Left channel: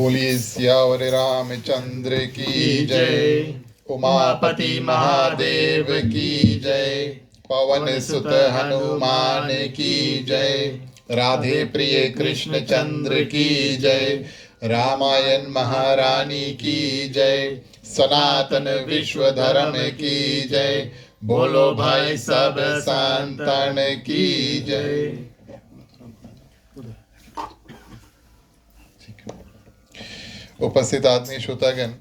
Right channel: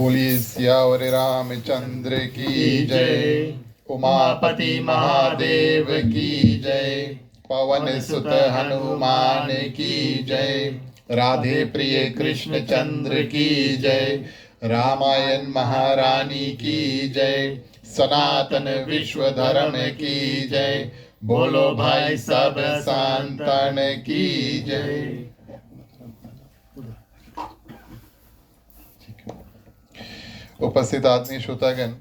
बोलिए सियावर रामचंद्र की जय। उमापति महादेव की जय। पवन सुत हनुमान की जय। राधे प्रिय कृष्ण चंद्र की जय। रामायण महारानी की जय। सनातन विश्व धर्म की जय। बोलो भाई सब संतन की जय। उपस्थित आदमी श्रोतागण,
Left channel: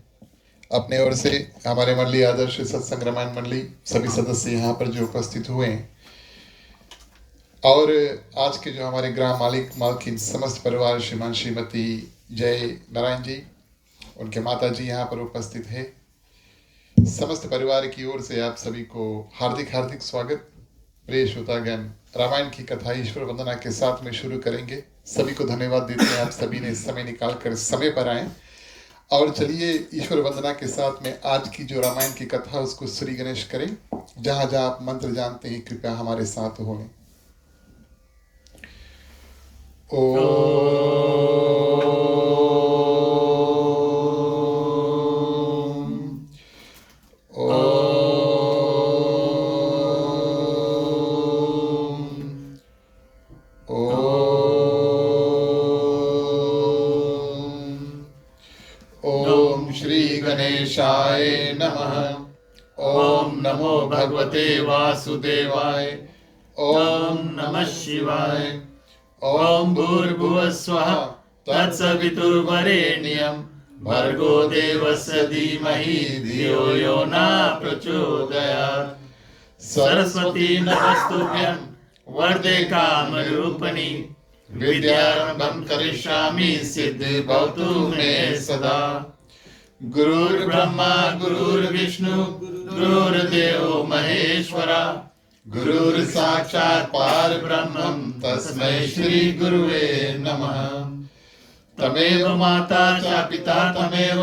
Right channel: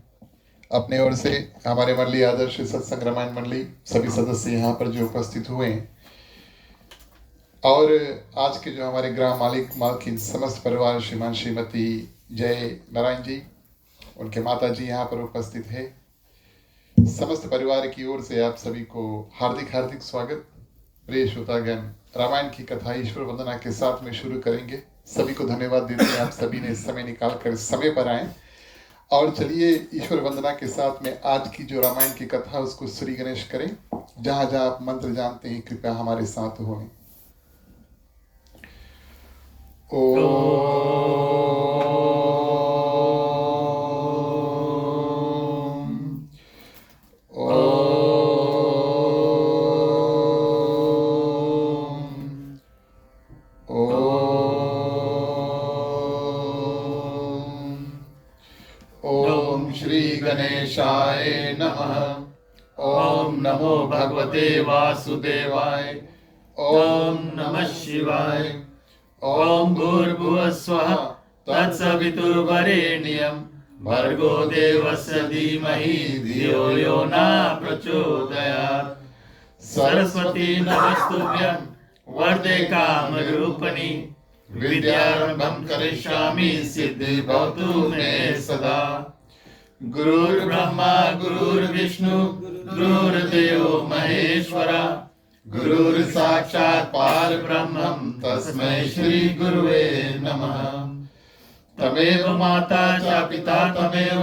अपने ओर से हमारे मंडली आदर्श सत्संग रामायण मंडली सभी सदस्य यहाँ पर जो उपस्थित हुए हैं और आज के जो हमारे ग्राम मालिक मालकिन समस्त परिवार श्रीमान श्रीमती जय नारायण जी, उनके माता जी यहाँ पर उपस्थित है। समस्त परिवार की ओर से आप सभी को हार्दिक हार्दिक स्वागत। प्रिय श्रोतागण, रामायण की कथा ईश्वर वंदना के साथ में शुरू करेंगे। सभी को धन्यवाद देते हैं, आप सभी ने समय निकाल कर समय पर आए। और चलिए ईश्वर वंदना के साथ में आज की जो रामायण की कथा उसको श्री गणेश करें। जहां जहां आप मंत्र जानते हैं कृपया हमारे साथ हों। ओम श्री गणेशाय नमः। ओम नमो भगवते वासुदेवाय। ओम नमः शिवाय। ओम भूर्भुवः स्वः तत्सवितुर्वरेण्यं भर्गो देवस्य धीमहि धियो यो न प्रचोदयात्। सरस्वती नमस्तुभ्यं वरदे कामरूपिणी विद्यारंभं करिष्यामि सिद्धि भवतु मे सदा। गुरुर्ब्रह्मा गुरुर्विष्णु गुरुर्देवो महेश्वरा। गुरुर्साक्षात् परब्रह्मं तस्मै श्री गुरुवे नमः। तमेव माता च पिता तमेव,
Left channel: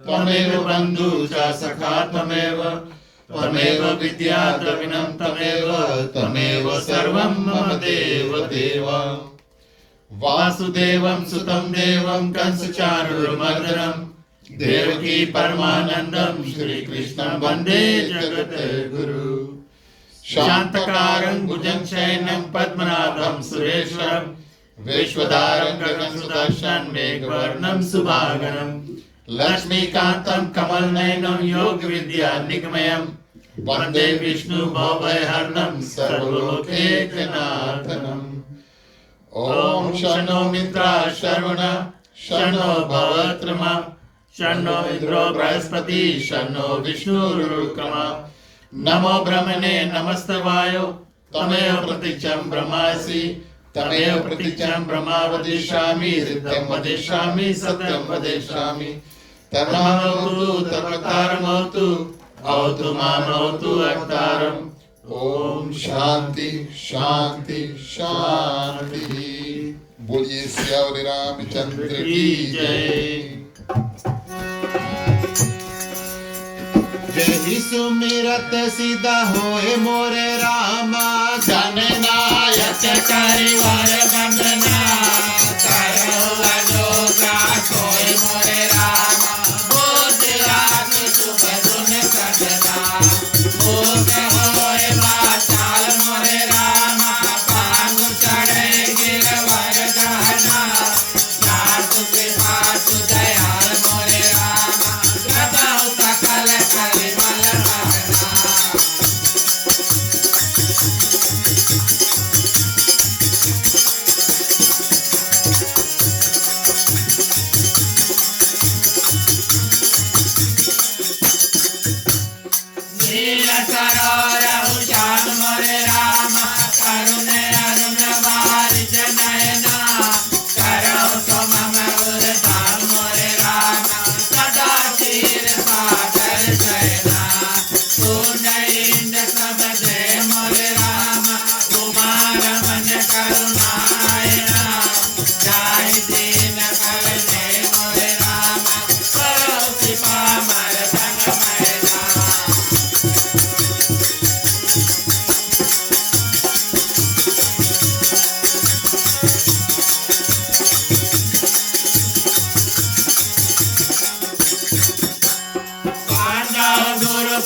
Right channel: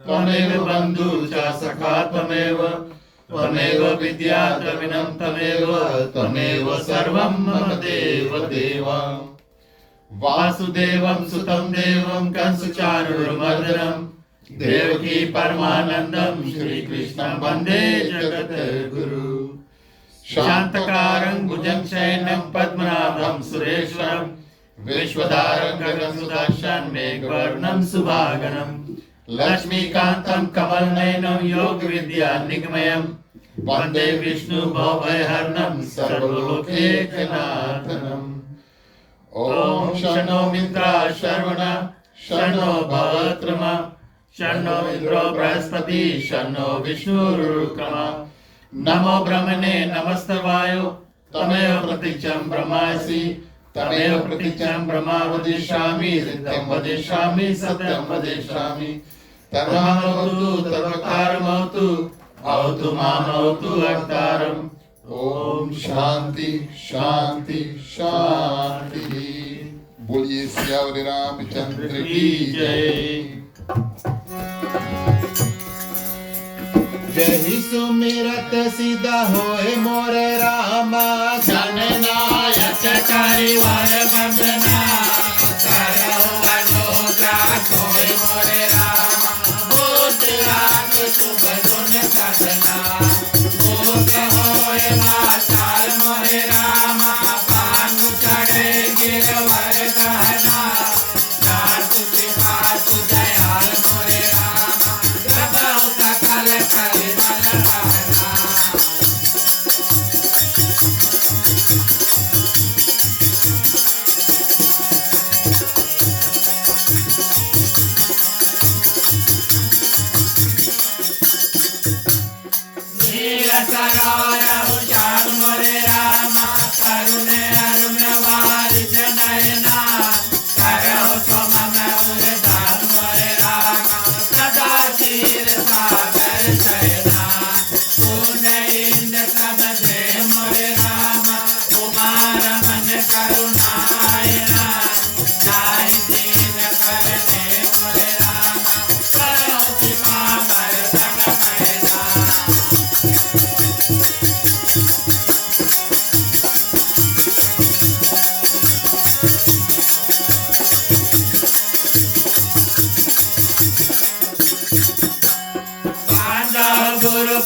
त्वमेव बन्धु च सखा तमेव, त्वमेव विद्या द्रविणं तमेव, त्वमेव सर्वं मम देव देव। वासुदेवं सुतं देवं कंसचाणूरमर्दनं देवकी परमानन्दं श्रीकृष्णं वन्दे जगद्गुरु। शान्तकारं भुजगशयनं पद्मनाभं सुरेश्वरं विश्वधारं गगनसदर्शनं मेघवर्णं शुभांगं लक्ष्मीकान्तं कमलनयनं योगविद्यानिगमनं वन्दे विष्णु भवभयहरणं सर्वलोकैकनाथम्। ओम शन्नो मित्राः शर्वणः शन्नो भवत्रमा शन्नो इंद्रो बृहस्पति शन्नो विष्णुरुक्रमः। नमो ब्रह्मणे नमस्तवायो तमेव प्रतीक्षं ब्रह्मासि तमेव प्रतीक्षं ब्रह्मा वदिष्यामि ऋतं वदिष्यामि सत्यं वदिष्यामि। तन्महमवतु तद्वक्तारमवतु भवतु मामवतु वक्तारम्। ओम शांति शांति शांति। बोलिए सियावर रामचंद्र की जय। जय सुमिरत सीधा होए मोरे रामा। जननायक करिवर वंदना करो अजोगा होए मोरे रामा। भूत रात सुबह सुन सजना भोग होए माताल मोरे रामा। भानु चढ़े गिरवर गहना जात के हाथ दयाल मोरे रामा। प्रभाव सकल करि बल रहना। नील सरोवर उजान मोरे रामा। करुणे अरुण वारिज नयना करहु सुमन उर्धाम मोरे रामा। सदा क्षीर सागर शयना तून इंद्र सब जय मोरे रामा। उमा रमन करुणायना जाहि दीन कर दे मोरे रामा। करहु सिपामर संग मैना।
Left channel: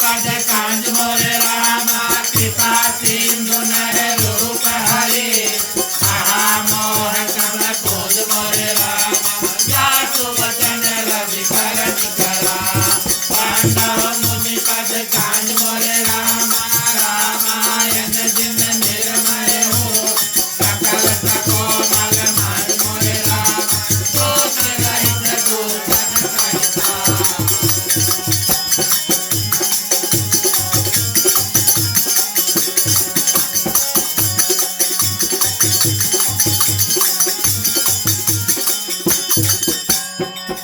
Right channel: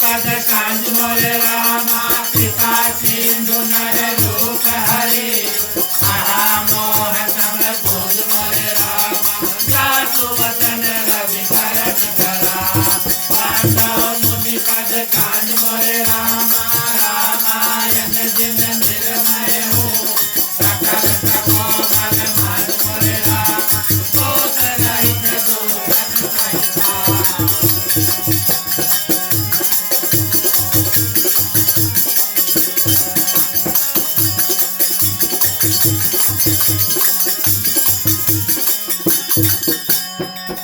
पद कांज मोरे रामा कृपा सिंधु नर रूप हरे महामोह सब खोज मोरे रामा जासु वचन रवि करण करा पांडव मुनि पद कांज मोरे रामा रामायण जिन निर्मय हो सकल तको मल मान मोरे रामा दोष रहित दूषण सहिता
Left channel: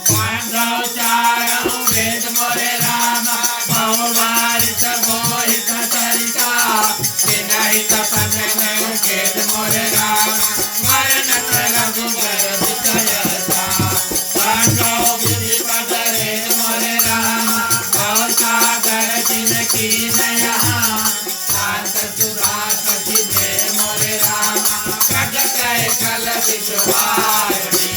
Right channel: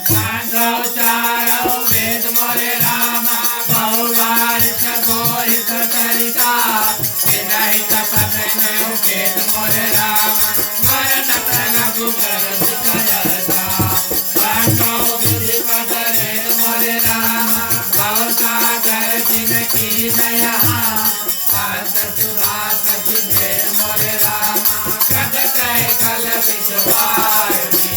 पांडव चारौ वेद मोरे रामा बहुवारित गोहित चरिता विनहित पठन वेद मोरे रामा मरण रघुबर विषयता पांडव विधि पठरेण मोरे रामा भवसागर जिनकी नया शांत सुभाष जिने मोरे रामा कट कह कल विश्वारिणी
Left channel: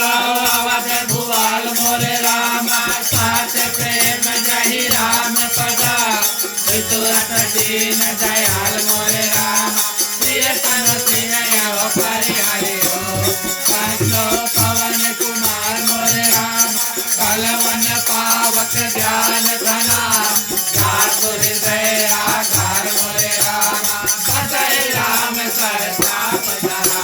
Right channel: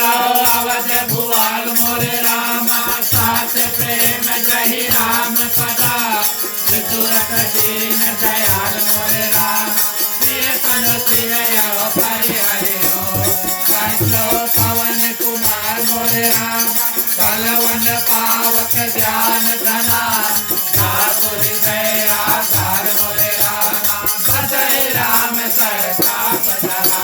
अवध भुआल मोरे रामा साथ प्रेम जहि राम पदा विदुरत दीन दयाल मोरे रामा प्रिय तनु श्रीमय परिहरि हो कंचो पवन कुमार मोरे रामा बलवन पावक ज्ञान धना जासु हृदय आकार मोरे रामा बसहि राम सरताप धरा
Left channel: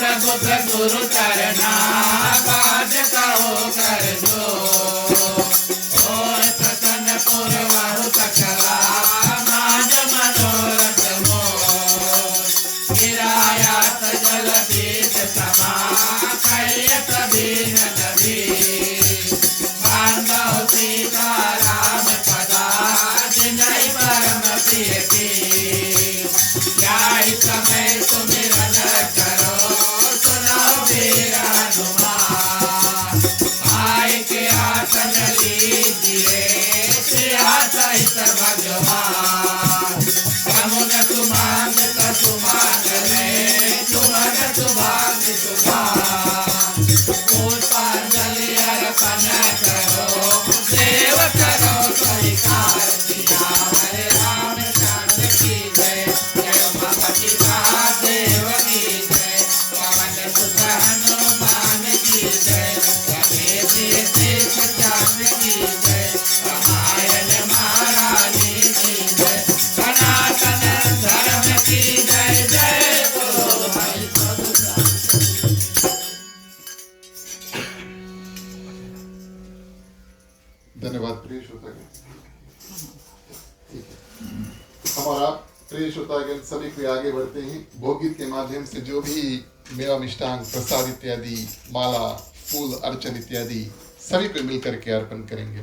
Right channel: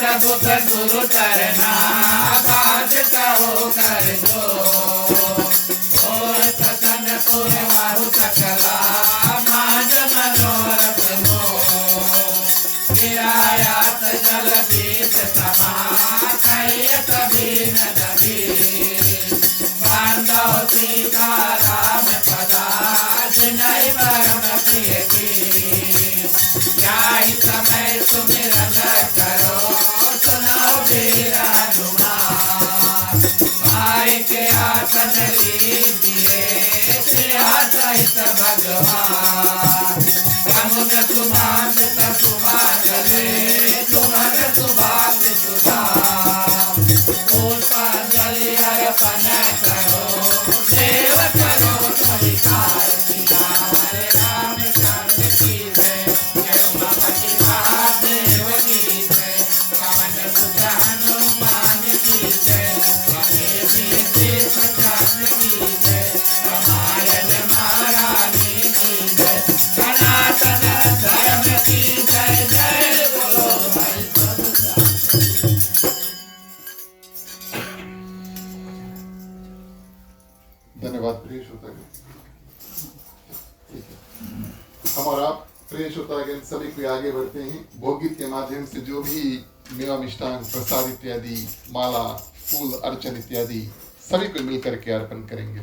प्रभु गुरु करना बाज कहो कर दो और प्रसन्न पुरवाहु सकला माज मनोरथ हो गिरायात जल बीज समा कैयत बीन जबी बांधव सीता राम पदा जिनहि परम प्रिय की समय सुमिरन करो आय के आसन लीजिए प्रिया सहित भगवान समुन सुमान सुमागले सुमन सुभाग सुधा पुष्पांजलि अर्पण करो देव करो स्वीकार किया हरे राम चंद्र की जय जय भगवती महादेव की जय पवन सुत हनुमान की जय चांद की जय रामायण महारानी की जय सनातन धर्म की जय जय बोलो भाई धन्यवाद प्रिय श्रोतागण। ठीक है, हम और आप प्रिय श्रोतागण सभी को आगे बढ़ते हैं। भोगीत के माध्यम से जो भी मेवा मिष्टांग प्रसाद इत्यादि माला फूल अर्चन इत्यादि सभी को मिलकर के अर्पण करेंगे।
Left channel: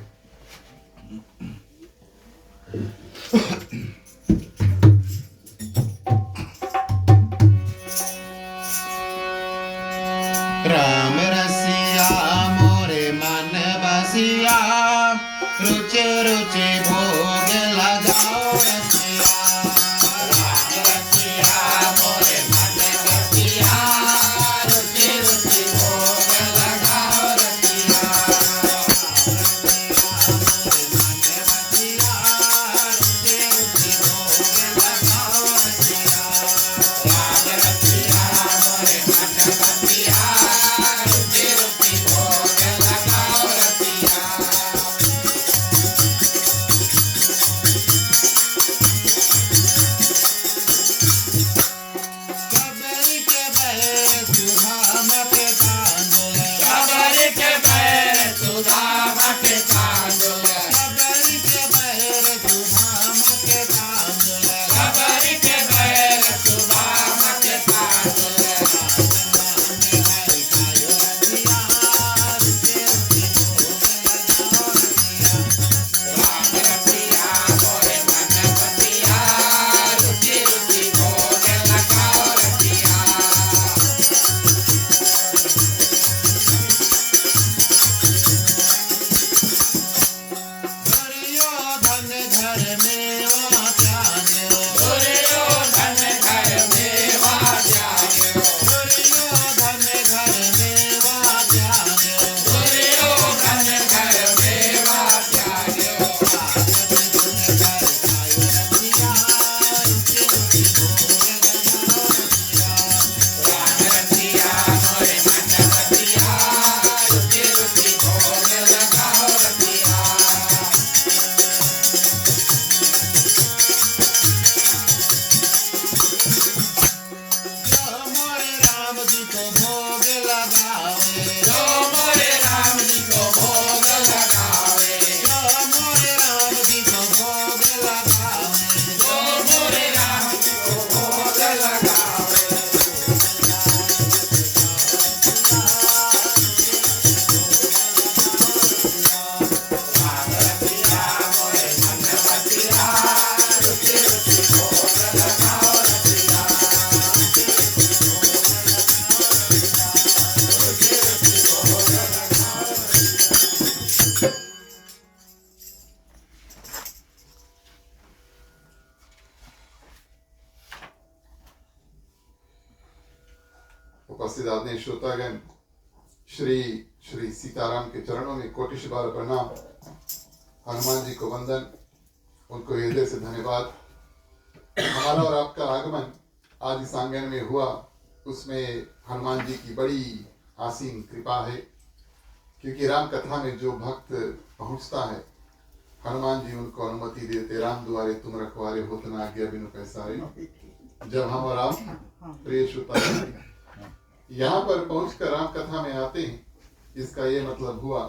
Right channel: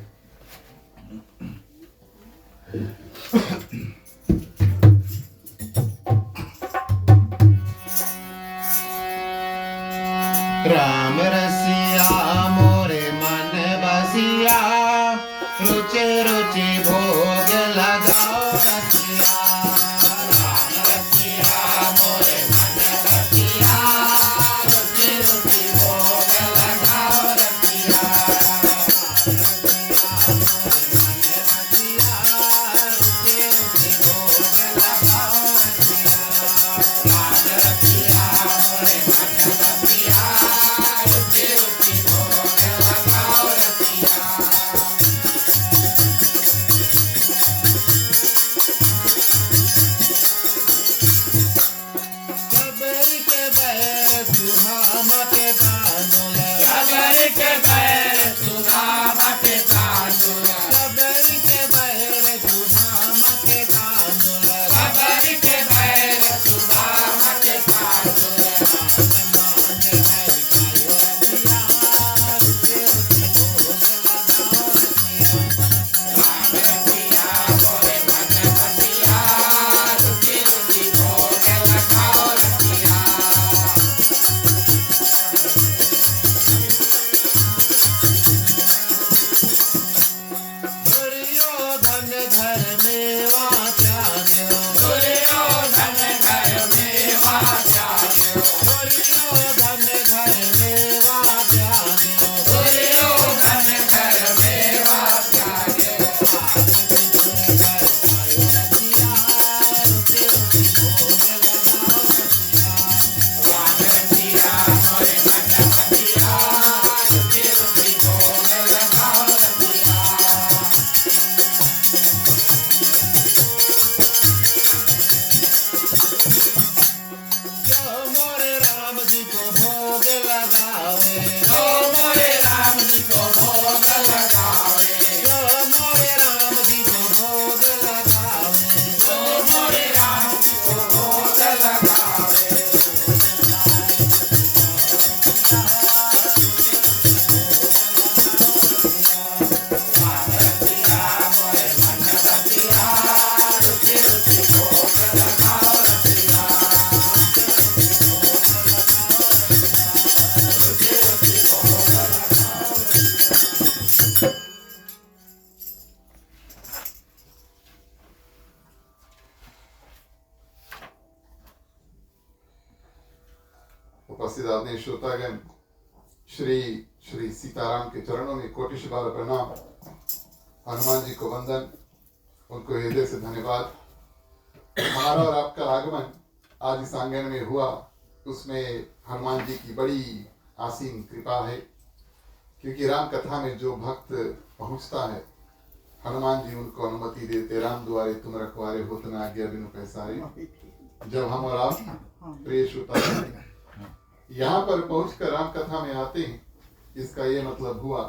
राम रसिया मोरे मन बसिया रुचि रुचि भोग लगाओ रसिया राम रसिया मोरे मन बसिया रुचि रुचि भोग लगाओ रसिया मोरे मन बसिया रुचि रुचि उपस्थित आदरणीय श्रोतागण, श्री श्री सीताराम के चरणों में कोटि बार प्रणाम। हनुमान जी को वंदन, उनको हृदय से धन्यवाद। हमारा और आपका आगमन आज इस आंगन में हुआ, उसमें हनुमान जी की बड़ी आसीन कृपा है, क्योंकि राम कथा में जो भक्त पहुंचता है, हनुमान जी उनको अनुमति देते। राम दुआरे तुम रखवारे, होत न आज्ञा बिनु पैसारे। जब हम और आप प्रिय श्रोता यहाँ पर पहुंचकर राम कथा में आते हैं, इसका ये मतलब हुआ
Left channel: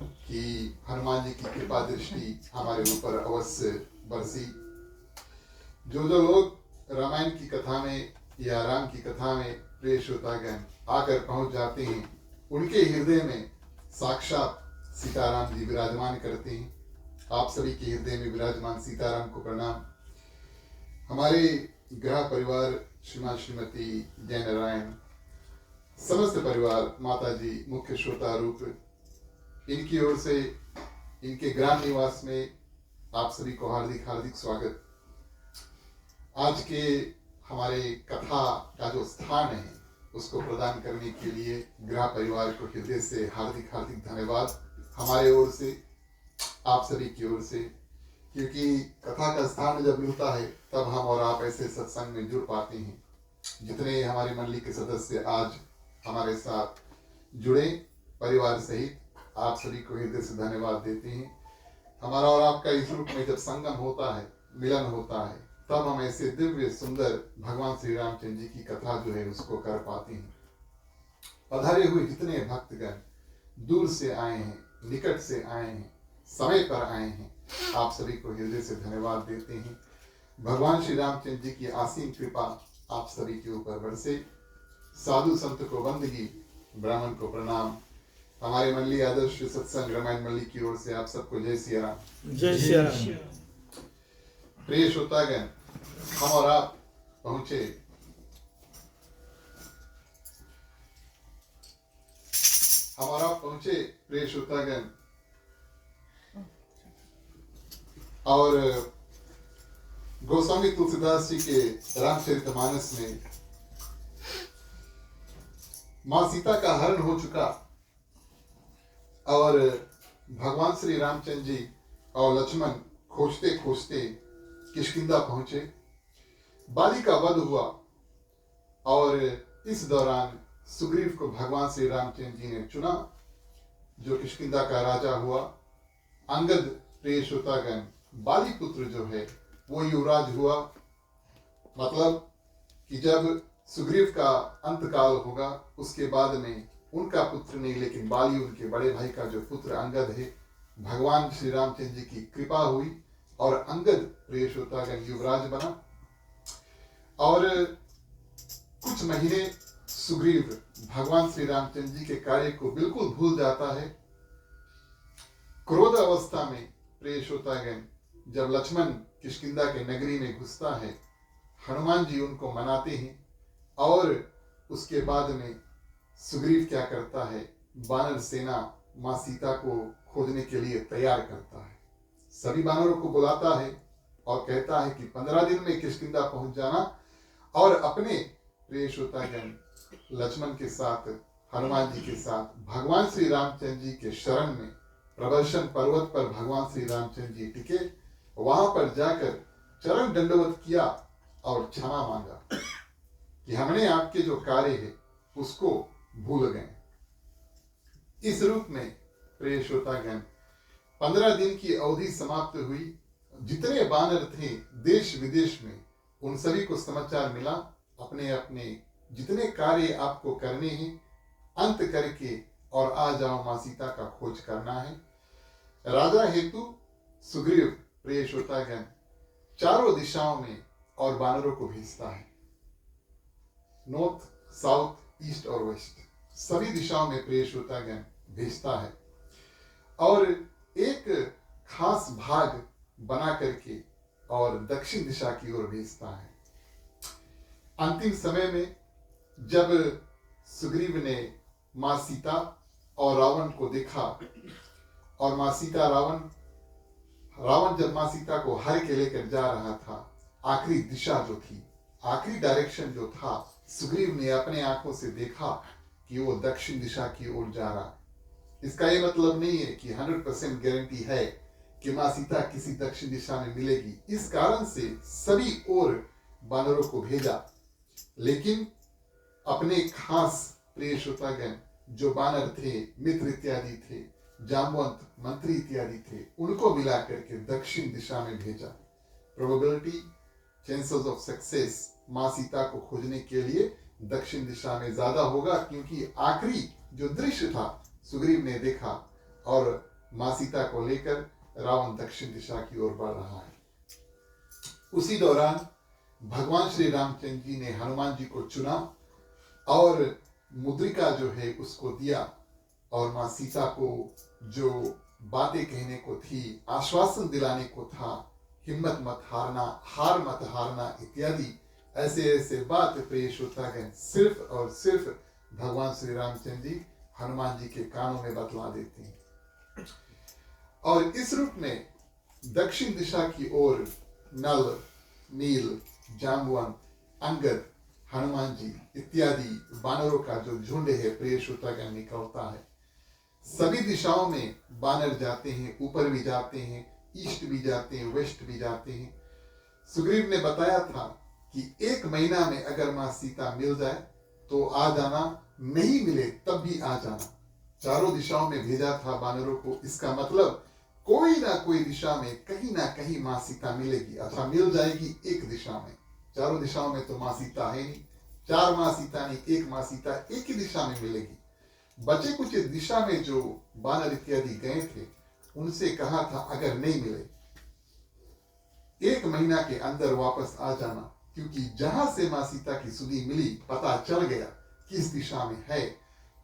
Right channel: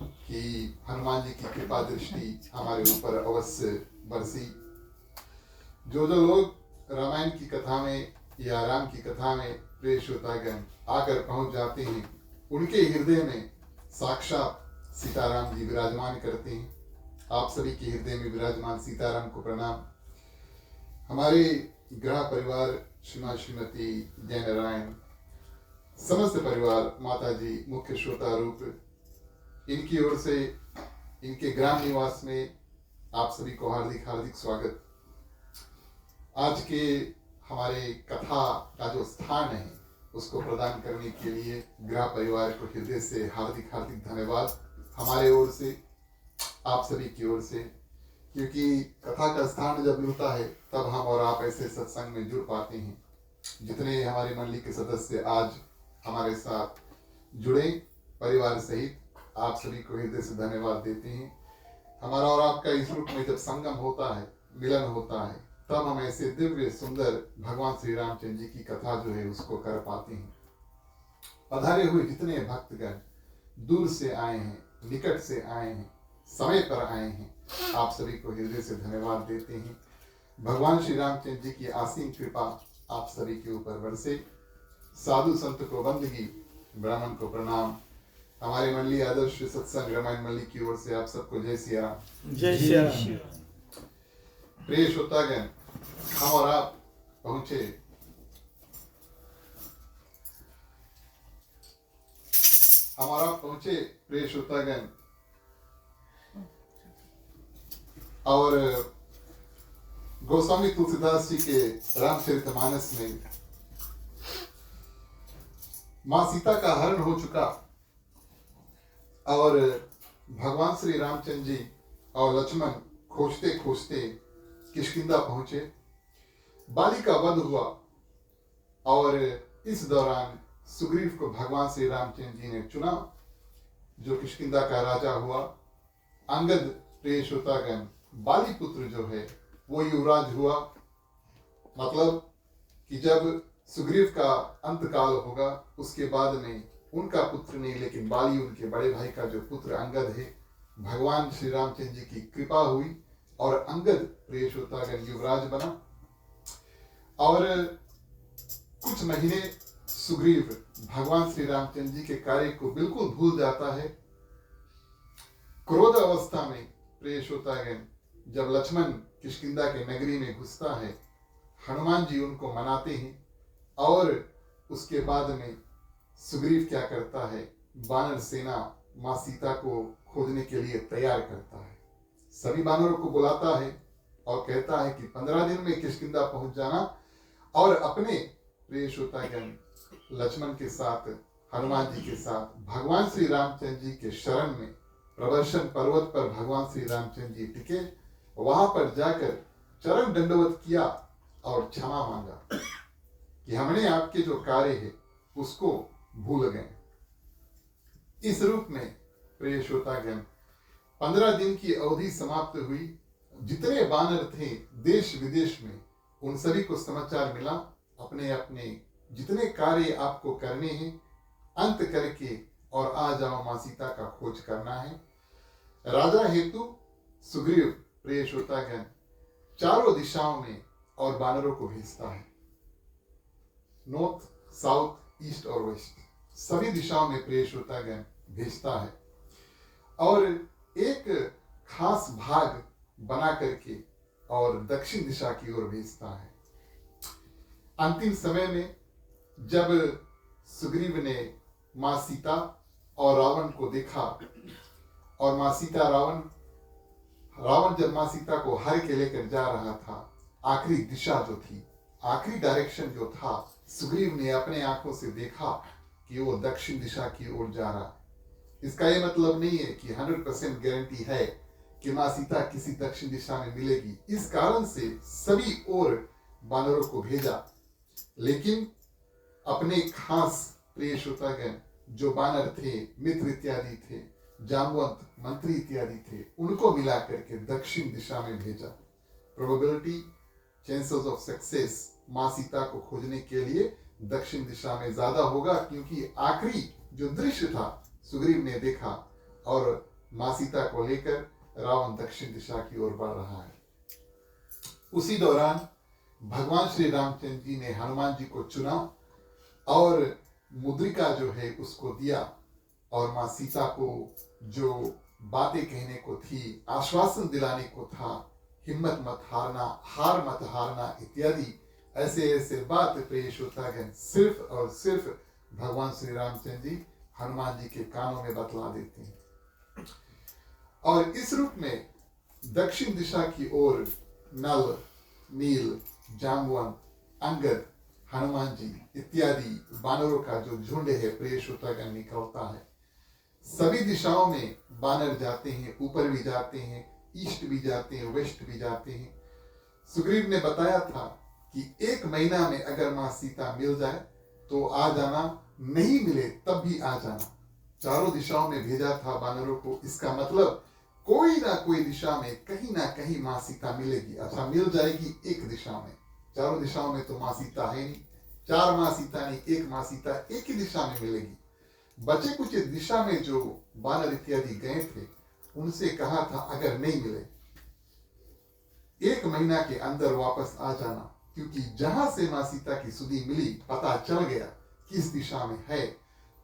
कि हनुमान जी की कृपा दृष्टि हमारे ऊपर अवश्य बरसी। जो लोग रामायण की कथा में या राम की कथा में प्रिय श्रोतागण आकर पहुंच जाते हैं, उनके हृदय में साक्षात सीताराम जी विराजमान करते हैं। आप सभी के हृदय में विराजमान सीताराम को प्रणाम। हमारे ग्रह परिवार श्रीमान श्रीमती जय नारायण, समस्त परिवार, माता जी, मुख्य श्रोता रूप, इनकी ओर से इनके ग्राम निवास में आप सभी को हार्दिक हार्दिक स्वागत। आज के हमारे कथा का जो स्थान है उसको प्रदान करने के लिए ग्रह परिवार को हृदय से हार्दिक हार्दिक धन्यवाद हमारे ओर से, आप सभी की ओर से, क्योंकि कथा का स्थान जब मिलता है तब हम और आप ऐसे सत्संग में जुड़ पाते हैं। जितने हमारी मंडली के सदस्य आज हमारे साथ जुड़े परिवार सहित, आप सभी को हृदय से धन्यवाद देते हैं। हमारा और आपका इस रूप में जब संगम होता है, मिलन होता है, तब हम ऐसे दिव्य सुंदर भगवान श्री रामचंद्र जी की कथा जो है उसको कर पाते हैं। पधारे हुए जितने भक्तगण दूर से आए हैं, निकट से आए हैं, समय पर आए हैं, आप सभी को हृदय से धन्यवाद देते हैं। भगवान श्री रामचंद्र जी की आसीन कृपा आप सभी के ऊपर बरसे। साधु संत को वंदगी, ब्राह्मण को प्रणाम। हमारे मंडली आदर्श सत्संग रामायण मंडली की ओर से आप सबको जय सिया राम। जय सिया राम। प्रिय श्रोतागण, हम और आप पहुंचे प्रिय श्रोतागण, और गोस्वामी तुलसीदास जी के रामचरितमानस में मां सीता का हरण हो चुका और भगवान श्री रामचंद्र जी और लक्ष्मण खोजते खोजते किष्किंधा पहुंचे। बाली का वध हुआ और इस दौरान सुग्रीव को भगवान श्री रामचंद्र जी ने चुना, जो किष्किंधा का राजा हुआ। अंगद, प्रिय श्रोतागण, बाली पुत्र जो है वो युवराज हुआ। मतलब कि जब सुग्रीव का अंतकाल होगा उसके बाद में उनका पुत्र नहीं, लेकिन बाली उनके बड़े भाई का जो पुत्र अंगद है, भगवान श्री रामचंद्र जी की कृपा हुई और अंगद प्रिय श्रोतागण युवराज बना। और कुछ महीने सुग्रीव भगवान श्री रामचंद्र जी के कार्य को बिल्कुल भूल जाता है। क्रोध अवस्था में प्रिय श्रोतागण जब लक्ष्मण किष्किंधा के नगरी में घुसता है, हनुमान जी उनको मनाते हैं और उसके बाद में सुग्रीव क्या करता है, वानर सेना मां सीता को खोजने के लिए तैयार करता है। सभी वानरों को बुलाता है और कहता है कि 15 दिन में किष्किंधा पहुंच जाना और अपने प्रिय श्रोतागण लक्ष्मण के साथ, हनुमान जी के साथ भगवान श्री रामचंद्र जी के शरण में प्रदर्शन पर्वत पर भगवान श्री रामचंद्र जी टिके। वहां पर जाकर चरण दंडवत किया और क्षमा मांगा कि हमने आपके जो कार्य है उसको भूल गए। इस रूप में प्रिय श्रोतागण 15 दिन की अवधि समाप्त हुई। जितने वानर थे देश विदेश में, उन सभी को समाचार मिला, अपने अपने जितने कार्य आपको करने हैं अंत करके और आ जाओ, मां सीता का खोज करना है। राजा हेतु सुग्रीव प्रिय श्रोतागण चारों दिशाओं में और वानरों को भेजता है, नॉर्थ, साउथ, ईस्ट और वेस्ट, सभी दिशाओं में प्रिय श्रोतागण भेजता है और एक खास भाग बना करके और दक्षिण दिशा की ओर भेजता है। अंतिम समय में जब सुग्रीव ने मां सीता और रावण को देखा और मां सीता रावण जब मां सीता को हर के लेकर जा रहा था, आखिरी दिशा जो थी, आखिरी डायरेक्शन जो था सुग्रीव ने अपने आंखों से देखा कि वो दक्षिण दिशा की ओर जा रहा है। इसका ये मतलब नहीं है कि 100% गारंटी है कि माँ सीता किसी दक्षिण दिशा में मिलेगी। इस कारण से सभी ओर बानरों को भेजा, लेकिन अपने खास प्रिय श्रोतागण जो बानर थे, मित्र इत्यादि थे, जामवंत, मंत्री इत्यादि थे, उनको मिला करके दक्षिण दिशा में भेजा। प्रोबेबिलिटी, चांसेस ऑफ सक्सेस माँ सीता को खोजने के लिए दक्षिण दिशा में ज्यादा होगा, क्योंकि आखिरी जो दृश्य था सुग्रीव ने देखा और माँ सीता को लेकर रावण दक्षिण दिशा की ओर बढ़ रहा है। उसी दौरान भगवान श्री रामचंद्र जी ने हनुमान जी को चुना और मुद्रिका जो है उसको दिया, और माँ सीता को जो बातें कहने को थी, आश्वासन दिलाने को था, हिम्मत मत हारना, हार मत हारना इत्यादि ऐसे ऐसे बात प्रिय श्रोतागण सिर्फ और सिर्फ भगवान श्री रामचंद्र जी हनुमान जी के कानों में बतला देते हैं। और इस रूप में दक्षिण दिशा की ओर नल, नील, जाम्बुवंत, अंगद, हनुमान जी इत्यादि बानरों का जो झुंड है प्रिय श्रोतागण निकलता है। सभी दिशाओं में बानर जाते हैं, ऊपर भी जाते हैं, ईस्ट भी जाते हैं, वेस्ट भी जाते हैं। सुग्रीव ने बताया था कि 1 महीना में अगर माँ सीता मिल जाए तो आ जाना, नहीं मिले तब भी आ जाना। चारों दिशाओं में भेजा था बानरों को। इसका मतलब कोई ना कोई दिशा में कहीं ना कहीं माँ सीता मिलेगी। अच्छा, मिल जाएगी एक दिशा में, चारों दिशाओं में तो माँ सीता है नहीं, 4 माँ सीता नहीं, 1 माँ सीता एक ही दिशा में मिलेगी। बचे कुछ दिशा में जो बानर इत्यादि गए थे उनसे कहा था अगर नहीं मिले 1 महीना के अंदर वापस आ जाना, क्योंकि जहां से माँ सीता की सुधि मिली, पता चल गया किस दिशा में है,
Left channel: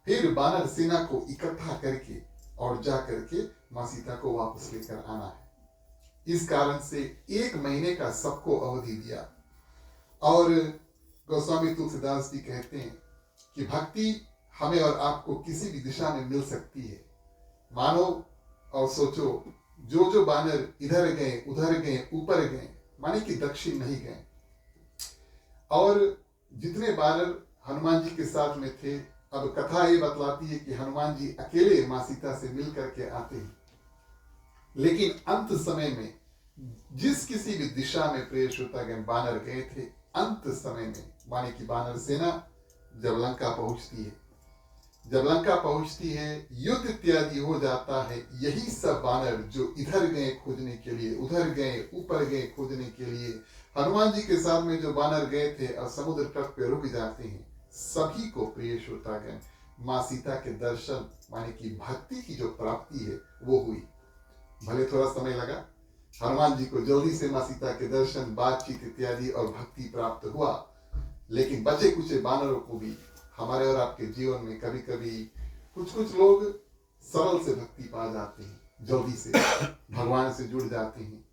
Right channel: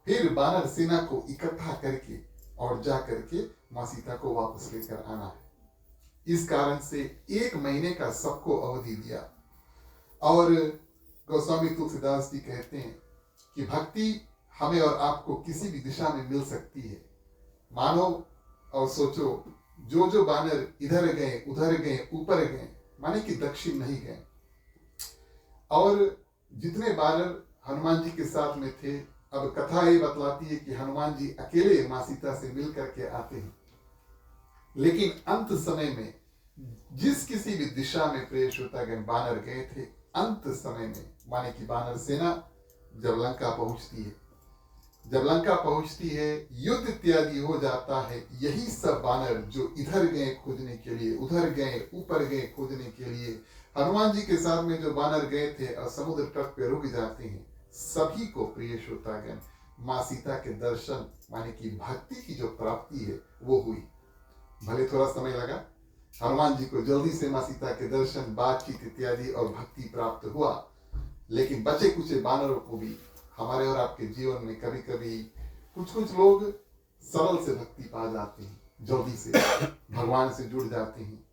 फिर बानर सेना को इकट्ठा करके और जा करके माँ सीता को वापस लेकर आना है। इस कारण से 1 महीने का सबको अवधि दिया। और गोस्वामी तुलसीदास जी कहते हैं कि भक्ति हमें और आपको किसी भी दिशा में मिल सकती है। मानो और सोचो, जो जो बानर इधर गए, उधर गए, ऊपर गए, माने कि दक्षिण नहीं गए, और जितने बानर हनुमान जी के साथ में थे, अब कथा ये बतलाती है कि हनुमान जी अकेले माँ सीता से मिल करके आते हैं। लेकिन अंत समय में जिस किसी भी दिशा में प्रिय श्रोतागण बानर गए थे, अंत समय में माने कि बानर सेना जब लंका पहुंचती है, जब लंका पहुंचती है, युद्ध इत्यादि हो जाता है, यही सब बानर जो इधर गए खोजने के लिए, उधर गए, ऊपर गए खोजने के लिए, हनुमान जी के साथ में जो बानर गए थे और समुद्र तट पे रुक जाते हैं, सभी को प्रिय श्रोतागण माँ सीता के दर्शन माने कि भक्ति की जो प्राप्ति है वो हुई। भले थोड़ा समय लगा, हनुमान जी को जल्दी से माँ सीता के दर्शन, बातचीत इत्यादि और भक्ति प्राप्त हुआ, लेकिन बचे कुछ बानरों को भी हमारे और आपके जीवन में कभी कभी कुछ लोग सरल से भक्ति पा जाते हैं, जल्दी से भगवान से जुड़ जाते हैं,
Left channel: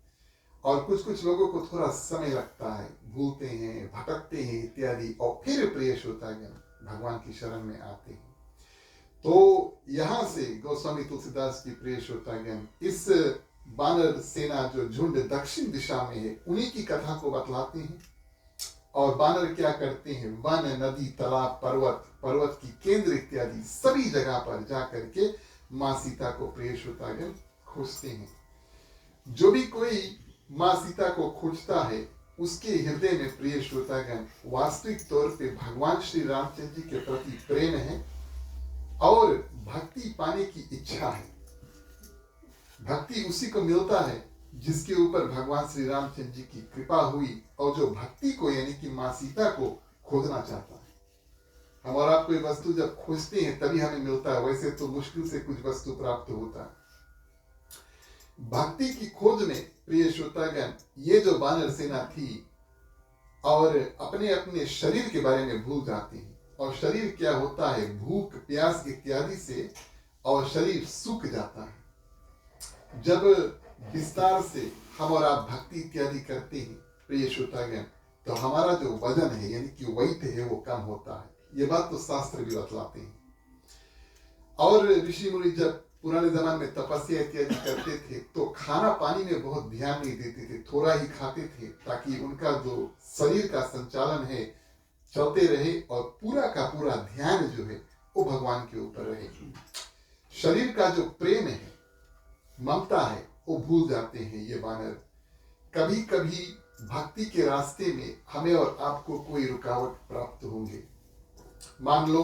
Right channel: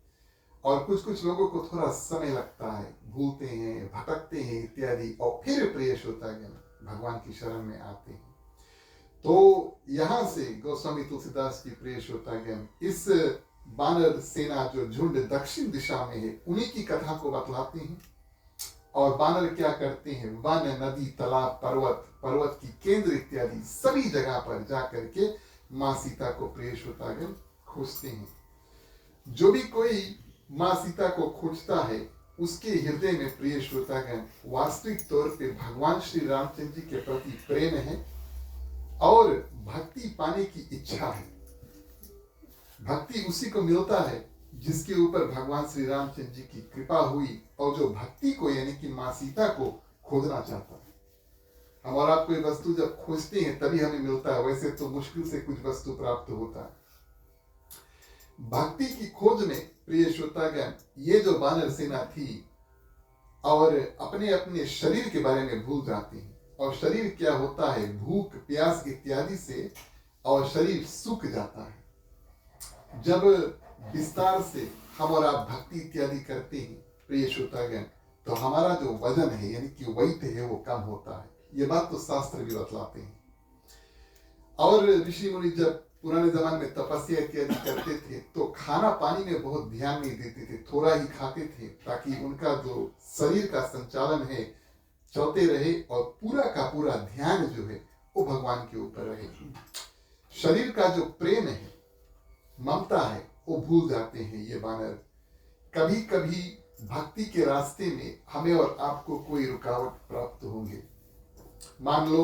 और कुछ लोगों को थोड़ा समय लगता है, भूलते हैं, भटकते हैं इत्यादि, और फिर प्रिय श्रोतागण भगवान की शरण में आते हैं। तो यहाँ से गोस्वामी तुलसीदास जी प्रिय श्रोतागण इस बानर सेना जो झुंड दक्षिण दिशा में है उन्हीं की कथा को बतलाते हैं। और बानर क्या करते हैं, वन, नदी, तालाब, पर्वत की केंद्र इत्यादि सभी जगह पर जा करके माँ सीता को प्रिय श्रोतागण खोजते हैं। जो भी कोई माँ सीता को खोजता है उसके हृदय में प्रिय श्रोतागण वास्तविक तौर पे भगवान श्री रामचंद्र जी के प्रति प्रेम है और भक्ति पाने की इच्छा है। भक्ति उसी को मिलता है जिसके ऊपर भगवान श्री रामचंद्र जी की कृपा हुई और जो भक्ति को यानी कि माँ सीता को खोजना चाहता है। हम और आप कोई वस्तु जब खोजते हैं तभी हमें मिलता है, वैसे तो मुश्किल से कुछ वस्तु प्राप्त होता है। भक्ति की खोज में प्रिय श्रोतागण ये जो बानर सेना थी और अपने अपने शरीर के बारे में भूल जाते हैं, और शरीर क्या होता है, भूख, प्यास इत्यादि से, और शरीर सूख जाता है। जब विस्तार से हम और आप भक्ति इत्यादि करते हैं प्रिय श्रोतागण, तो हमारा जो वजन है यानी कि वेट है वो कम होता है। ये बात तो शास्त्र भी बतलाते हैं। और ऋषि मुनि जब पुराने जमाने में तपस्या इत्यादि करते थे तो खाना पानी में बहुत ध्यान नहीं देते थे, थोड़ा ही खाते थे, ताकि उनका जो शरीर का संचालन है चलते रहे और पूरा का पूरा ध्यान जो है वो भगवान के ऊपर रहे। शरीर का जो प्रेम है, ममता है, वो भूल जाते हैं ये बानर। कभी कभी भक्ति के रास्ते में हमें और आपको कोई रुकावट प्राप्त होंगे। मान लो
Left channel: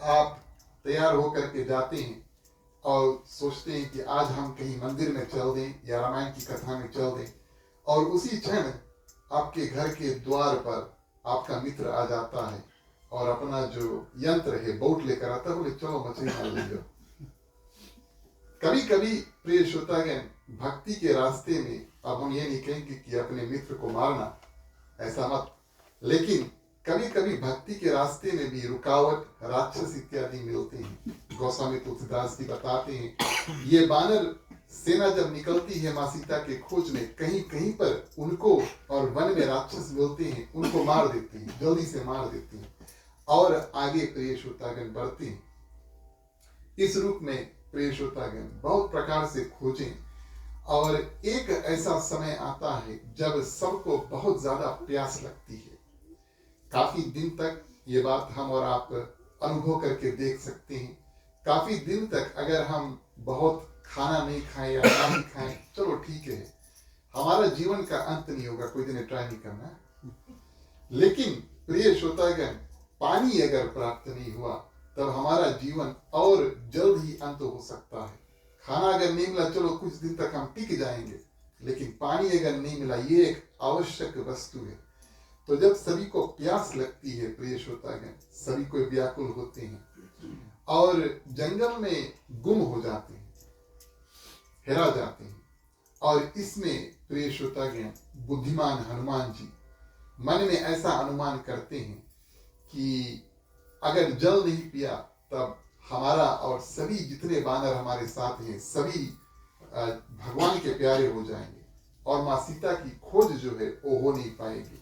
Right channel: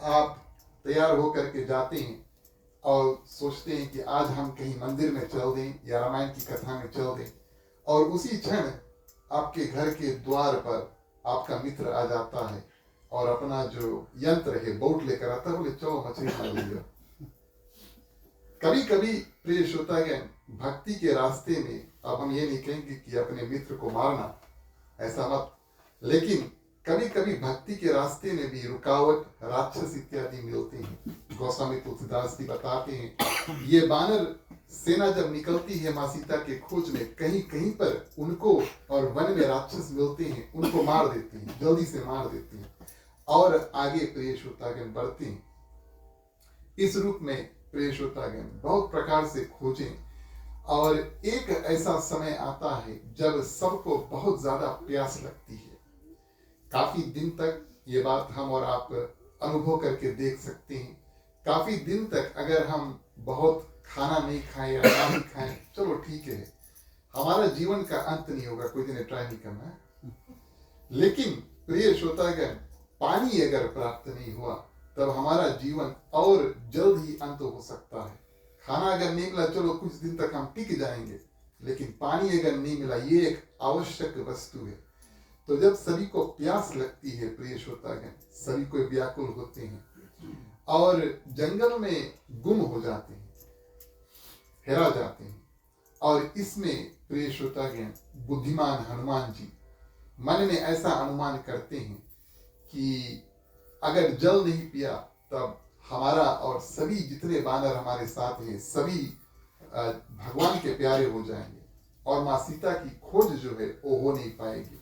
आप तैयार होकर के जाते हैं और सोचते हैं कि आज हम कहीं मंदिर में चल दें या रामायण की कथा में चल दें, और उसी क्षण आपके घर के द्वार पर आपका मित्र आ जाता है और अपना जो यंत्र है बोट लेकर आता है, बोले चलो मछली मार लीजिए। कभी कभी प्रिय श्रोतागण, भक्ति के रास्ते में, अब हम ये नहीं कहेंगे कि अपने मित्र को मारना, ऐसा मत, लेकिन कभी कभी भक्ति के रास्ते में भी रुकावट, राक्षस इत्यादि मिलते हैं। गोस्वामी तुलसीदास जी बताते हैं, ये बानर सेना जब निकलती है माँ सीता के खोज में, कहीं कहीं पर उनको और वन में राक्षस मिलते हैं, उनको मार देते हैं, जल्दी से मार देते हैं और आगे प्रिय श्रोतागण बढ़ते हैं। इस रूप में प्रिय श्रोतागण बहुत प्रकार से खोजें, और एक ऐसा समय आता है जब सबको बहुत ज्यादा प्यास लगती है। काफी दिन तक ये बात हम और आप अनुभव करके देख सकते हैं। काफी दिन तक अगर हम बहुत खाना नहीं खाएं या नहीं खाएं, चलो ठीक है, हमारा जीवन का अंत नहीं होगा, कोई दिन ट्राई नहीं करना है। लेकिन प्रिय श्रोतागण, पानी अगर प्राप्त नहीं हुआ तब हमारा जीवन और जल्द ही अंत हो सकता है। खाना अगर नहीं मिला, चलो कुछ दिन तक हम टिक जाएंगे, लेकिन पानी अगर नहीं मिला, ये एक आवश्यक वस्तु है। तो जब सभी को प्यास लगती है प्रिय श्रोतागण, सभी को व्याकुल होते हैं और जंगल में गुम हो जाते हैं, हेरा जाते हैं। और इसमें प्रिय श्रोतागण, बुद्धिमान हनुमान जी मन में ऐसा अनुमान करते हैं कि अगर जल नहीं पिया तब हमारा और सभी जितने बानर हमारे साथ हैं, सभी भगवान के प्यारे हो जाएंगे और माँ सीता की खोज जो है वो हो नहीं पाएगी।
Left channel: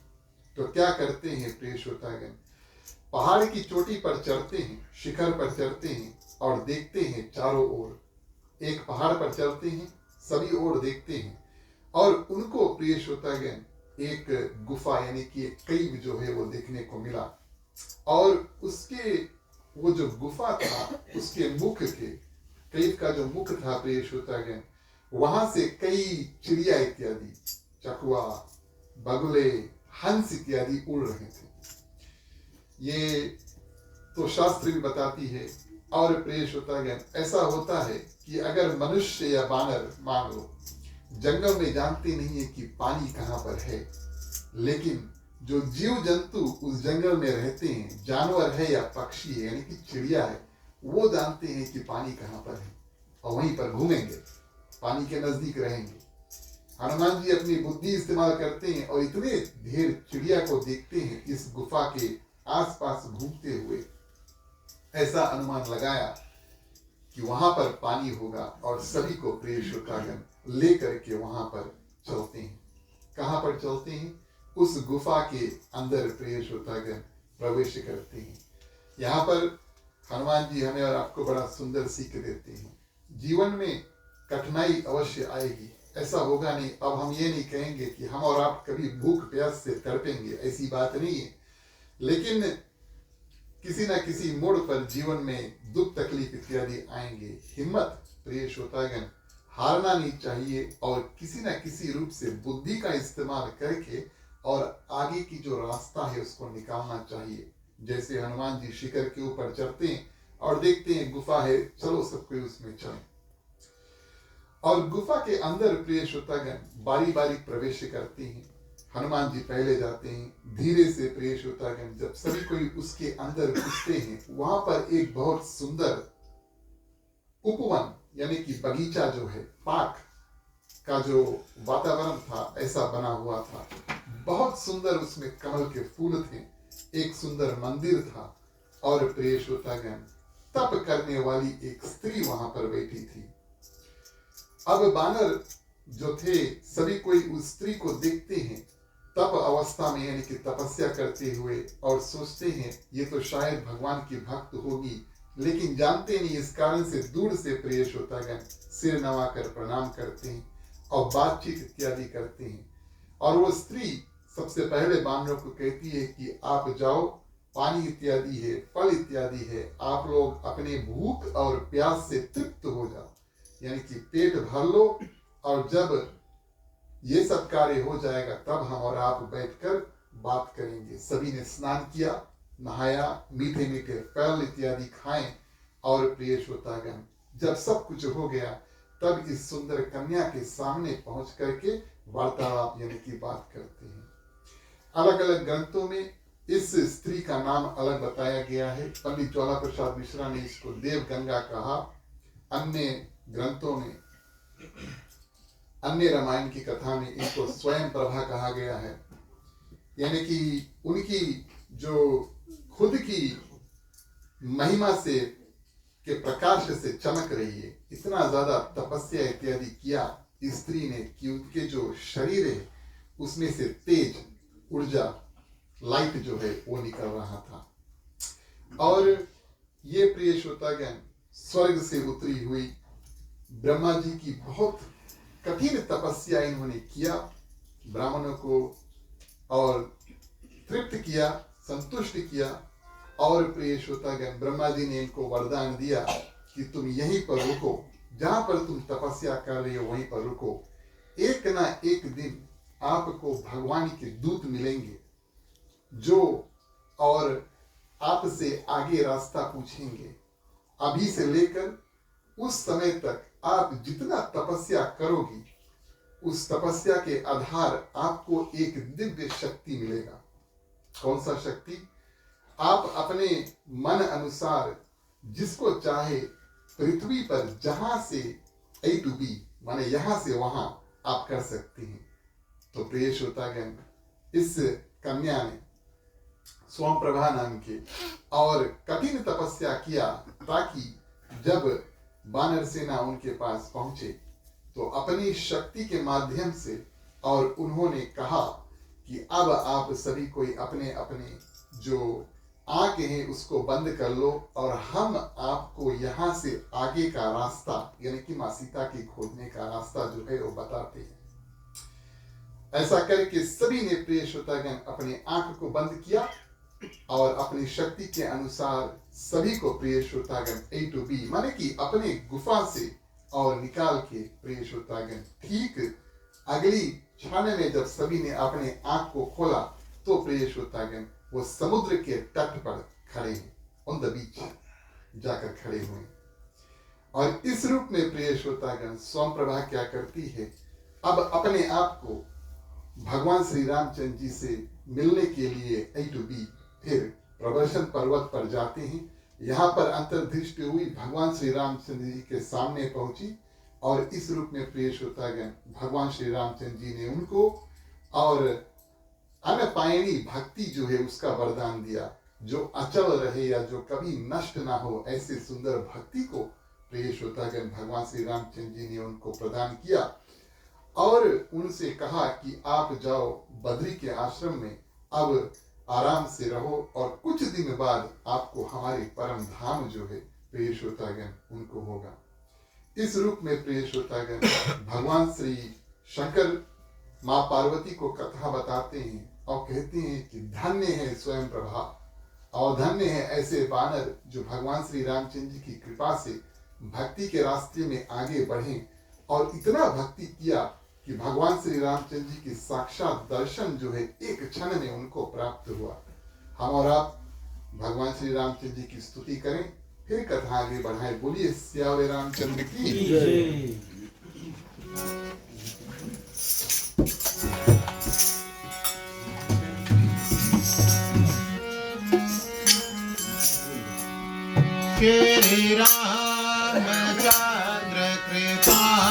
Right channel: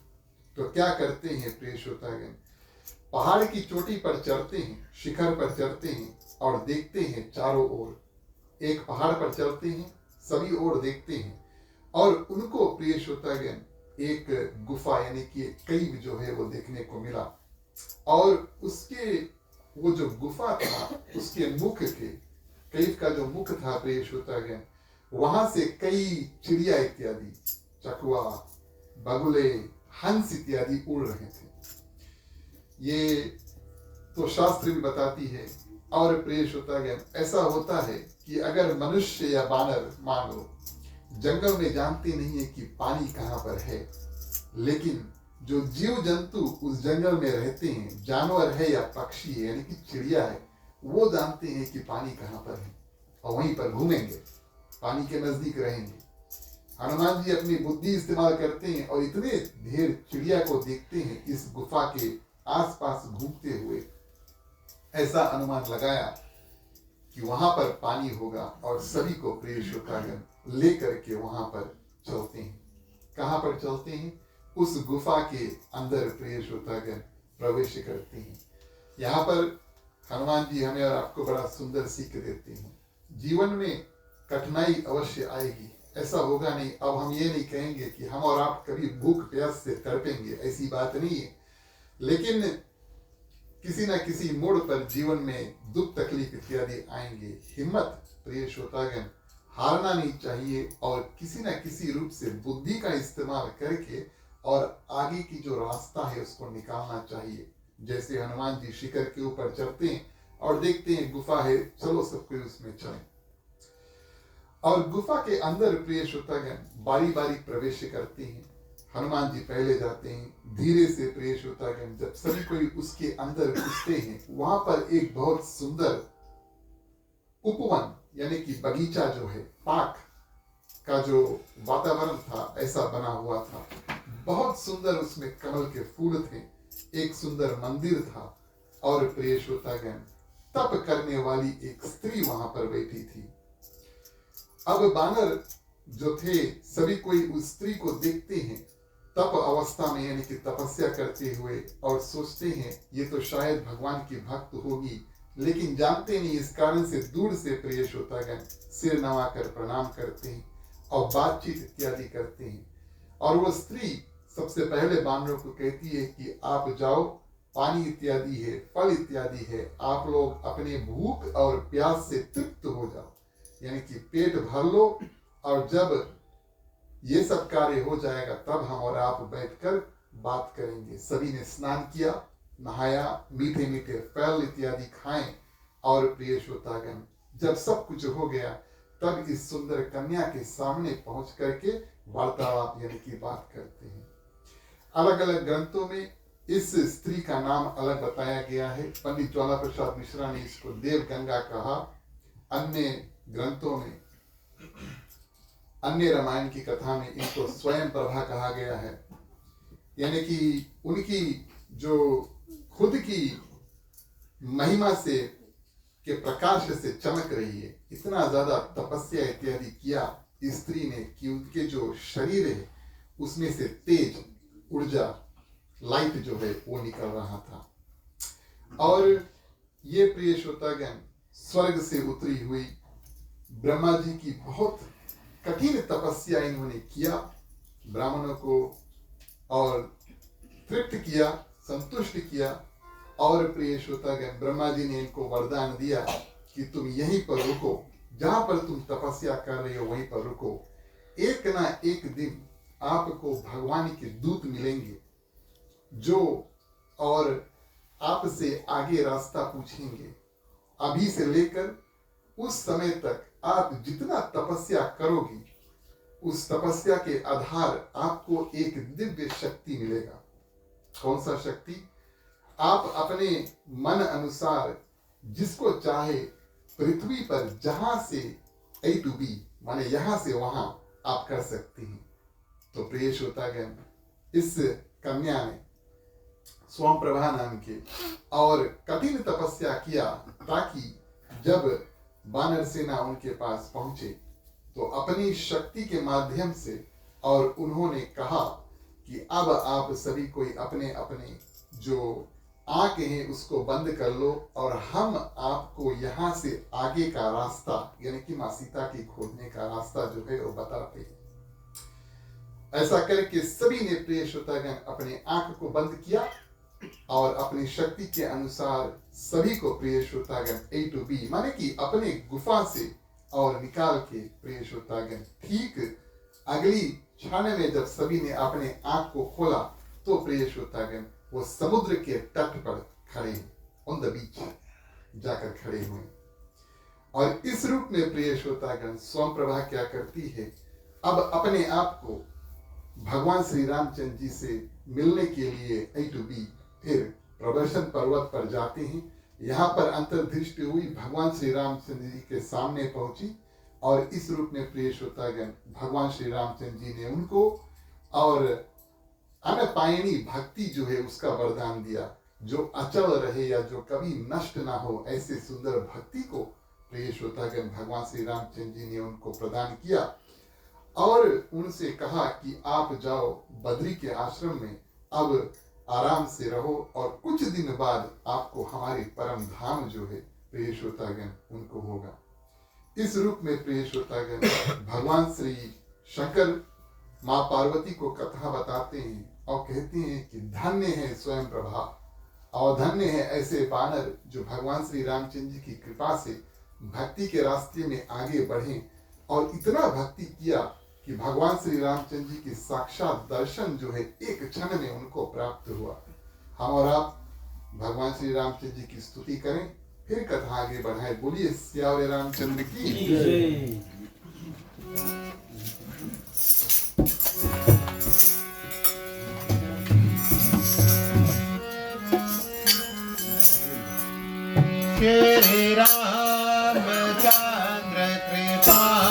तो क्या करते हैं प्रिय श्रोतागण, पहाड़ की चोटी पर चढ़ते हैं, शिखर पर चढ़ते हैं और देखते हैं चारों ओर। एक पहाड़ पर चढ़ते हैं, सभी ओर देखते हैं और उनको प्रिय श्रोतागण एक गुफा यानी कि एक कैव जो है वो देखने को मिला। और उसके वो जो गुफा था, उसके मुख के, कैव का जो मुख था प्रिय श्रोतागण, वहां से कई चिड़िया इत्यादि, चकवा, बगुले, हंस इत्यादि उड़ रहे थे। ये तो शास्त्र भी बताती है। और प्रिय श्रोतागण, ऐसा होता है कि अगर मनुष्य या बानर मान लो जंगल में जानते नहीं है कि पानी कहाँ पर है, लेकिन जो जीव जंतु उस जंगल में रहते हैं, जानवर है या पक्षी है यानी कि चिड़िया है, वो जानते हैं कि पानी कहाँ पर है और वहीं पर घूमेंगे, पानी के नजदीक रहेंगे। हनुमान जी अपनी बुद्धि इस्तेमाल करते हैं और इतने ढेर चिड़िया को देखते हैं इस गुफा के आसपास घूमते हुए, ऐसा अनुमान लगाया कि वहां पर पानी होगा और सभी को प्रिय श्रोतागण लेकर के वहां पर चलते हैं। कहां पर चलते हैं? उस गुफा के अंदर प्रिय श्रोतागण प्रवेश करते हैं। यहाँ पर हनुमान जी हमें और आपको बड़ा सुंदर सीख देते हैं। जीवन में कठिनाई अवश्य आएगी, ऐसा होगा नहीं। अब हम ये नहीं कहेंगे कि हम और आप कभी भूख प्यास से तड़पेंगे, ऐसी बात नहीं है। लेकिन किसी न किसी मोड़ पर जीवन में दुख तकलीफ इत्यादि आएंगे। हिम्मत प्रिय श्रोतागण हारना नहीं चाहिए और किसी न किसी रूप से बुद्धि का इस्तेमाल करके और आगे की जो रास्ता है उसको निकालना चाहिए। जैसे हनुमान जी शिखर के ऊपर चढ़ते हैं और देखते हैं गुफा है, चलो सब कोई उसमें चले। और गुफा के अंदर प्रिय श्रोतागण बारी बारी प्रवेश करते हैं। हनुमान जी पहले जाते हैं, धीरे से प्रिय श्रोतागण जब सभी कोई उसके अंदर घुसते हैं, वहां पर एक बहुत सुंदर उपवन यानी कि बगीचा जो है, पार्क का जो वातावरण था ऐसा बना हुआ था। बहुत सुंदर उसमें कमल के फूल थे, एक सुंदर मंदिर था और प्रिय श्रोतागण तप करने वाली एक स्त्री वहां पर बैठी थी। अब बानर जो थे सभी कोई उस स्त्री को देखते हैं तप अवस्था में यानी कि तपस्या करते हुए और सोचते हैं ये तो शायद भगवान की भक्त होगी, लेकिन जानते नहीं। इस कारण से दूर से प्रिय श्रोतागण सिर नवाकर प्रणाम करते हैं और बातचीत इत्यादि करते हैं। और वो स्त्री सबसे पहले बानरों को कहती है कि आप जाओ पानी इत्यादि है, फल इत्यादि है, आप लोग अपने भूख और प्यास से तृप्त हो जाओ, यानी कि पेट भर लो, और जब ये सब कार्य हो जाएगा तब हम और आप बैठकर बात करेंगे। सभी ने स्नान किया, नहाया, मीठे मीठे फल इत्यादि खाएं, और प्रिय श्रोतागण जब सब कुछ हो गया तब इस सुंदर कन्या के सामने पहुंच करके वार्तालाप यानी कि बात करते हैं। अलग अलग ग्रंथों में इस स्त्री का नाम अलग बताया गया है। पंडित ज्वाला प्रसाद मिश्रा ने इसको देव गंगा कहा, अन्य ग्रंथों में, अन्य रामायण की कथा में इनको स्वयं प्रभा कहा गया है, यानी कि उनकी जो खुद की महिमा से के प्रकाश से चमक रही है। इतना ज्यादा तपस्या इत्यादि किया स्त्री ने कि उनके जो शरीर है उसमें से तेज ऊर्जा, लाइट जो है वो निकल रहा था। और ये प्रिय श्रोतागण स्वर्ग से उतरी हुई ब्रह्मा जी की बहुत कठिन तपस्या इन्होंने किया, ब्राह्मणों को और तृप्त किया, संतुष्ट किया। और प्रिय श्रोतागण ब्रह्मा जी ने इनको वरदान दिया कि तुम यहीं पर रुको, जहां पर तुम तपस्या कर रहे हो वहीं पर रुको। एक ना एक दिन आपको भगवान के दूत मिलेंगे जो और आपसे आगे रास्ता पूछेंगे। अभी से लेकर उस समय तक आप जितना तपस्या करोगी उस तपस्या के आधार आपको एक दिव्य शक्ति मिलेगा। कौन सा शक्ति? आप अपने मन अनुसार जिसको चाहे पृथ्वी पर जहां से A to B माने यहां से वहां आप कर सकते हैं। तो प्रिय श्रोतागण इस कन्या ने स्वयं प्रभा नाम के और कठिन तपस्या किया ताकि जब वानर सेना उनके पास पहुंचे तो अपनी शक्ति के माध्यम से, और उन्होंने कहा कि अब आप सभी कोई अपने अपने जो आंखें हैं उसको बंद कर लो और हम आपको यहाँ से आगे का रास्ता यानी कि मां सीता की खोजने का रास्ता जो है वो बताते हैं। ऐसा करके सभी ने प्रिय श्रोतागण अपने आंख को बंद किया और अपनी शक्ति के अनुसार सभी को प्रिय श्रोतागण A to B माने कि अपने गुफा से और निकाल के प्रिय श्रोतागण ठीक अगली क्षण में जब सभी ने अपने आंख को खोला तो प्रिय श्रोतागण वो समुद्र के तट पर खड़े हैं, ऑन द बीच जाकर खड़े हुए। और इस रूप में प्रिय श्रोतागण स्वयं प्रभा क्या करती है, अब अपने आप को भगवान श्री रामचंद्र जी से मिलने के लिए A to B फिर प्रदर्शन पर्वत पर जाते हैं। यहाँ पर अंतर्दृष्टि हुई, भगवान श्री रामचंद्र जी के सामने पहुंची और इस रूप में प्रिय श्रोतागण भगवान श्री रामचंद्र जी ने उनको और अनपायणी भक्ति जो है उसका वरदान दिया, जो अचल रहे या जो कभी नष्ट ना हो, ऐसे सुंदर भक्ति को प्रिय श्रोतागण भगवान श्री रामचंद्र जी ने उनको प्रदान किया और उनसे कहा कि आप जाओ बद्री के आश्रम में, अब आराम से रहो और कुछ दिन बाद आपको हमारे परम धाम जो है प्रिय श्रोतागण उनको होगा। इस रूप में प्रिय श्रोतागण भगवान श्री शंकर माँ पार्वती को कथा बताते हैं और कहते हैं कि धन्य है स्वयं प्रभा और धन्य है ऐसे वानर जो भगवान श्री रामचंद्र जी की कृपा से भक्ति के रास्ते में आगे बढ़े और इतना भक्ति किया कि भगवान श्री रामचंद्र जी की साक्षात दर्शन जो है एक क्षण में उनको प्राप्त हुआ। हम और आप भगवान श्री रामचंद्र जी की स्तुति करें, फिर कथा आगे बढ़ाए। बोलिए सियावर रामचंद्र की। श्री रामचंद्र कृपाल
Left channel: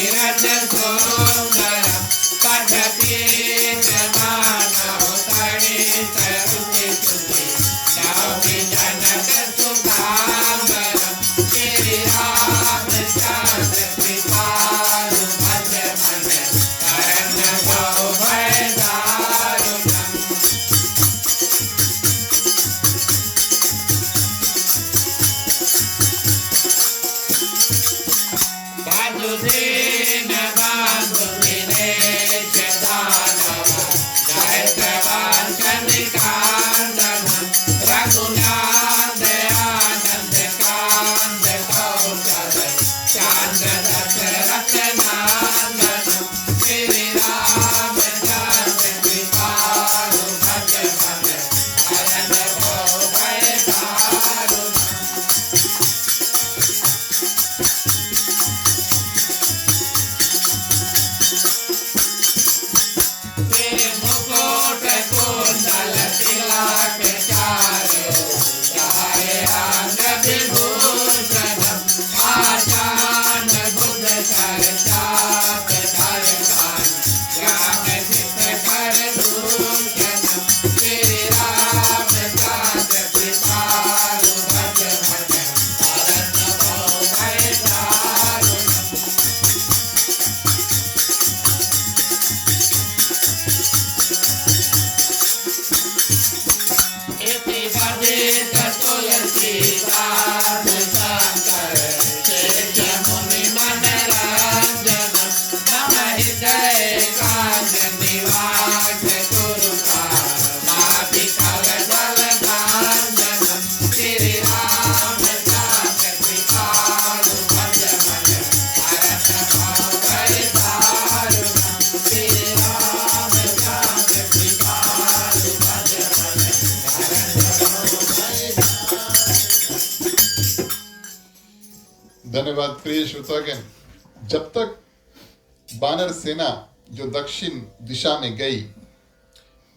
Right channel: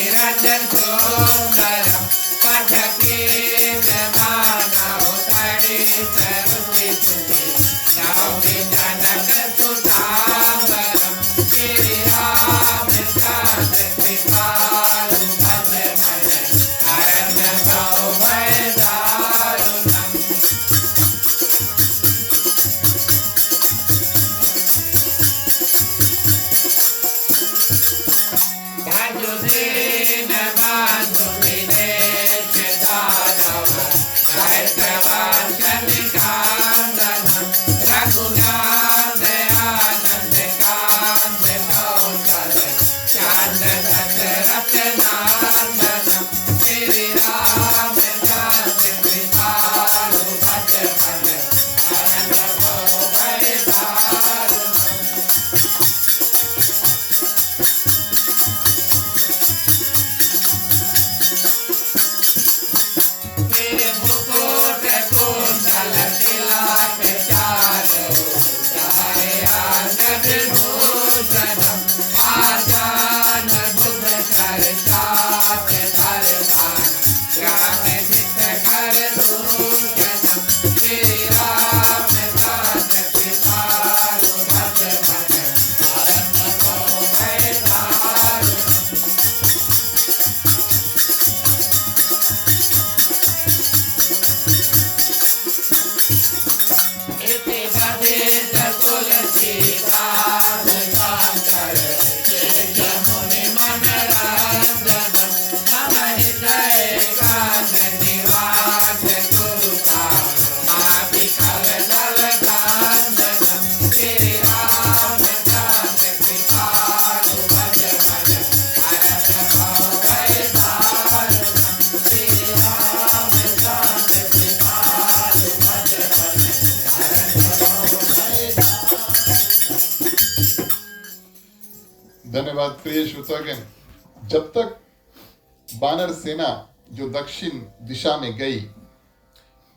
नीरज सुंदरम पठपीतमानौ तडितरुचिसुते नौमि जनकसुतांगरं श्रीरामचन्द्र कृपालु भज मन शरण भयदारुणम् भजुदीन बंधु दिनेश दानव दैत्यवंशनिकान्दन रघुनाथ आनन्द कान्द कौशल चान्द्र दशरथ नन्दनम् श्रीरामचन्द्र कृपालु भज मन शरण भयदारुणम् मुकुट कुंडल तिलक चारु चाहे अंग विभूषणम् आजान बुध कर चाप धरवान ज्ञान नित कर भूषणम् श्रीरामचन्द्र कृपालु भज मन शरण भयदारुणम् इति भवेत तुलसीदास शंकर शेष मुनि मनरंजन मम हृदय कान निवास गुरुका माति कलदल कांचन श्री रामचन्द्र कृपालु भज मन शरण भयदारुणम् श्री रामचन्द्र कृपालु भज मन धन्यवाद प्रिय श्रोतागण। जब तक बानर सेना जो दक्षिण दिशा में गई,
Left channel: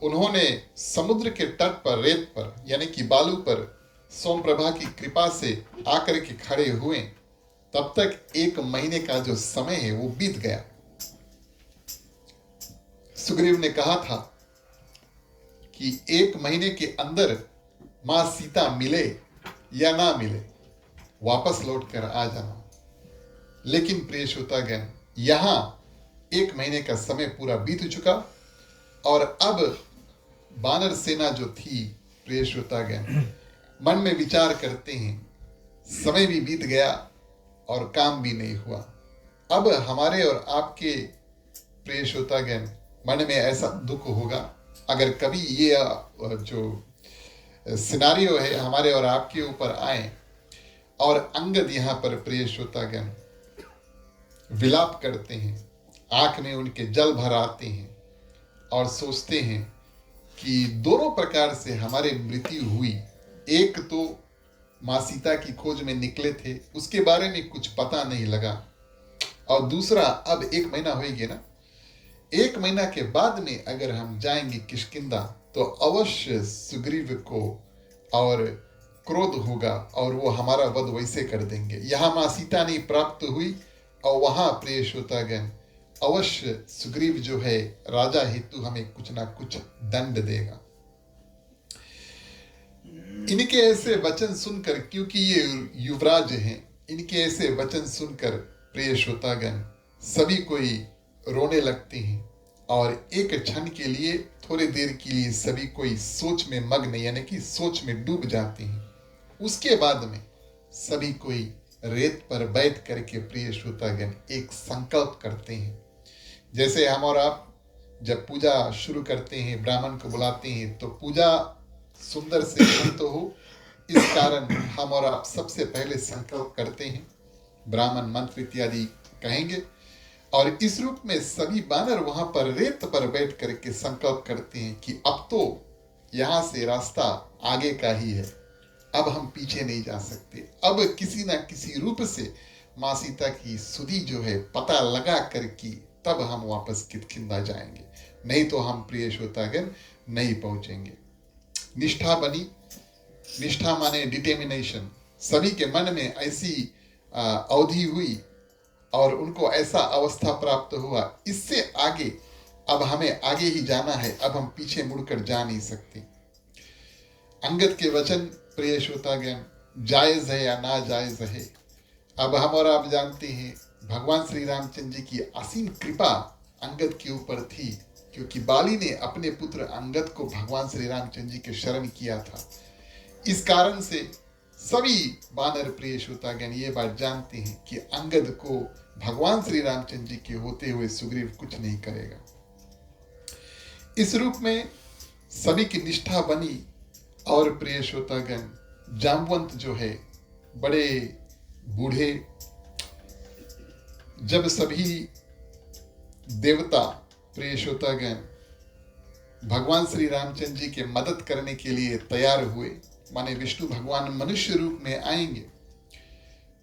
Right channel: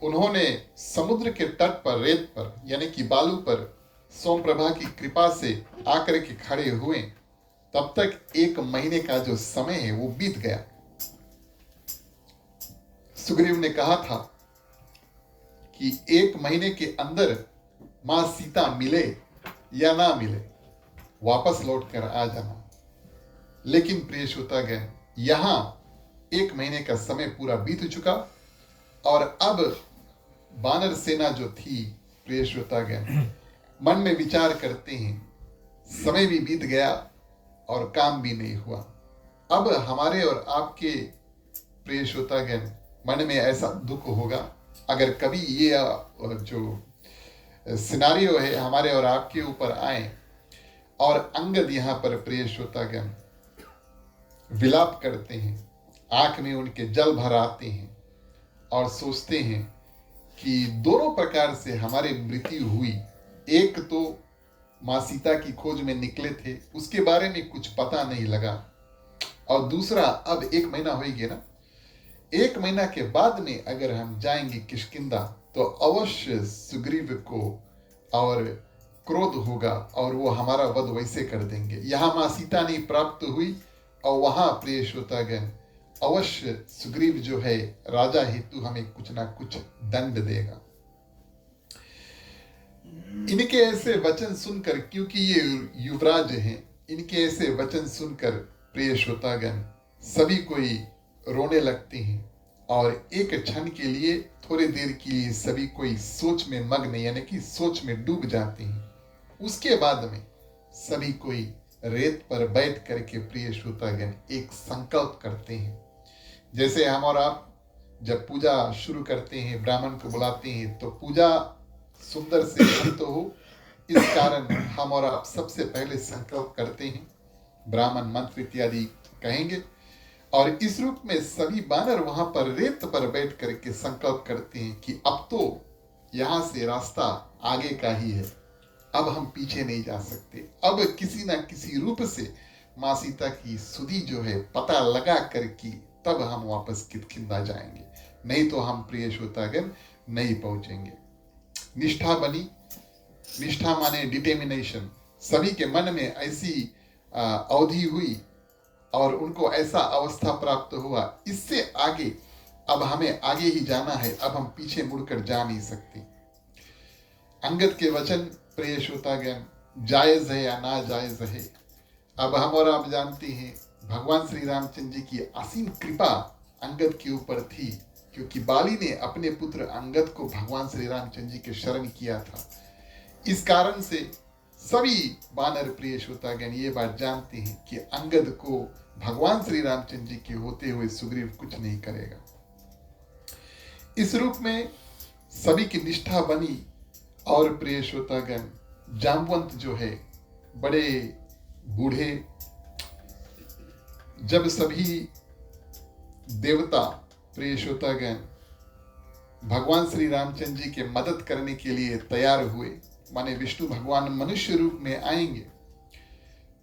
उन्होंने समुद्र के तट पर रेत पर यानी कि बालू पर सोमप्रभा की कृपा से आकर के खड़े हुए, तब तक 1 महीने का जो समय है वो बीत गया। सुग्रीव ने कहा था कि 1 महीने के अंदर मां सीता मिले या ना मिले, वापस लौटकर आ जाना। लेकिन प्रिय श्रोतागण, यहां 1 महीने का समय पूरा बीत चुका और अब बानर सेना जो थी, प्रिय श्रोतागण, मन में विचार करते हैं, समय भी बीत गया और काम भी नहीं हुआ। अब हमारे और आपके प्रिय श्रोतागण मन में ऐसा दुख होगा अगर कभी ये जो सिनारियो है हमारे और आपके ऊपर आए और अंगद यहाँ पर प्रिय श्रोतागण विलाप करते हैं, आंख में उनके जल भर आते हैं और सोचते हैं कि दोनों प्रकार से हमारी मृत्यु हुई। एक तो माँ सीता की खोज में निकले थे, उसके बारे में कुछ पता नहीं लगा, और दूसरा अब 1 महीना हो गया ना, 1 महीना के बाद में अगर हम जाएंगे किष्किंधा तो अवश्य सुग्रीव को और क्रोध होगा और वो हमारा वध वैसे कर देंगे। यहाँ माँ सीता नहीं प्राप्त हुई और वहां प्रिय श्रोतागण अवश्य सुग्रीव जो है राजा हेतु हमें कुछ ना कुछ दंड देगा। इनके ऐसे वचन सुनकर, क्योंकि ये युवराज हैं, इनके ऐसे वचन सुनकर प्रिय श्रोतागण सभी कोई रोने लगते हैं और एक क्षण के लिए, थोड़ी देर के लिए सभी कोई सोच में मग्न यानी कि सोच में डूब जाते हैं। उसके बाद में सभी कोई रेत पर बैठ करके प्रिय श्रोतागण एक संकल्प करते हैं। जैसे हम और आप जब पूजा शुरू करते हैं, ब्राह्मण को बुलाते हैं तो पूजा सुंदर से अंत हो, इस कारण हम और आप सबसे पहले संकल्प करते हैं, ब्राह्मण मंत्र इत्यादि कहेंगे और इस रूप में सभी बानर वहां पर रेत पर बैठ करके संकल्प करते हैं कि अब तो यहाँ से रास्ता आगे का ही है, अब हम पीछे नहीं जा सकते। अब किसी ना किसी रूप से माँ सीता की सुधि जो है पता लगा करके तब हम वापस किष्किंधा जाएंगे, नहीं तो हम प्रिय श्रोतागण नहीं पहुंचेंगे। निष्ठा बनी, निष्ठा माने डिटर्मिनेशन, सभी के मन में ऐसी अवधि हुई और उनको ऐसा अवस्था प्राप्त हुआ, इससे आगे अब हमें आगे ही जाना है, अब हम पीछे मुड़कर जा नहीं सकते। अंगद के वचन प्रिय श्रोतागण जायज है या ना जायज है, अब हम और आप जानते हैं भगवान श्री रामचंद्र जी की असीम कृपा अंगद के ऊपर थी, क्योंकि बाली ने अपने पुत्र अंगद को भगवान श्री रामचंद्र जी के शरण किया था। इस कारण से सभी वानर प्रिय श्रोतागण ये बात जानते हैं कि अंगद को भगवान श्री रामचंद्र जी के होते हुए सुग्रीव कुछ नहीं करेगा। इस रूप में सभी की निष्ठा बनी और प्रिय श्रोतागण जामवंत जो है बड़े बूढ़े, जब सभी देवता प्रिय श्रोतागण भगवान श्री रामचंद्र जी के मदद करने के लिए तैयार हुए, माने विष्णु भगवान मनुष्य रूप में आएंगे,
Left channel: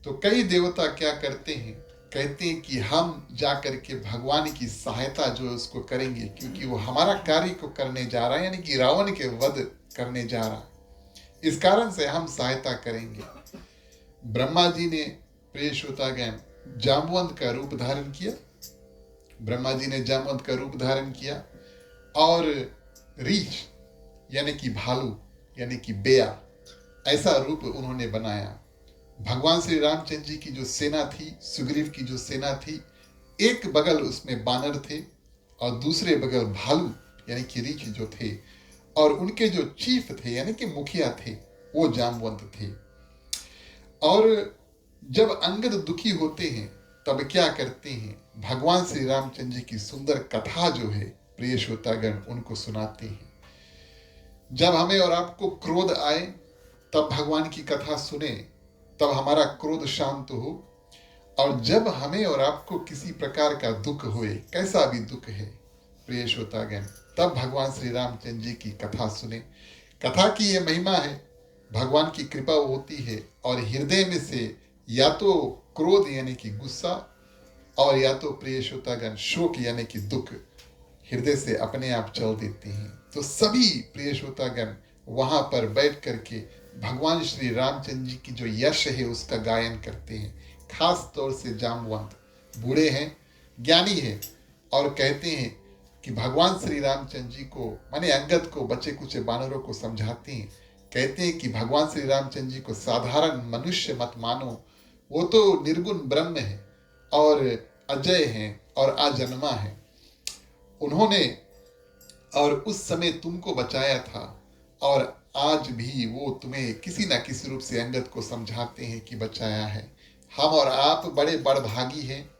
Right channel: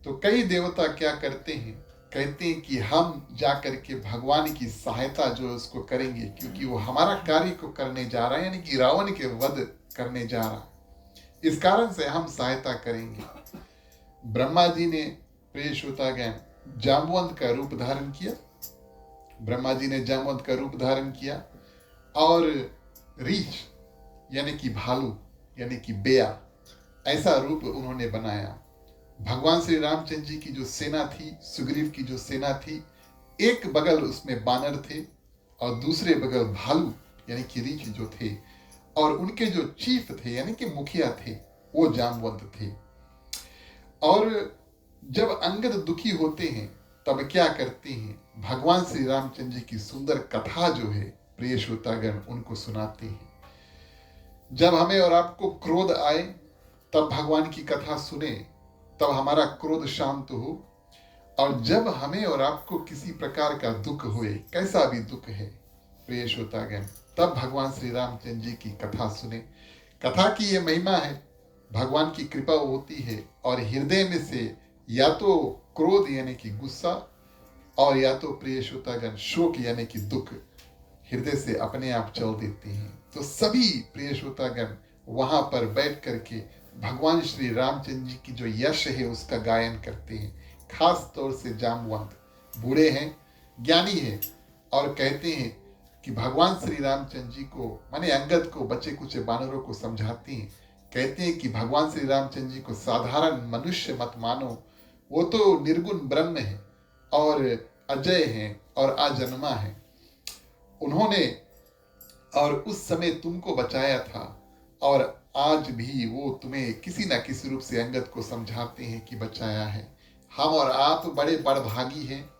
तो कई देवता क्या करते हैं, कहते हैं कि हम जाकर के भगवान की सहायता जो है उसको करेंगे, क्योंकि वो हमारा कार्य को करने जा रहा है, यानी कि रावण के वध करने जा रहा है, इस कारण से हम सहायता करेंगे। ब्रह्मा जी ने प्रिय श्रोतागण जामवंत का रूप धारण किया, ब्रह्मा जी ने जामवंत का रूप धारण किया और रीछ यानी कि भालू यानी कि बेया ऐसा रूप उन्होंने बनाया। भगवान श्री रामचंद्र जी की जो सेना थी, सुग्रीव की जो सेना थी, एक बगल उसमें बानर थे और दूसरे बगल भालू यानी कि रीछ जो थे, और उनके जो चीफ थे यानी कि मुखिया थे वो जामवंत थे। और जब अंगद दुखी होते हैं तब क्या करते हैं, भगवान श्री रामचंद्र जी की सुंदर कथा जो है प्रिय श्रोतागण उनको सुनाते हैं। जब हमें और आपको क्रोध आए तब भगवान की कथा सुने, तब हमारा क्रोध शांत हो, और जब हमें और आपको किसी प्रकार का दुख हुए, कैसा भी दुख है प्रिय श्रोतागण, तब भगवान श्री रामचंद्र जी की कथा सुने। कथा की ये महिमा है, भगवान की कृपा होती है और हृदय में से या तो क्रोध यानी कि गुस्सा और या तो प्रिय श्रोतागण शोक यानी कि दुख हृदय से अपने आप चल देते हैं। तो सभी प्रिय श्रोतागण वहां पर बैठ करके भगवान श्री रामचंद्र जी की जो यश है उसका गायन करते हैं। खास तौर से जामवंत बूढ़े हैं, ज्ञानी है, और कहते हैं कि भगवान श्री रामचंद्र जी को माने अंगद को, बच्चे कुछ बानरों को समझाते हैं, कहते हैं कि भगवान श्री रामचंद्र जी को साधारण मनुष्य मत मानो, वो तो निर्गुण ब्रह्म है और अजय है और अजन्मा है। उन्होंने और उस समय तुमको बचाया था और आज भी वो तुम्हें किसी ना किसी रूप से अंगद को समझाते हैं कि बचाया है। हम और आप बड़े बड़भागी हैं।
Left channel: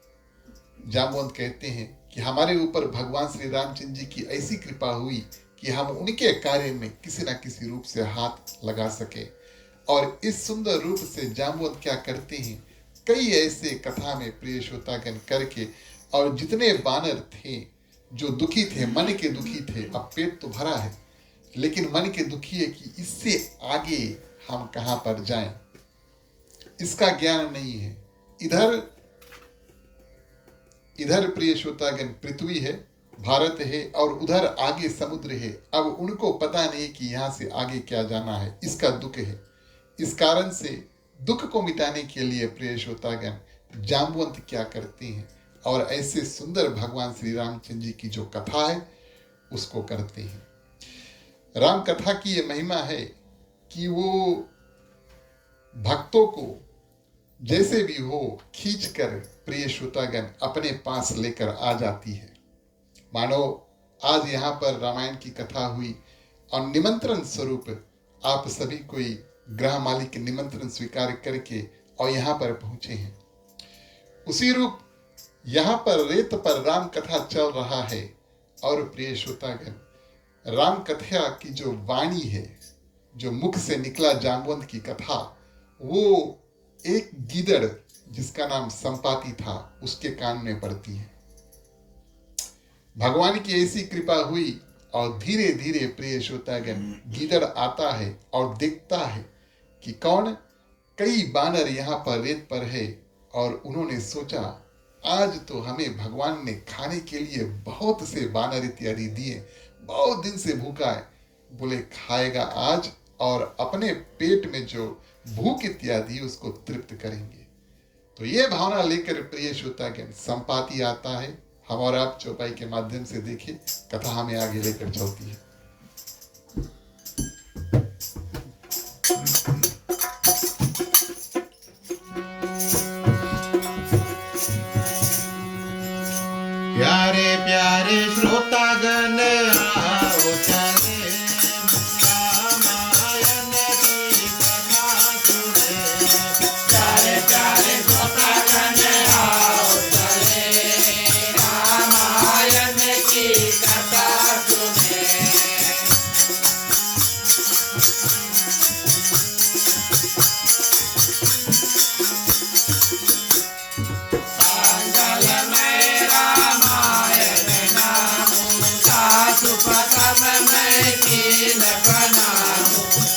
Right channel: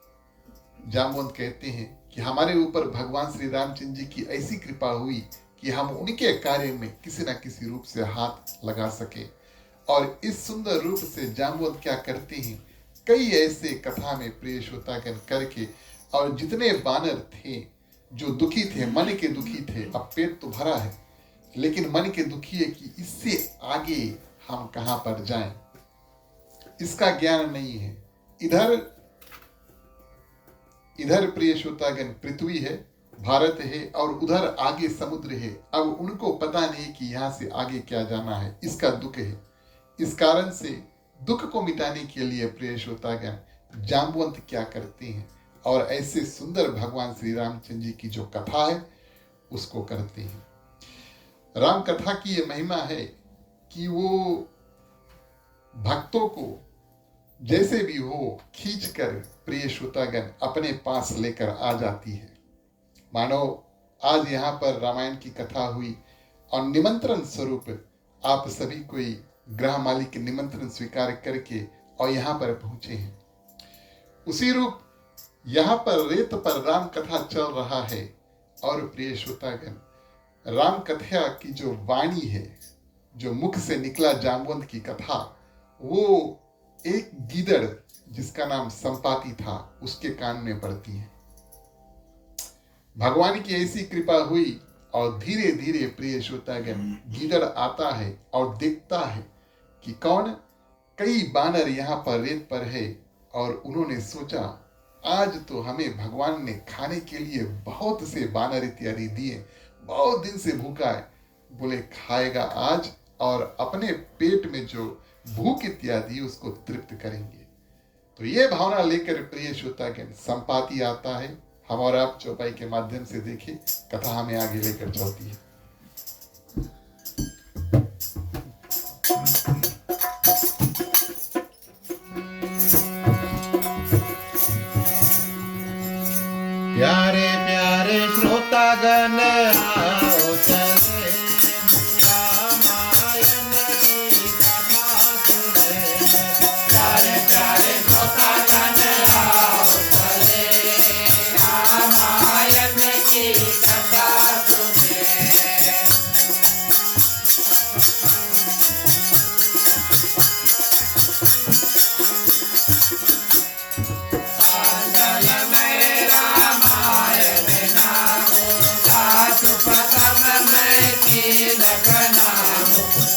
जामवंत कहते हैं कि हमारे ऊपर भगवान श्री रामचंद्र जी की ऐसी कृपा हुई कि हम उनके कार्य में किसी ना किसी रूप से हाथ लगा सके। और इस सुंदर रूप से जामवंत क्या करते हैं, कई ऐसे कथा में प्रिय श्रोतागण करके, और जितने बानर थे जो दुखी थे, मन के दुखी थे, अब पेट तो भरा है लेकिन मन के दुखी है कि इससे आगे हम कहां पर जाएं, इसका ज्ञान नहीं है। इधर प्रिय श्रोतागण पृथ्वी है, भारत है, और उधर आगे समुद्र है। अब उनको पता नहीं कि यहां से आगे क्या जाना है, इसका दुख है। इस कारण से दुख को मिटाने के लिए प्रिय श्रोतागण जामवंत क्या करते हैं, और ऐसे सुंदर भगवान श्री रामचंद्र जी की जो कथा है उसको करते हैं। राम कथा की ये महिमा है कि वो भक्तों को जैसे भी हो खींचकर प्रिय श्रोतागण अपने पास लेकर आ जाती है। मानो आज यहाँ पर रामायण की कथा हुई और निमंत्रण स्वरूप आप सभी कोई ग्रह मालिक निमंत्रण स्वीकार करके और यहाँ पर पहुंचे हैं। उसी रूप यहाँ पर रेत पर राम कथा चल रहा है, और प्रिय श्रोतागण राम कथा की जो वाणी है, जो मुख से निकला जामवंत की कथा, वो एक गीदड़ जिसका नाम संपाति था उसके कान में पड़ती है। भगवान की ऐसी कृपा हुई और धीरे धीरे प्रिय श्रोतागण गीदड़ आता है और देखता है कि कौन, कई बानर यहाँ पर रेत पर है, और उन्होंने सोचा आज तो हमें भगवान ने खाने के लिए बहुत से बानर इत्यादि दिए, बहुत दिन से भूखा है, बोले खाएगा आज और अपने पेट में जो भूख इत्यादि उसको तृप्त करेंगे। तो ये भावना लेकर प्रिय श्रोतागण संपाति आता है। हम और आप चौपाई के माध्यम से देखें, कथा हमें आगे लेकर चलती है। प्यारे प्यारे श्रोतागण आओ चले रामायण की कथा सुने। प्यारे प्यारे श्रोतागण आओ चले रामायण की कथा सुने।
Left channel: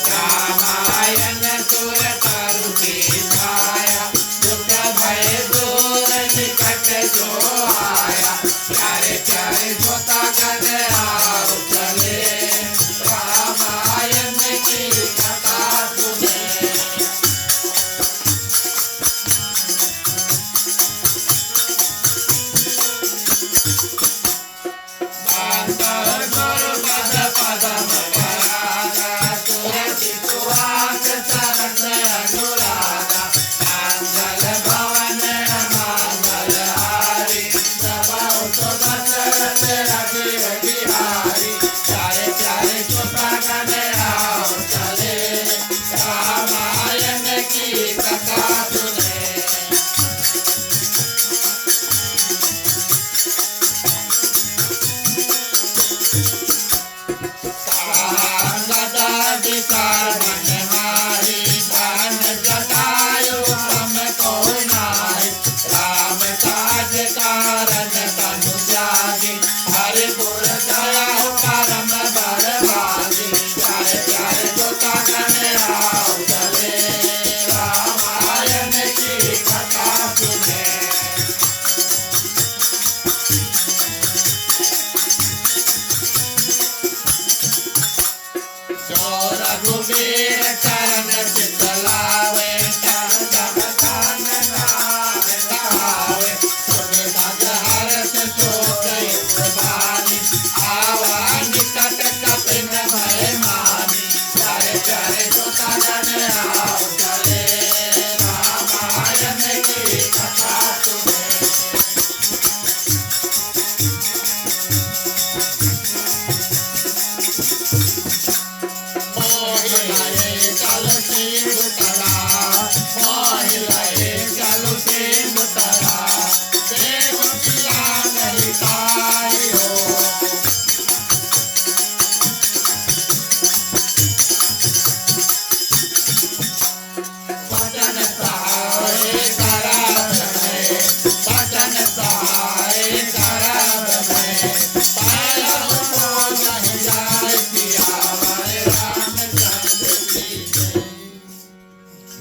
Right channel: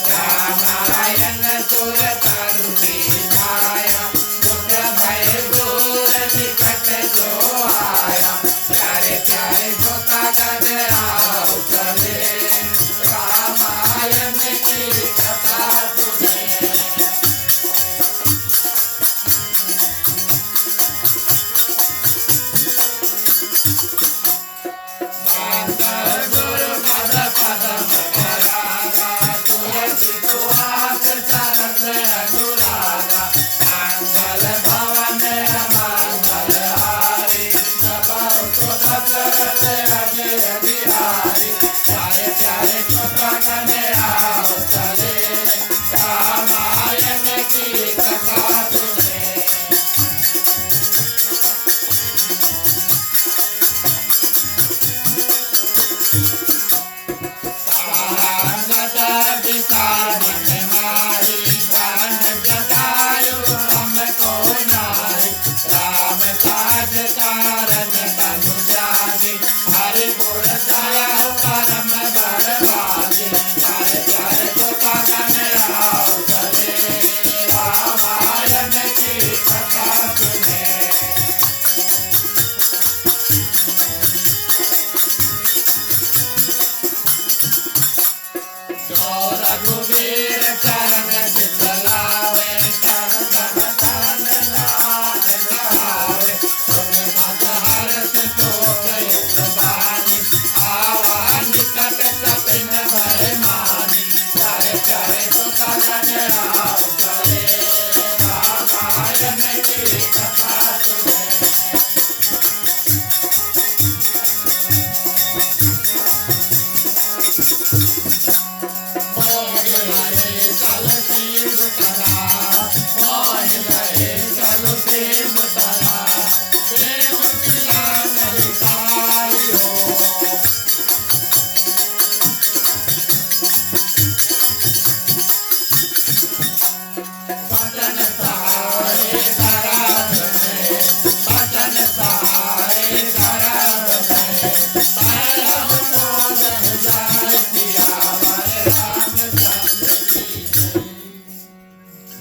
रामायण सुर तरु की छाया, दुख भय दूर निकट जो आया। प्यारे प्यारे श्रोतागण आओ चले रामायण की कथा सुने। रघुवीर चरण चितलावे, तन तन नाथ गावे। सुनि मत हर्ष शोक यश बानी, आवा निकट कपिन भय मानी। प्यारे प्यारे श्रोतागण आओ चले रामायण की कथा सुने।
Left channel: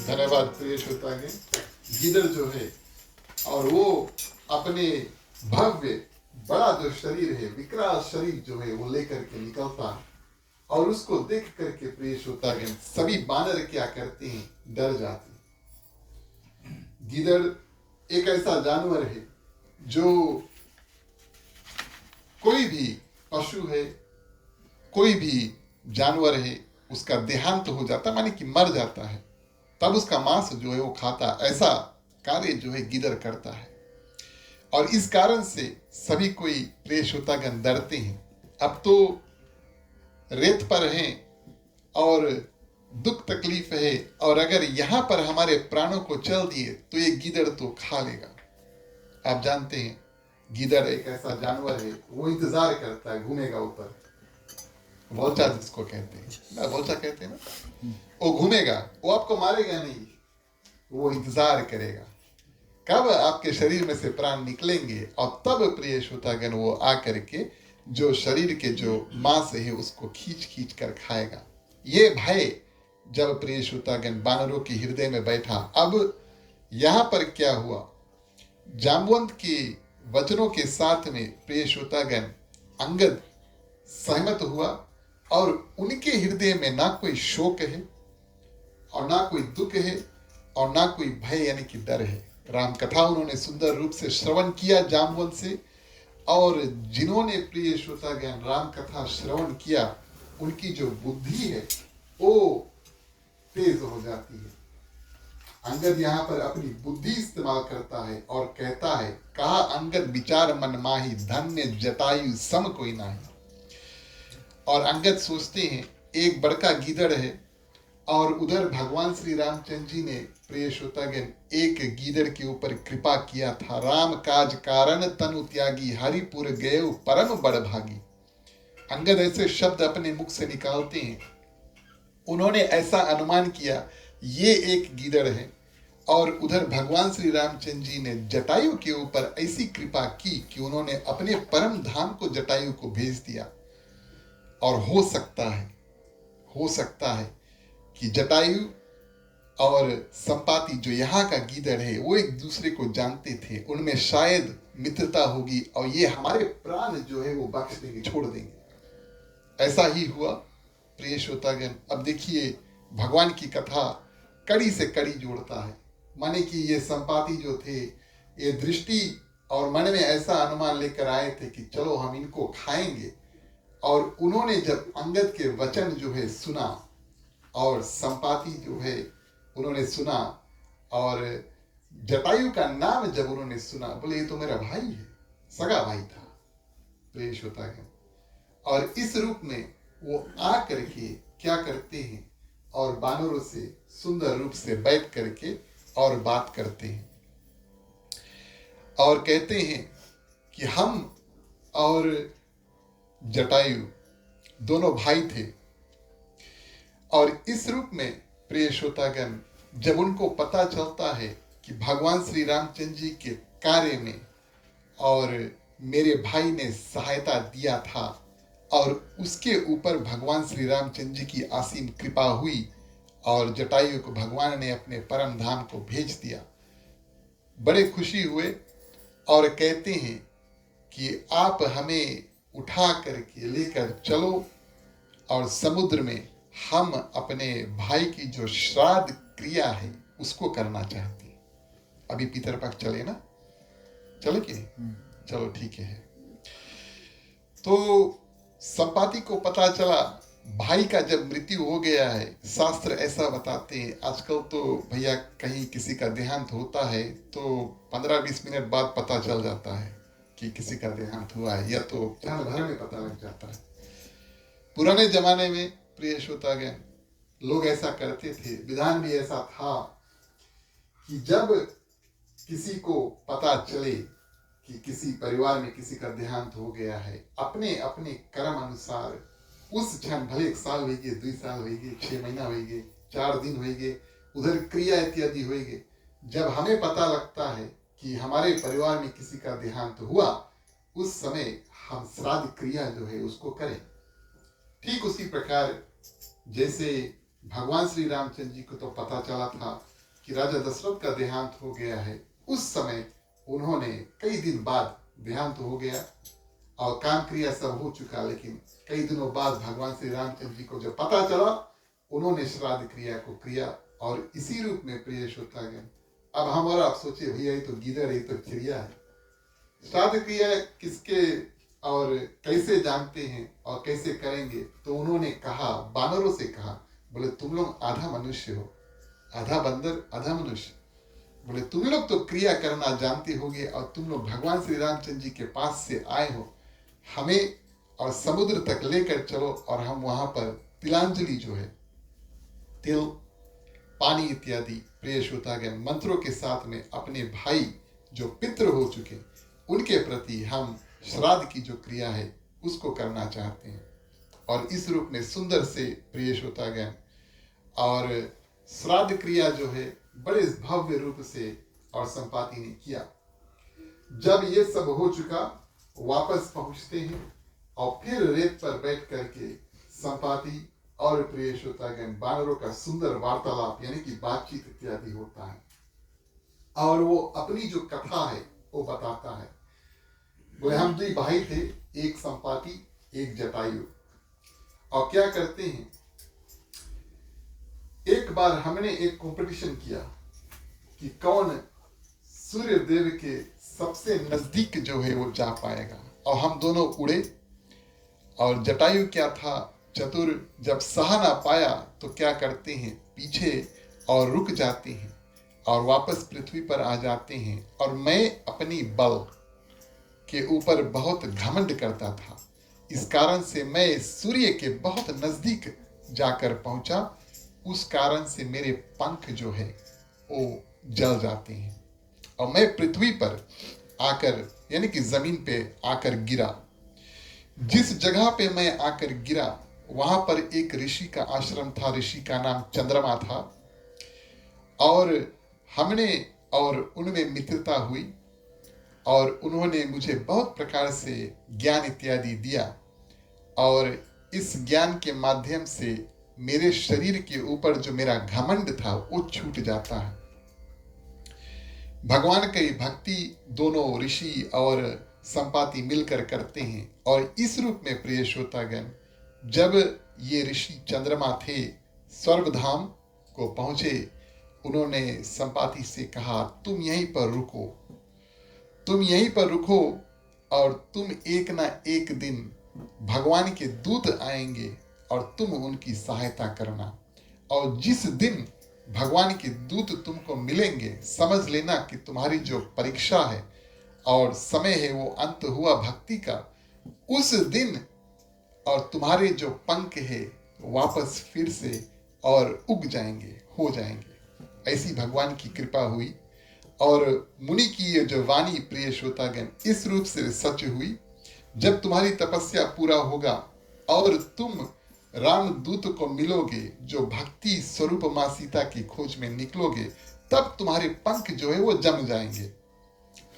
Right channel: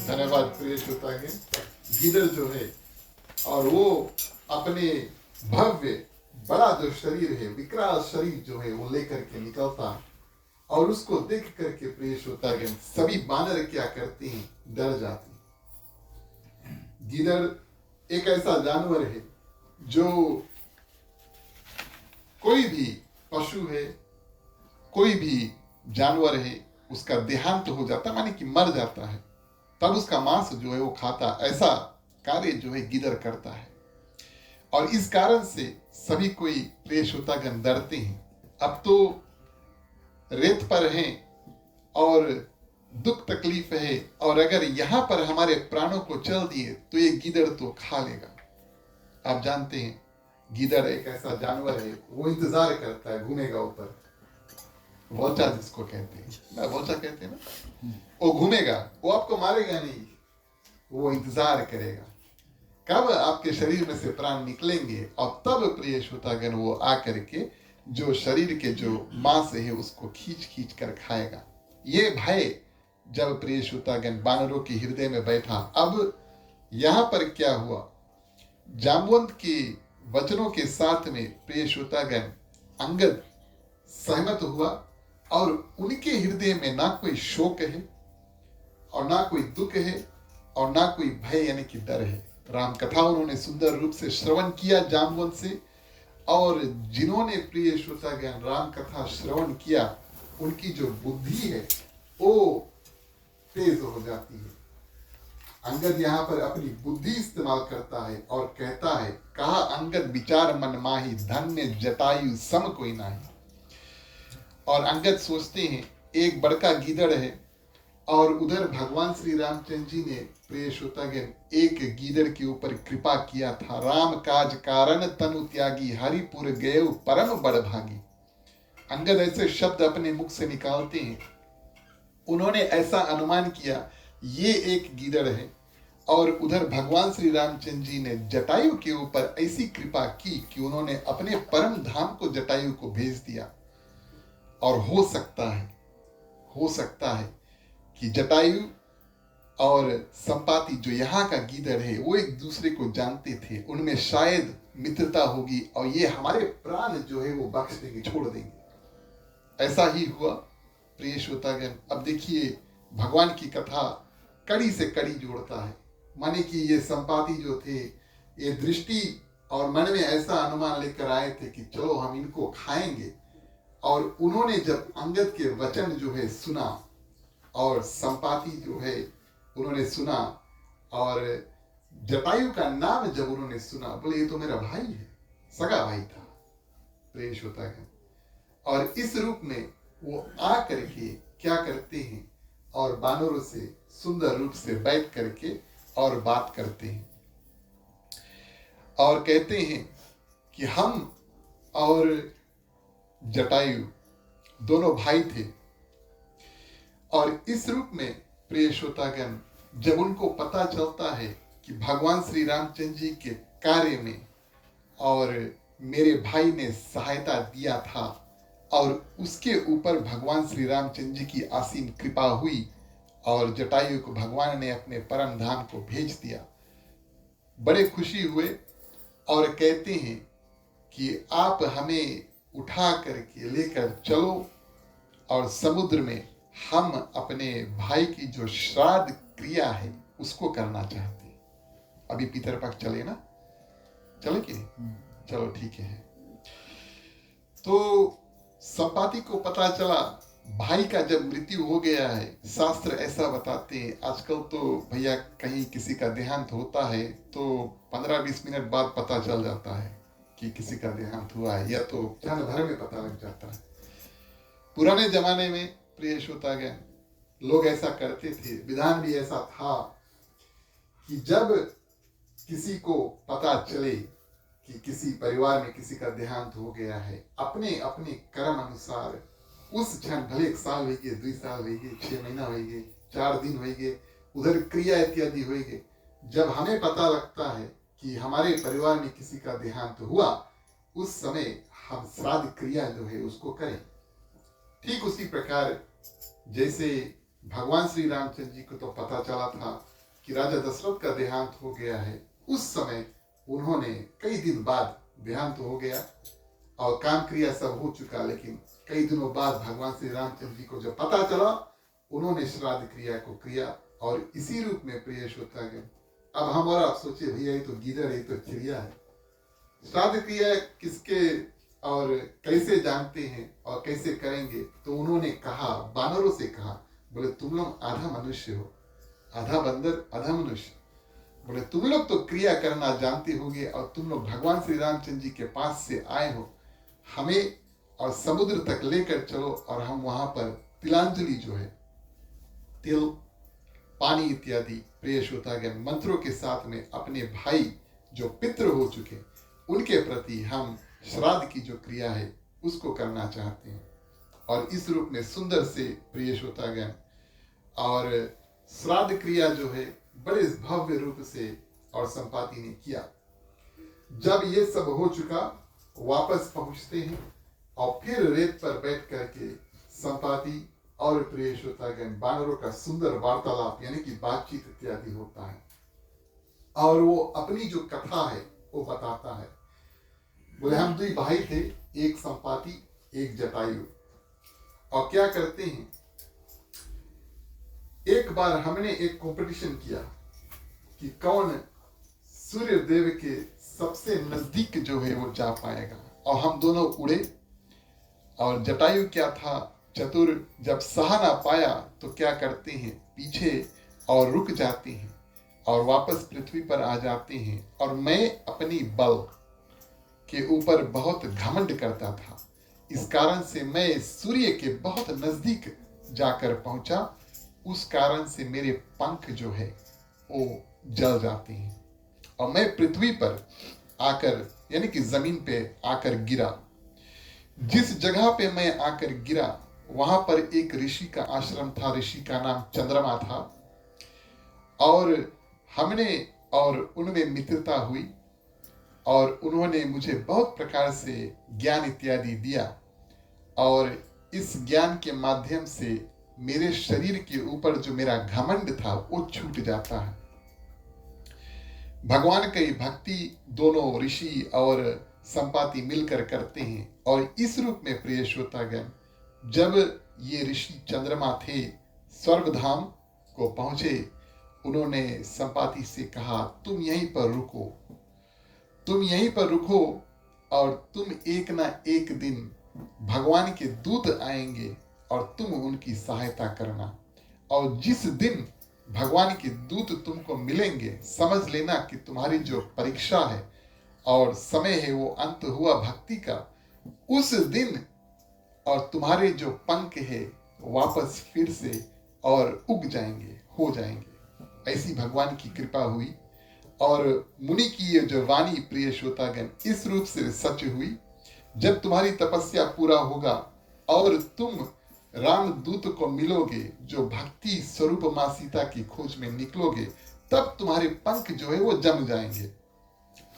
धन्यवाद प्रिय श्रोतागण। गीदड़ जो है और वो अपने भव्य बड़ा जो शरीर है, विकराल शरीर जो है वो लेकर के निकलता है और उसको देख करके प्रिय श्रोतागण सभी बानर क्या करते हैं, डर जाते हैं। गीदड़ एक ऐसा जानवर है जो कोई भी पशु है, कोई भी जानवर है, उसका देहांत हो जाता माने कि मर जाता है, तब उसका मांस जो है वो खाता। ऐसा कार्य जो है गीदड़ करता है और इस कारण से सभी कोई प्रिय श्रोतागण डरते हैं। अब तो रेत पर हैं और दुख तकलीफ है और अगर यहाँ पर हमारे प्राणों को चल दिए तो ये गीदड़ तो खा लेगा। आप जानते हैं गीदड़ एक ऐसा जानवर है, वो इंतजार करता है, घूमेगा ऊपर, वोल्चा जिसको कहते हैं ना, वोल्चा कहते हैं ना, वो घूमेगा, वो आपको मारेगा नहीं, वो इंतजार करेगा कब आपके शरीर में से प्राण निकलेंगे और तब प्रिय श्रोतागण वो आकर के जो शरीर के जो मांस है उसको खींच खींच कर खाएगा। ये भय जब प्रिय श्रोतागण बानरों के हृदय में बैठा, अब यहाँ पर क्या हुआ, जामवंत के वचनों के साथ में प्रिय श्रोतागण अंगद सहमत हुआ और उनके हृदय में ना कोई शोक है और ना कोई दुख है और ना कोई भय यानी कि डर है। राम कथा उन्होंने सुंदर रूप से श्रवण किया जामवंत से, और जिन्होंने प्रिय श्रोता ज्ञान राम कथा श्रवण किया उनकी जो बुद्धि है वो तेज हो जाती है। अंगद यहाँ पर अपनी बुद्धि इस्तेमाल करता है और कहता है, कहा अंगद विचार मन माही, धन्य जटायु सम कोई नाही। और अंगद सोचते हैं एक बड़का गीदड़ है और उधर भगवान श्री रामचंद्र जी ने प्रिय श्रोतागण एक गीदड़ के ऊपर कृपा किया था। राम काज कारण तनु त्यागी, हरिपुर गए परम बड़ भागी। अंगद ऐसे शब्द अपने मुख से निकालते हैं। उन्होंने ऐसा अनुमान किया ये एक गीदड़ है, और उधर भगवान श्री रामचंद्र जी ने जटायु के ऊपर ऐसी कृपा की कि उन्होंने अपने परम धाम को जटायु को भेज दिया। और हो सकता है कि जटायु और संपाति जो यहाँ का गीदड़ है वो एक दूसरे को जानते थे, उनमें शायद मित्रता होगी और ये हमारे प्राण जो है वो बख्श देंगे, छोड़ देंगे। ऐसा ही हुआ प्रिय श्रोतागण। अब देखिए भगवान की कथा कड़ी से कड़ी जोड़ता है, माने कि ये संपाति जो थे ये दृष्टि और मन में ऐसा अनुमान लेकर आए थे कि चलो हम इनको खाएंगे। और उन्होंने जब अंगद के वचन जो है सुना और संपाति जो है उन्होंने सुना, और जटायु का नाम जब उन्होंने सुना, बोले ये तो मेरा भाई है, सगा भाई था प्रिय श्रोतागण। और इस रूप में वो आ करके क्या करते हैं और बानरों से सुंदर रूप से बैठ करके और बात करते हैं और कहते हैं कि हम और जटायु दोनों भाई थे। और इस रूप में प्रिय श्रोतागण जब उनको पता चलता है कि भगवान श्री रामचंद्र जी के कार्य में और मेरे भाई ने सहायता दिया था और उसके ऊपर भगवान श्री रामचंद्र जी की असीम कृपा हुई और जटायु को भगवान ने अपने परम धाम को भेज दिया, बड़े खुशी हुए और कहते हैं कि आप हमें उठा करके लेकर चलो और समुद्र में हम अपने भाई की जो श्राद्ध क्रिया है उसको करना चाहते हैं। अभी पितरपक्ष चले ना, चले कि नहीं? चलो ठीक है। तो संपाति को पता चला भाई का जब मृत्यु हो गया है, शास्त्र ऐसा बताते हैं, आजकल तो भैया कहीं किसी का देहांत होता है तो 15-20 मिनट बाद पता चल जाता है कि किसी का देहांत हुआ है, या तो क्षण भर में पता लग जाता है। पुराने जमाने में प्रिय श्रोतागण लोग ऐसा करते थे, विधान भी ऐसा था कि जब किसी को पता चले कि किसी परिवार में किसी का देहांत हो गया है, अपने अपने कर्म अनुसार उस क्षण भले 1 साल हो गए, 2 साल हो गए, 6 महीना हो गए, 4 दिन हो गए, उधर क्रिया इत्यादि हो गए, जब हमें पता लगता है कि हमारे परिवार में किसी का देहांत हुआ, उस समय हम श्राद्ध क्रिया जो है उसको करें। ठीक उसी प्रकार जैसे भगवान श्री रामचंद्र जी को तो पता चला था कि राजा दशरथ का देहांत हो गया है, उस समय उन्होंने कई दिन बाद देहांत हो गया और काम क्रिया सब हो चुका, लेकिन कई दिनों बाद भगवान श्री रामचंद्र जी को जब पता चला उन्होंने श्राद्ध क्रिया को किया। और इसी रूप में प्रिय श्रोतागण अब हम और आप सोचे भैया ये तो गीदड़, ये तो चिड़िया है, श्राद्ध क्रिया किसके और कैसे जानते हैं और कैसे करेंगे? तो उन्होंने कहा, बानरों से कहा, बोले तुम लोग आधा मनुष्य हो, आधा बंदर आधा मनुष्य, बोले तुम लोग तो क्रिया करना जानते होगे और तुम लोग भगवान श्री रामचंद्र जी के पास से आए हो, हमें और समुद्र तक लेकर चलो और हम वहां पर तिलांजलि जो है, तिल पानी इत्यादि प्रिय श्रोतागण मंत्रों के साथ में अपने भाई जो पितृ हो चुके उनके प्रति हम श्राद्ध की जो क्रिया है उसको करना चाहते हैं। और इस रूप में सुंदर से प्रिय श्रोतागण और श्राद्ध क्रिया जो है बड़े भव्य रूप से और संपाति ने किया। जब ये सब हो चुका वापस पहुंचते हैं और फिर रेत पर बैठ करके संपाति और प्रिय श्रोतागण बानरों का सुंदर वार्तालाप यानी कि बातचीत इत्यादि होता है और वो अपनी जो कथा है वो बताता है। बोले हम 2 भाई थे, एक संपाति एक जटायु, और क्या करते हैं, एक बार हमने एक कंपटीशन किया कि कौन सूर्य देव के सबसे नजदीक जो है वो जा पाएगा। और हम दोनों उड़े, और जटायु क्या था, चतुर, जब सहा ना पाया तो क्या करते हैं, पीछे और रुक जाते हैं और वापस पृथ्वी पर आ जाते हैं। और मैं अपनी बल के ऊपर बहुत घमंड करता था, इस कारण से मैं सूर्य के बहुत नजदीक जाकर पहुंचा। उस कारण से मेरे पंख जो है वो जल जाते हैं और मैं पृथ्वी पर आकर, यानी कि जमीन पे आकर गिरा। जिस जगह पे मैं आकर गिरा वहां पर एक ऋषि का आश्रम था, ऋषि का नाम चंद्रमा था। और हमने और उनमें मित्रता हुई और उन्होंने मुझे बहुत प्रकार से ज्ञान इत्यादि दिया। और इस ज्ञान के माध्यम से मेरे शरीर के ऊपर जो मेरा घमंड था वो छूट जाता है। भगवान की भक्ति दोनों ऋषि और संपाति मिलकर करते हैं। और इस रूप में प्रिय श्रोतागण, जब ये ऋषि चंद्रमा थे स्वर्गधाम को पहुंचे, उन्होंने संपाति से कहा, तुम यहीं पर रुको, तुम यहीं पर रुको और तुम एक ना एक दिन भगवान के दूत आएंगे और तुम उनकी सहायता करना। और जिस दिन भगवान के दूत तुमको मिलेंगे, समझ लेना कि तुम्हारी जो परीक्षा है और समय है वो अंत हुआ भक्ति का। उस दिन और तुम्हारे जो पंख है वापस फिर से और उग जाएंगे, हो जाएंगे। ऐसी भगवान की कृपा हुई। और मुनि की ये जो वाणी प्रिय श्रोतागण इस रूप से सच हुई, जब तुम्हारी तपस्या पूरा होगा और तुम रामदूत को मिलोगे, जो भक्ति स्वरूप मां सीता की खोज में निकलोगे, तब तुम्हारे पंख जो है वो जम जाएंगे।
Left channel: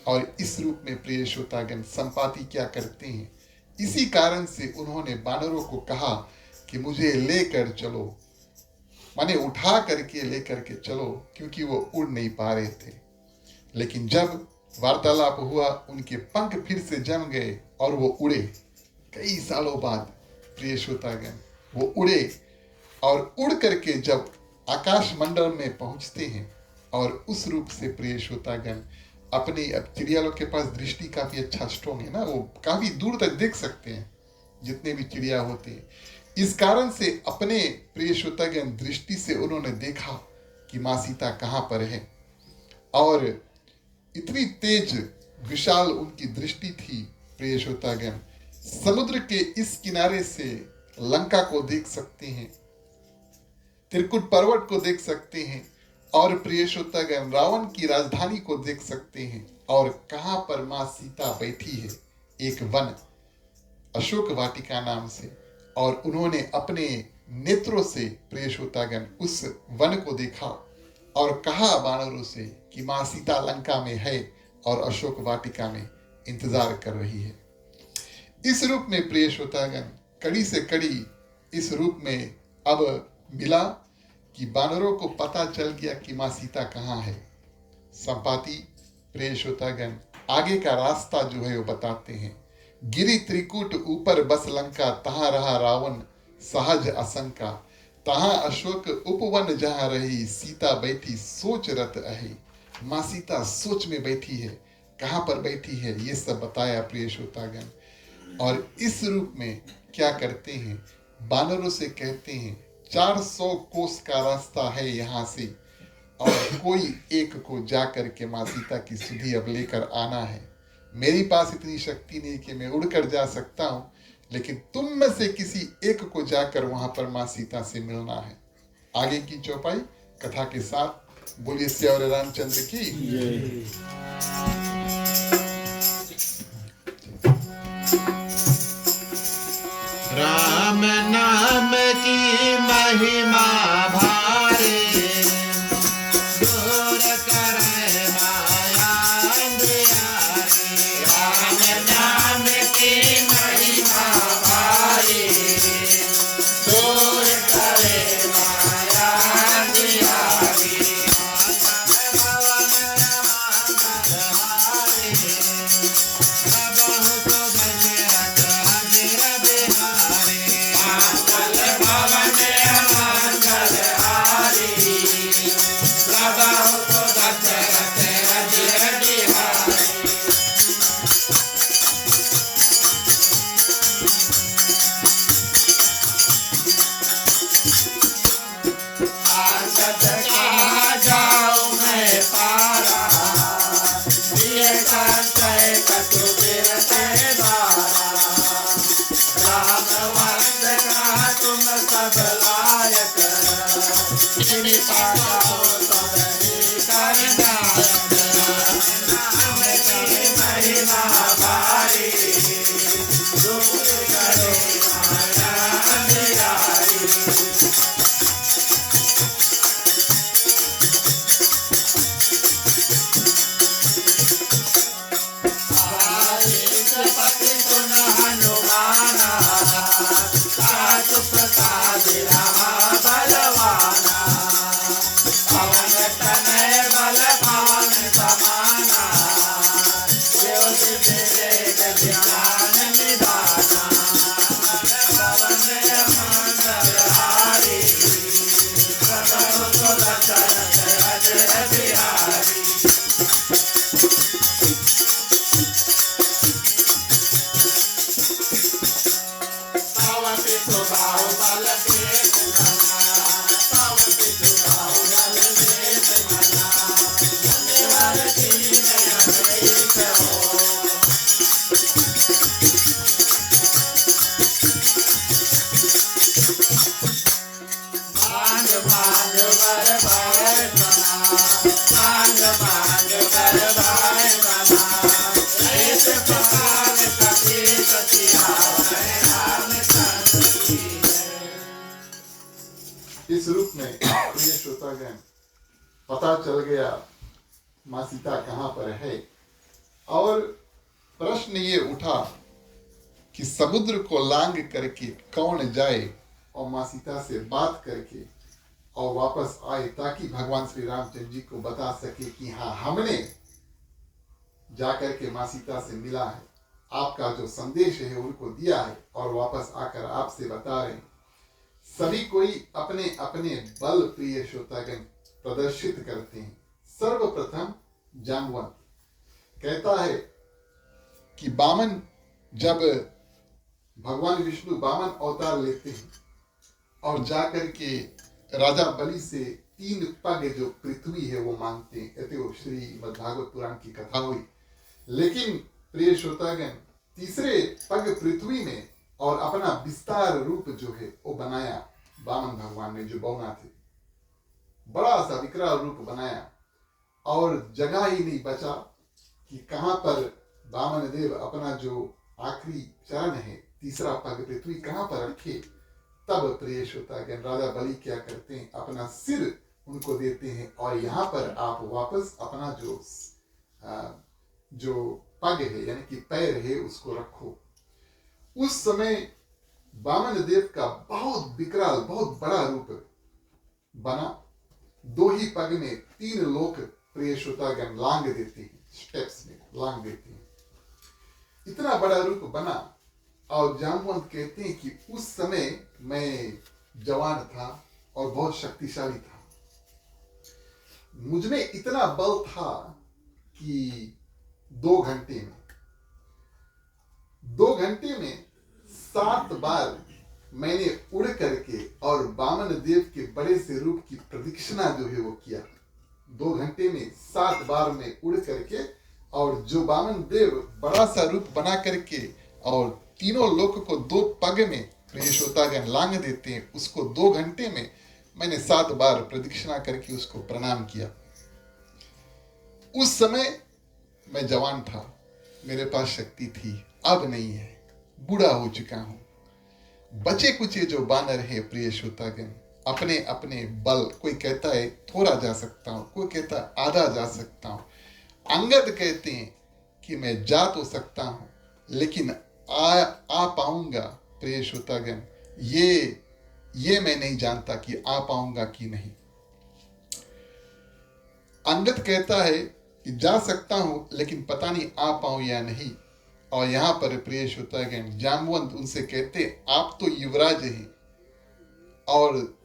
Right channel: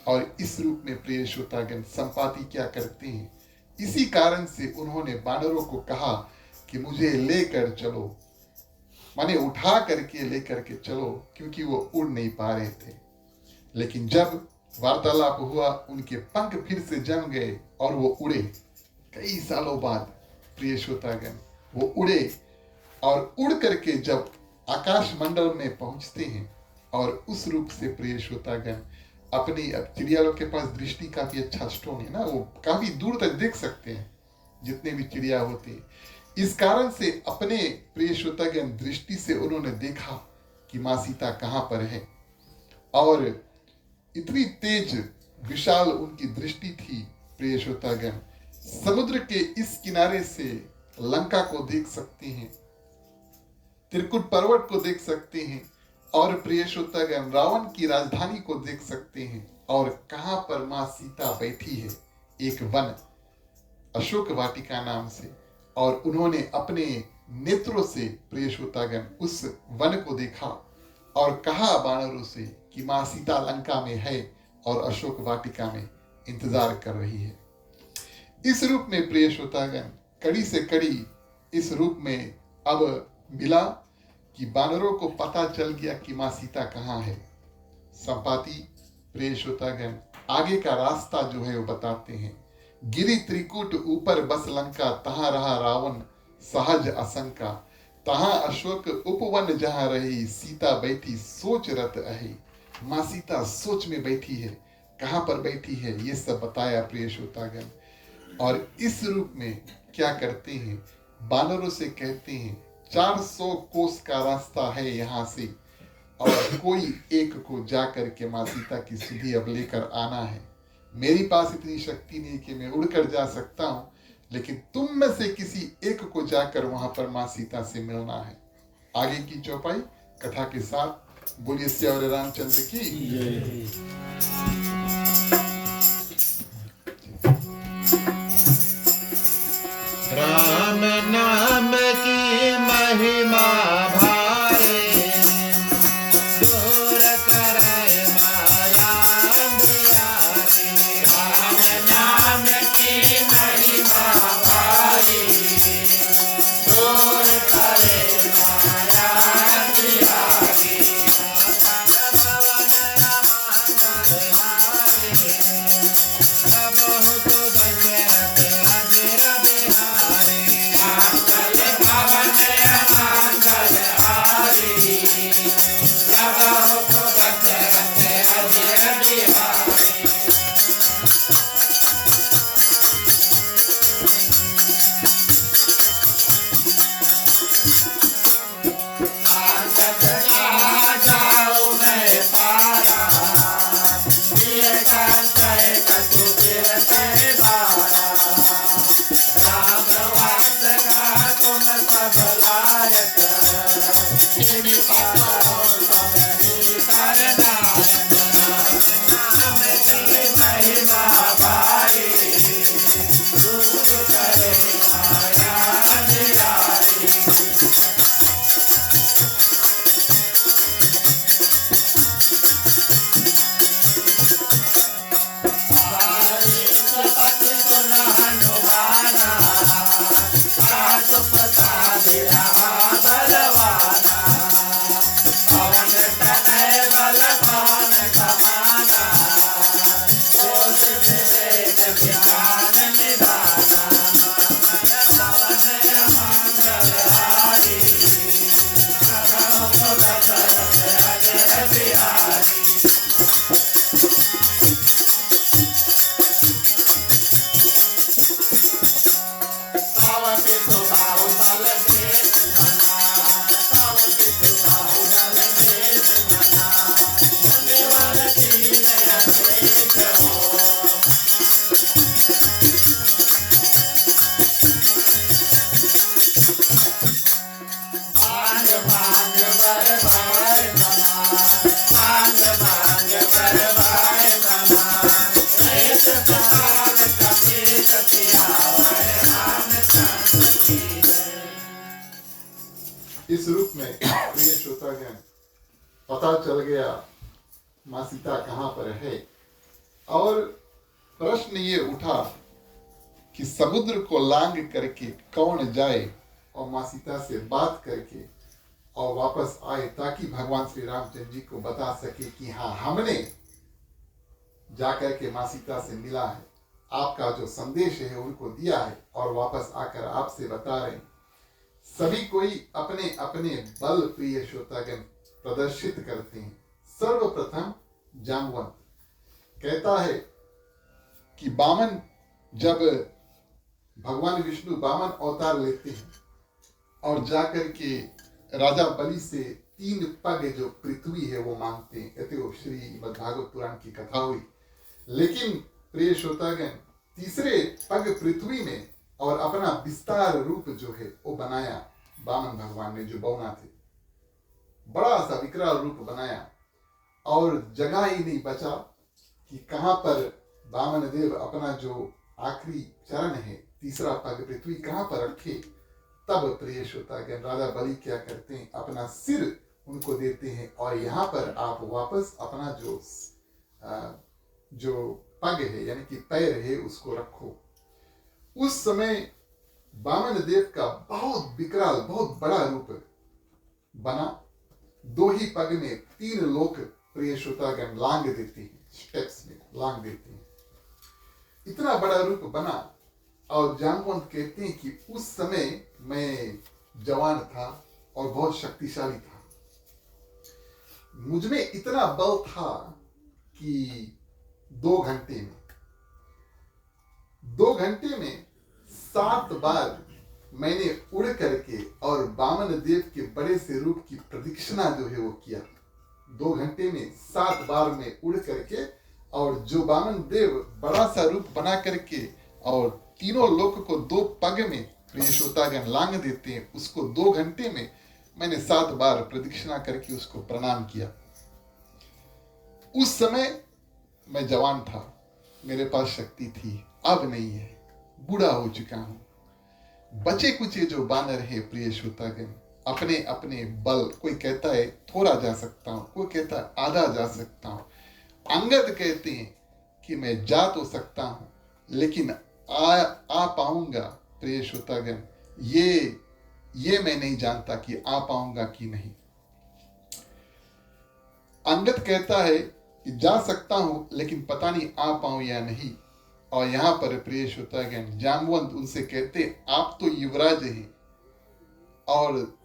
और इस रूप में प्रिय श्रोतागण संपाति क्या करते हैं, इसी कारण से उन्होंने वानरों को कहा कि मुझे लेकर चलो, माने उठा करके लेकर के चलो, क्योंकि वो उड़ नहीं पा रहे थे। लेकिन जब वार्तालाप हुआ, उनके पंख फिर से जम गए और वो उड़े। कई सालों बाद प्रिय श्रोतागण वो उड़े और उड़ करके जब आकाश मंडल में पहुंचते हैं, और उस रूप से प्रिय श्रोतागण अपनी, अब चिड़िया लोग के पास दृष्टि काफी अच्छा स्ट्रोंग है ना, वो काफी दूर तक देख सकते हैं जितने भी चिड़िया होते हैं। इस कारण से अपने प्रिय श्रोतागण दृष्टि से उन्होंने देखा कि मां सीता कहाँ पर है। और इतनी तेज विशाल उनकी दृष्टि थी प्रिय श्रोतागण, समुद्र के इस किनारे से लंका को देख सकते हैं, त्रिकुट पर्वत को देख सकते हैं, और प्रिय श्रोतागण रावण की राजधानी को देख सकते हैं। और कहां पर मां सीता बैठी है, एक वन, अशोक वाटिका नाम से। और उन्होंने अपने नेत्रों से प्रिय श्रोतागण उस वन को देखा और कहा वानरों से कि मां सीता लंका में है और अशोक वाटिका में इंतजार कर रही है। इस रूप में प्रिय श्रोतागण कड़ी से कड़ी इस रूप में अब मिला कि वानरों को पता चल गया कि मां सीता कहाँ है। संपाति प्रिय श्रोतागण आगे का रास्ता जो है वो बताते हैं। गिरी त्रिकूट ऊपर बस लंका, तहां रहा रावण सहज आशंका। तहां अशोक उपवन जहां रही, सीता बैठी सोच रत अहि। मां सीता सोच में बैठी है, कहां पर बैठी है ये सब बताया प्रिय श्रोतागण। और इस रूप में क्या करते हैं, बानरों से कहते हैं 400 कोस का रास्ता है यहाँ से, और कोई एक को जाकर के मां सीता की सुधि अब लेकर आना है। मेरी पास इतनी शक्ति नहीं कि मैं उड़कर जा सकता हूँ, लेकिन तुम में से किसी एक को जाकर वहां पर मां सीता से मिलना है। आगे की चौपाई कथा के साथ बोलिए श्यावरे रामचंद्र की। राम नाम की महिमा भारी, दूर करे माया अंधियारी। राम नाम की महिमा भारी, दूर करे माया अंधियारी। मंगल इस रूप में प्रिय श्रोतागण पता चल गया माँ सीता कहाँ पर है। और प्रश्न ये उठा कि समुद्र को लांग करके कौन जाए और माँ सीता से बात करके और वापस आए, ताकि भगवान श्री रामचंद्र जी को बता सके कि हाँ, हमने जाकर के माँ सीता से मिला है, आपका जो संदेश है उनको दिया है और वापस आकर आपसे बता रहे हैं। सभी कोई अपने अपने बल प्रिय श्रोतागण प्रदर्शित करते हैं। सर्वप्रथम जाम्बवंत कहता है कि बामन, जब भगवान विष्णु बामन अवतार लेते हैं और जाकर के राजा बलि से 3 पग जो पृथ्वी है वो मांगते हैं, कहते हो श्रीमद् भागवत पुराण की कथा हुई। लेकिन प्रिय श्रोतागण तीसरे पग पृथ्वी में और अपना विस्तार रूप जो है वो बनाया बामन भगवान ने, जो बौना थे, बड़ा सा विकराल रूप बनाया और जगह ही नहीं बचा कि कहां पर बामन देव अपना जो आखिरी चरण है, तीसरा पग पृथ्वी कहां पर रखे। तब प्रिय श्रोतागण राजा बलि क्या करते हैं, अपना सिर उनको देते हैं और यहाँ पर आप वापस अपना जो पग है यानी कि पैर है उसको रखो। उस समय बामन देव का बहुत विकराल, बहुत बड़ा रूप बना। 2 ही पग में 3 लोक प्रिय श्रोतागण लांग देते हैं, स्टेप्स में लांग देते हैं। इतना बड़ा रूप बना और जाम्बवंत कहते हैं कि उस समय मैं जवान था और बहुत शक्तिशाली था। मुझ में इतना बल था कि 2 घंटे में 7 बार मैंने उड़ करके और बामन देव के बड़े से रूप की प्रदक्षिणा जो है वो किया। 2 घंटे में 7 बार में उड़ करके और जो बामन देव बड़ा सा रूप बना करके और तीनों लोक को 2 पग में प्रिय श्रोतागण लांग देते हैं, उसको 2 घंटे में मैंने 7 बार प्रदक्षिणा करके उसको प्रणाम किया। उस समय मैं जवान था, मेरे पास शक्ति थी, अब नहीं है, बूढ़ा हो चुका हूं। बचे कुचे जो बानर है प्रिय श्रोतागण अपने अपने बल, कोई कहता है थोड़ा जा सकता हूं, कोई कहता है आधा जा सकता हूं। अंगद कहते हैं कि मैं जा तो सकता हूं लेकिन आ पाऊंगा प्रिय श्रोतागण, ये मैं नहीं जानता कि आ पाऊंगा कि नहीं। अंगद कहता है कि जा सकता हूं लेकिन पता नहीं आ पाऊं या नहीं। और यहां पर प्रिय श्रोतागण जाम्बवंत उनसे कहते, आप तो युवराज हैं और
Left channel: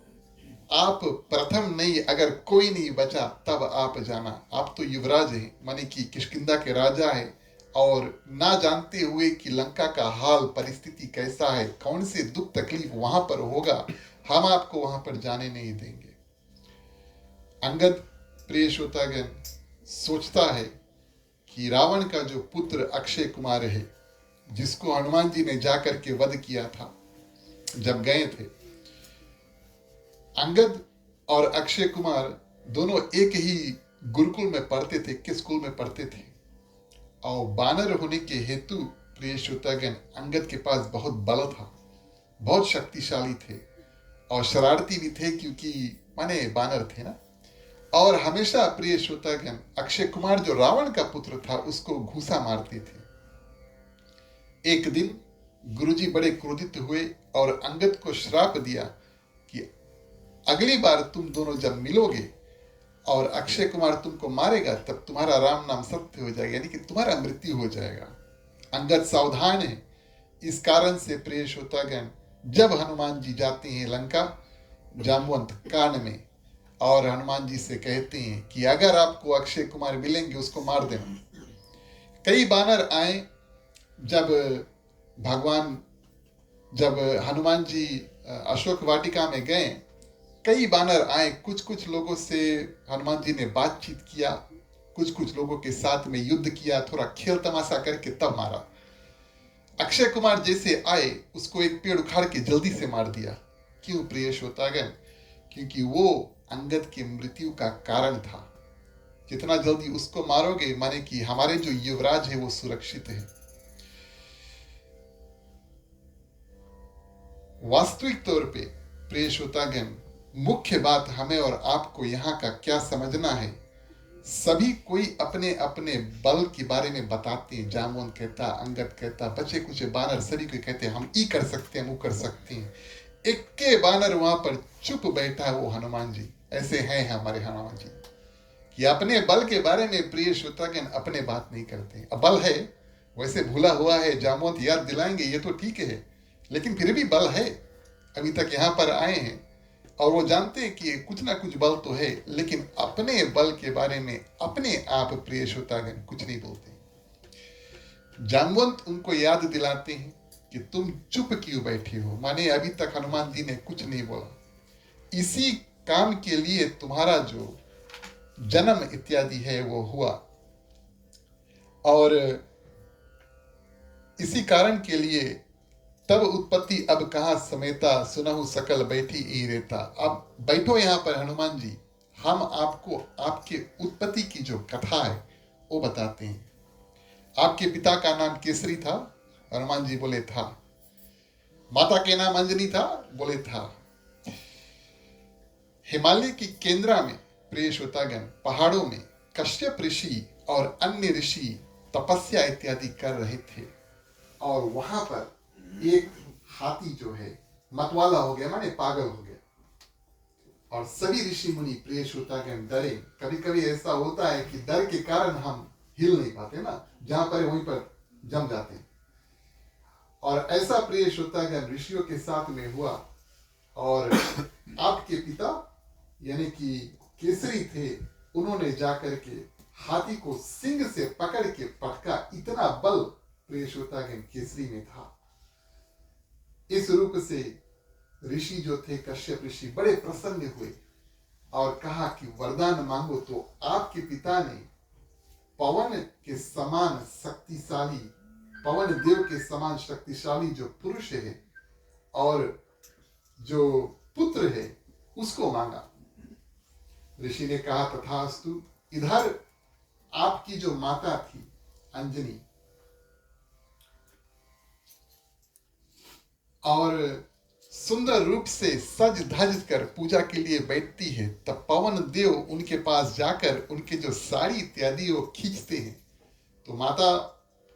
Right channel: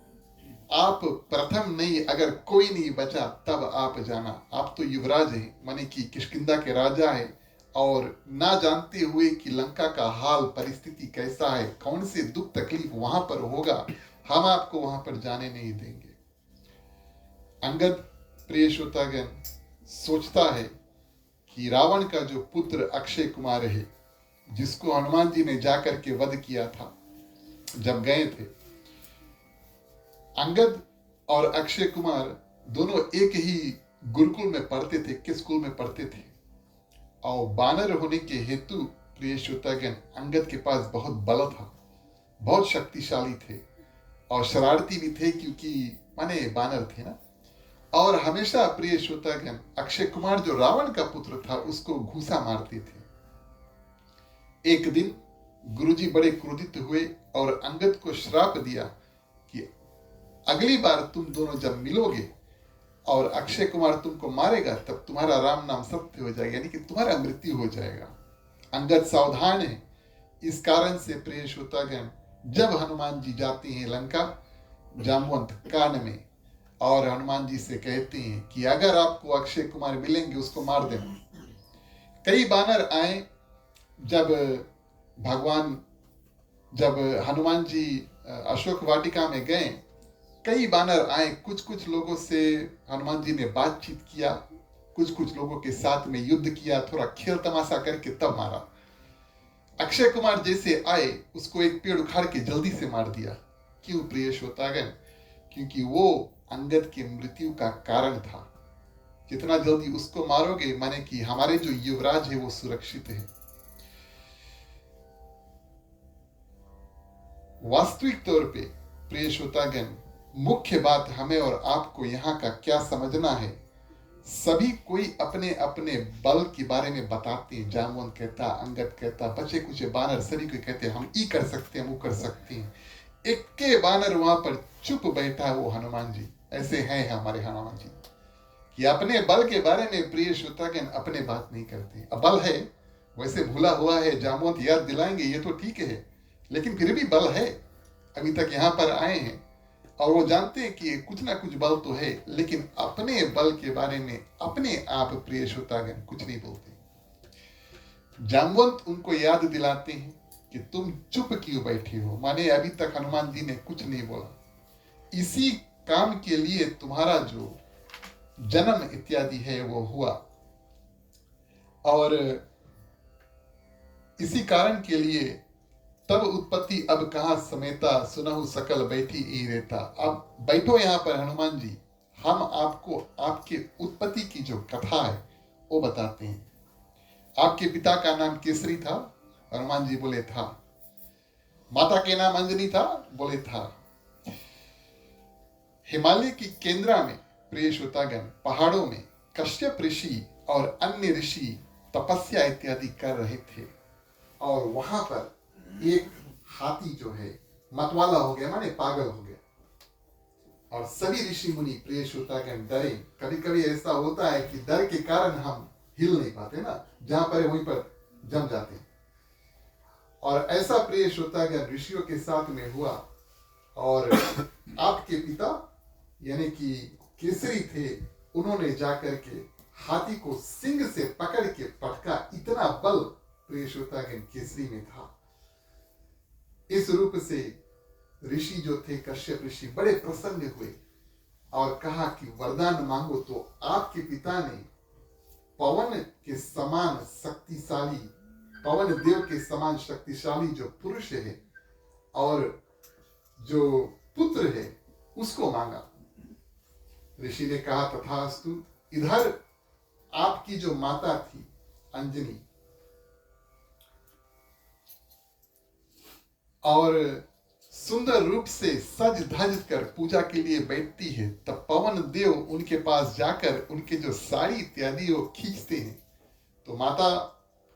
आप प्रथम नहीं, अगर कोई नहीं बचा तब आप जाना। आप तो युवराज हैं, माने कि किष्किंधा के राजा है और ना जानते हुए कि लंका का हाल परिस्थिति कैसा है, कौन से दुख तकलीफ वहां पर होगा, हम आपको वहां पर जाने नहीं देंगे। अंगद प्रिय श्रोतागण सोचता है कि रावण का जो पुत्र अक्षय कुमार है, जिसको हनुमान जी ने जाकर के वध किया था जब गए थे, अंगद और अक्षय कुमार दोनों एक ही गुरुकुल में पढ़ते थे, किस स्कूल में पढ़ते थे। और बानर होने के हेतु प्रिय श्रोतागण अंगद के पास बहुत बल था, बहुत शक्तिशाली थे और शरारती भी थे क्योंकि माने बानर थे ना। और हमेशा प्रिय श्रोतागण अक्षय कुमार जो रावण का पुत्र था उसको घूसा मारते थे। एक दिन गुरुजी बड़े क्रोधित हुए और अंगद को श्राप दिया कि अगली बार तुम दोनों जब मिलोगे और अक्षय कुमार तुमको मारेगा तब तुम्हारा राम नाम सत्य हो जाएगा, यानी कि तुम्हारा मृत्यु हो जाएगा। अंगद सावधान है। इस कारण से प्रिय श्रोतागण जब हनुमान जी जाते हैं लंका, जाम्बवंत कान में और हनुमान जी से कहते हैं कि अगर आपको अक्षय कुमार मिलेंगे उसको मार देना। कई बानर आए जब हनुमान जी अशोक वाटिका में गए, कई बानर आए, कुछ लोगों से हनुमान जी ने बातचीत किया, कुछ लोगों के साथ में युद्ध किया, थोड़ा खेल तमाशा करके तब मारा। अक्षय कुमार जैसे आए उसको एक पेड़ उखाड़ के जल्दी से मार दिया। क्यों प्रिय श्रोतागण? क्योंकि वो अंगद की मृत्यु का कारण था। जितना जल्दी उसको मारोगे माने कि हमारे जो युवराज है वो सुरक्षित है। वास्तविक तौर पे प्रिय श्रोतागण मुख्य बात हमें और आपको यहाँ का क्या समझना है, सभी कोई अपने अपने बल के बारे में बताते हैं। जामुन कहता, अंगद कहता, बचे कुछ बानर सभी को कहते हैं हम ई कर सकते हैं, वो कर सकते हैं। एक के बानर वहां पर चुप बैठा है, वो हनुमान जी। ऐसे हैं हमारे हनुमान जी कि अपने बल के बारे में प्रिय श्रोतागण अपने बात नहीं करते। अब बल है, वैसे भूला हुआ है, जामुन याद दिलाएंगे ये तो ठीक है, लेकिन फिर भी बल है। अभी तक यहाँ पर आए हैं और वो जानते हैं कि कुछ ना कुछ बल तो है, लेकिन अपने बल के बारे में अपने आप प्रिय श्रोतागण कुछ नहीं बोलते। जामवंत उनको याद दिलाते हैं कि तुम चुप क्यों बैठे हो, माने अभी तक हनुमान जी ने कुछ नहीं बोला। इसी काम के लिए तुम्हारा जो जन्म इत्यादि है वो हुआ, और इसी कारण के लिए तब उत्पत्ति अब कहाँ समेता, सुनहु सकल बैठी ई रहता। अब बैठो यहाँ पर हनुमान जी, हम आपको आपके उत्पत्ति की जो कथा है वो बताते हैं। आपके पिता का नाम केसरी था, हनुमान जी बोले था। माता के नाम अंजनी था, बोले था। हिमालय की केंद्रा में प्रिय श्रोतागण पहाड़ों में कश्यप ऋषि और अन्य ऋषि तपस्या इत्यादि कर रहे थे, और वहां पर एक हाथी जो है मतवाला हो गया, माने पागल हो गया, और सभी ऋषि मुनि प्रिय श्रोतागण डरे। कभी कभी ऐसा होता है कि डर के कारण हम हिल नहीं पाते ना, जहां पर वहीं पर जम जाते हैं। और ऐसा प्रिय श्रोतागण ऋषियों के साथ में हुआ, और आपके पिता यानी कि केसरी थे, उन्होंने जाकर के हाथी को सिंग से पकड़ के पटका। इतना बल प्रिय श्रोतागण केसरी में था। इस रूप से ऋषि जो थे कश्यप ऋषि बड़े प्रसन्न हुए और कहा कि वरदान मांगो। तो आपके पिता ने पवन के समान शक्तिशाली, पवन देव के समान शक्तिशाली जो पुरुष है और जो पुत्र है उसको मांगा। ऋषि ने कहा तथास्तु। इधर आपकी जो माता थी अंजनी, और सुंदर रूप से सज धज कर पूजा के लिए बैठती है, तब पवन देव उनके पास जाकर उनके जो साड़ी इत्यादि वो खींचते हैं, तो माता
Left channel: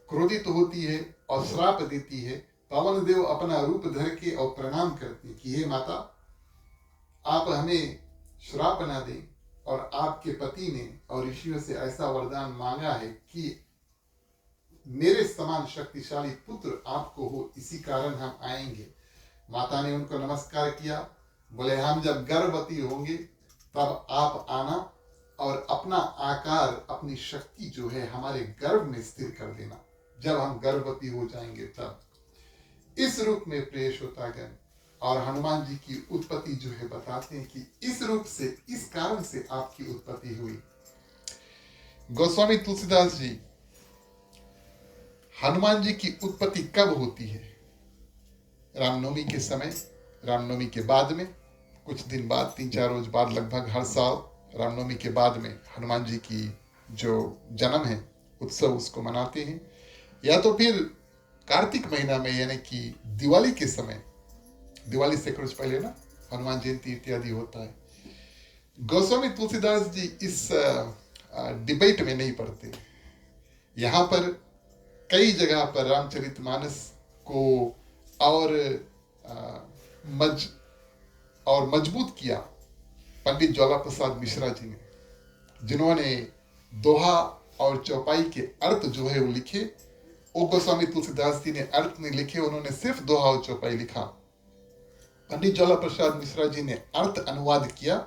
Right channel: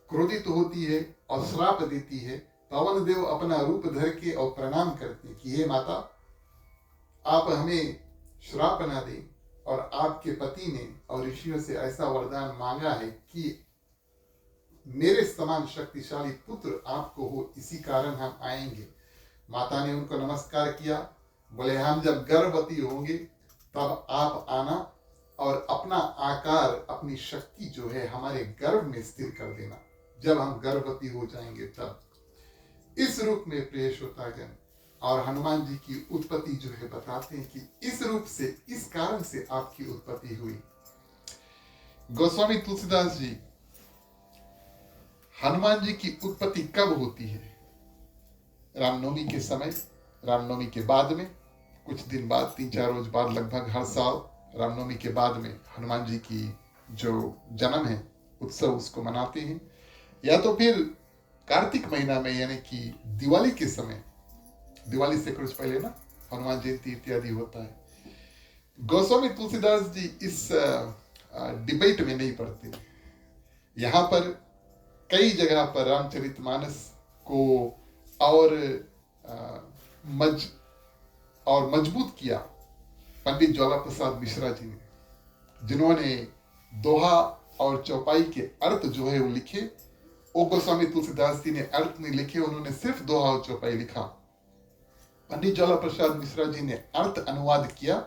क्रोधित होती है और श्राप देती है। पवन देव अपना रूप धर के और प्रणाम करते हैं कि हे माता, आप हमें श्राप न दें, और आपके पति ने और ऋषियों से ऐसा वरदान मांगा है कि मेरे समान शक्तिशाली पुत्र आपको हो, इसी कारण हम आएंगे। माता ने उनको नमस्कार किया, बोले हम जब गर्भवती होंगे तब आप आना और अपना आकार, अपनी शक्ति जो है हमारे गर्भ में स्थिर कर देना, जब हम गर्भवती हो जाएंगे तब। इस रूप में प्रिय श्रोतागण और हनुमान जी की उत्पत्ति जो है बताते हैं कि इस रूप से, इस कारण से आपकी उत्पत्ति हुई। गोस्वामी तुलसीदास जी, हनुमान जी की उत्पत्ति कब होती है? रामनवमी के समय, रामनवमी के बाद में कुछ दिन बाद, 3-4 रोज बाद, लगभग हर साल रामनवमी के बाद में हनुमान जी की जो जन्म है उत्सव उसको मनाते हैं। या तो फिर कार्तिक महीना में यानी कि दिवाली के समय, दिवाली से कुछ पहले ना हनुमान जयंती इत्यादि होता है। गोस्वामी तुलसीदास जी इस डिबेट में नहीं पड़ते। यहाँ पर कई जगह पर रामचरितमानस को और मजबूत किया पंडित ज्वाला प्रसाद मिश्रा जी ने, जिन्होंने दोहा और चौपाई के अर्थ जो है वो लिखे। वो गोस्वामी तुलसीदास जी ने अर्थ नहीं लिखे, उन्होंने सिर्फ दोहा और चौपाई लिखा। पंडित ज्वाला प्रसाद मिश्रा जी ने अर्थ अनुवाद किया,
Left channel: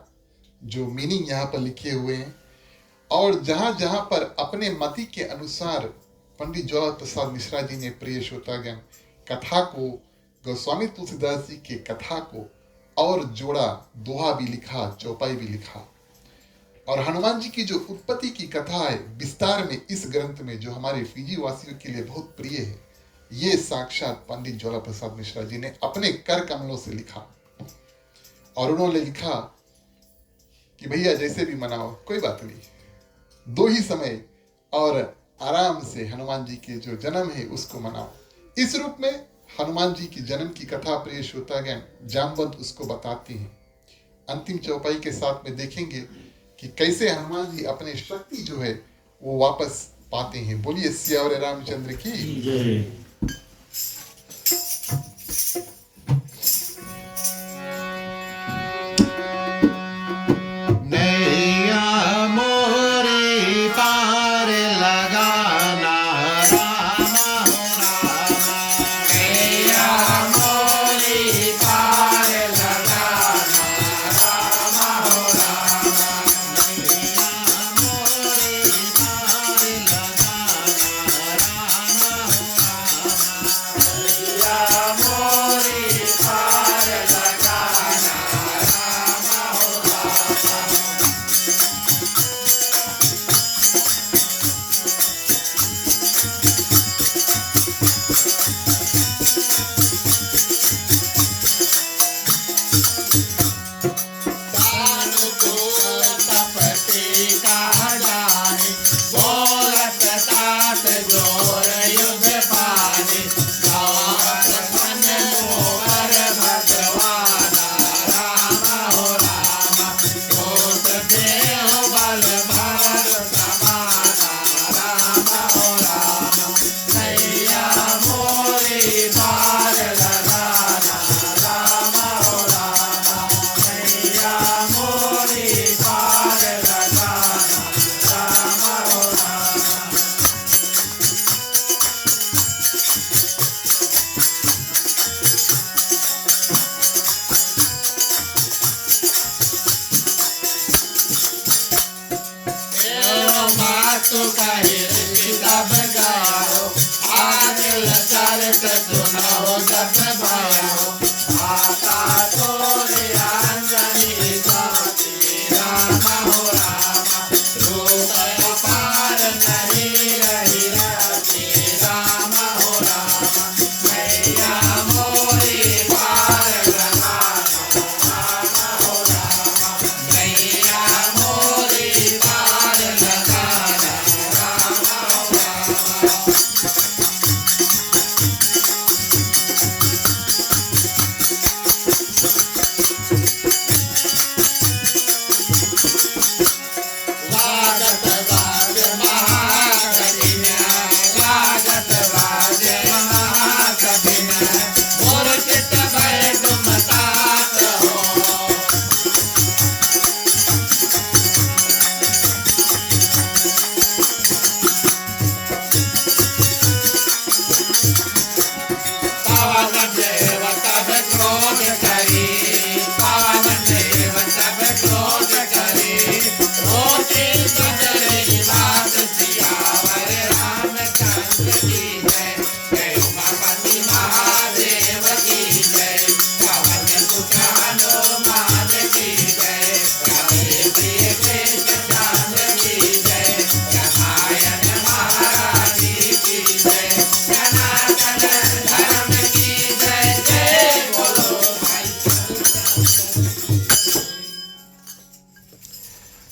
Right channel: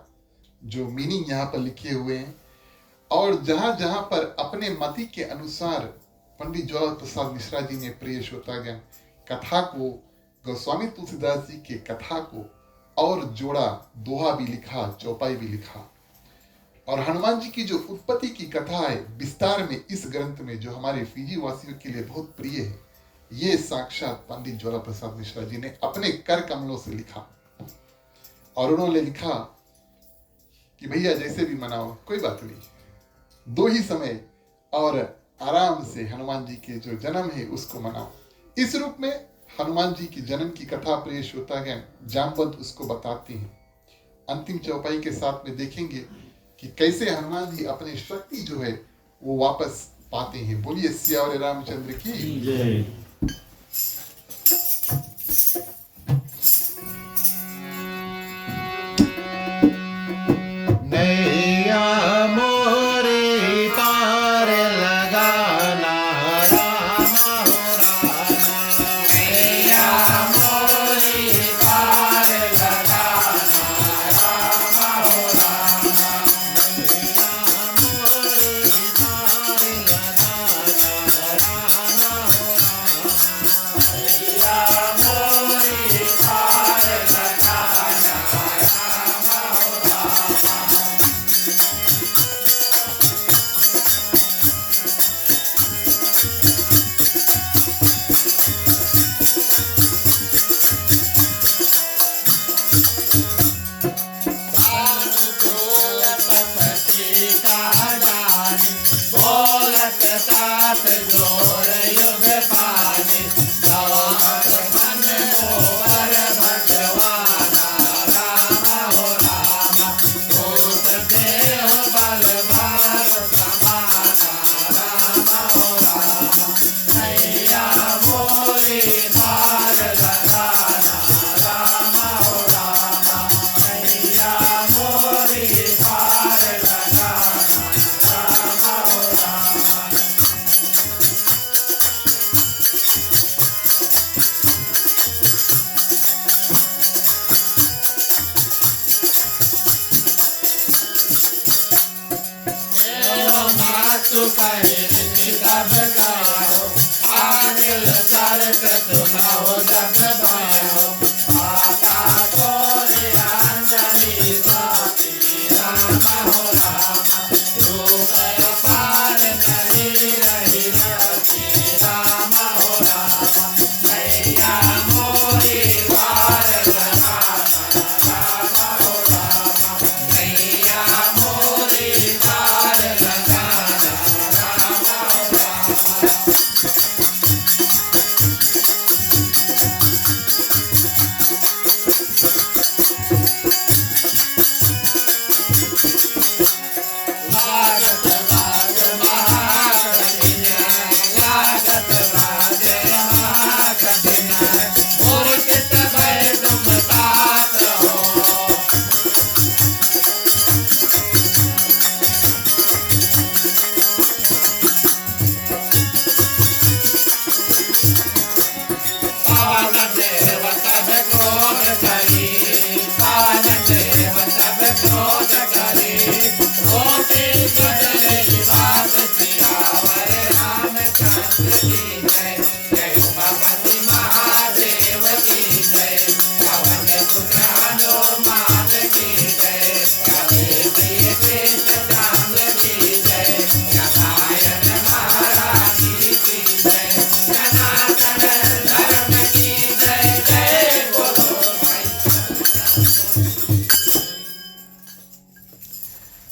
जो मीनिंग यहाँ पर लिखे हुए हैं। और जहां जहां पर अपने मति के अनुसार पंडित ज्वाला प्रसाद मिश्रा जी ने प्रिय श्रोतागण कथा को, गोस्वामी तुलसीदास जी के कथा को और जोड़ा, दोहा भी लिखा, चौपाई भी लिखा। और हनुमान जी की जो उत्पत्ति की कथा है विस्तार में इस ग्रंथ में, जो हमारे फिजी वासियों के लिए बहुत प्रिय है, ये साक्षात पंडित ज्वाला प्रसाद मिश्रा जी ने अपने कर कमलों से लिखा। और उन्होंने लिखा कि भैया जैसे भी मनाओ कोई बात नहीं, 2 ही समय और आराम से हनुमान जी के जो जन्म है उसको मनाओ। इस रूप में हनुमान जी की जन्म की कथा प्रिय श्रोतागण जामवंत उसको बताते हैं। अंतिम चौपाई के साथ में देखेंगे कि कैसे हनुमान जी अपनी शक्ति जो है वो वापस पाते हैं। बोलिए सियावर रामचंद्र की जय। नैया मोरे पार लगाना राम हो राम। नैया मोरे पार लगाना राम हो राम। नैया मोरे पार लगाना राम हो राम। नैया मोरे पार लगाना राम हो राम।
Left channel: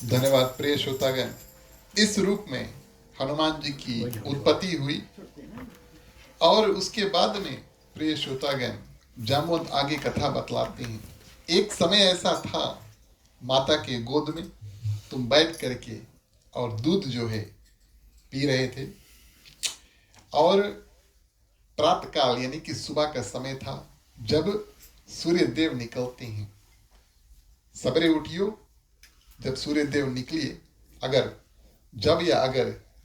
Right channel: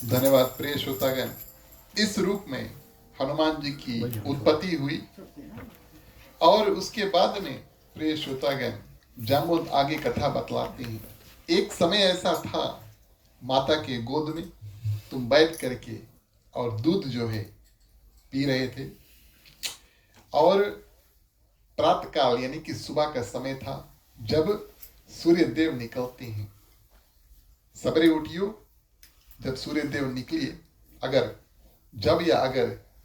धन्यवाद प्रिय श्रोतागण। इस रूप में हनुमान जी की उत्पत्ति हुई और उसके बाद में प्रिय श्रोतागण जामवंत आगे कथा बतलाते हैं। एक समय ऐसा था, माता के गोद में तुम बैठ करके और दूध जो है पी रहे थे, और प्रातः काल यानी कि सुबह का समय था जब सूर्य देव निकलते हैं। सवेरे उठियो, जब सूर्य देव निकलिए, अगर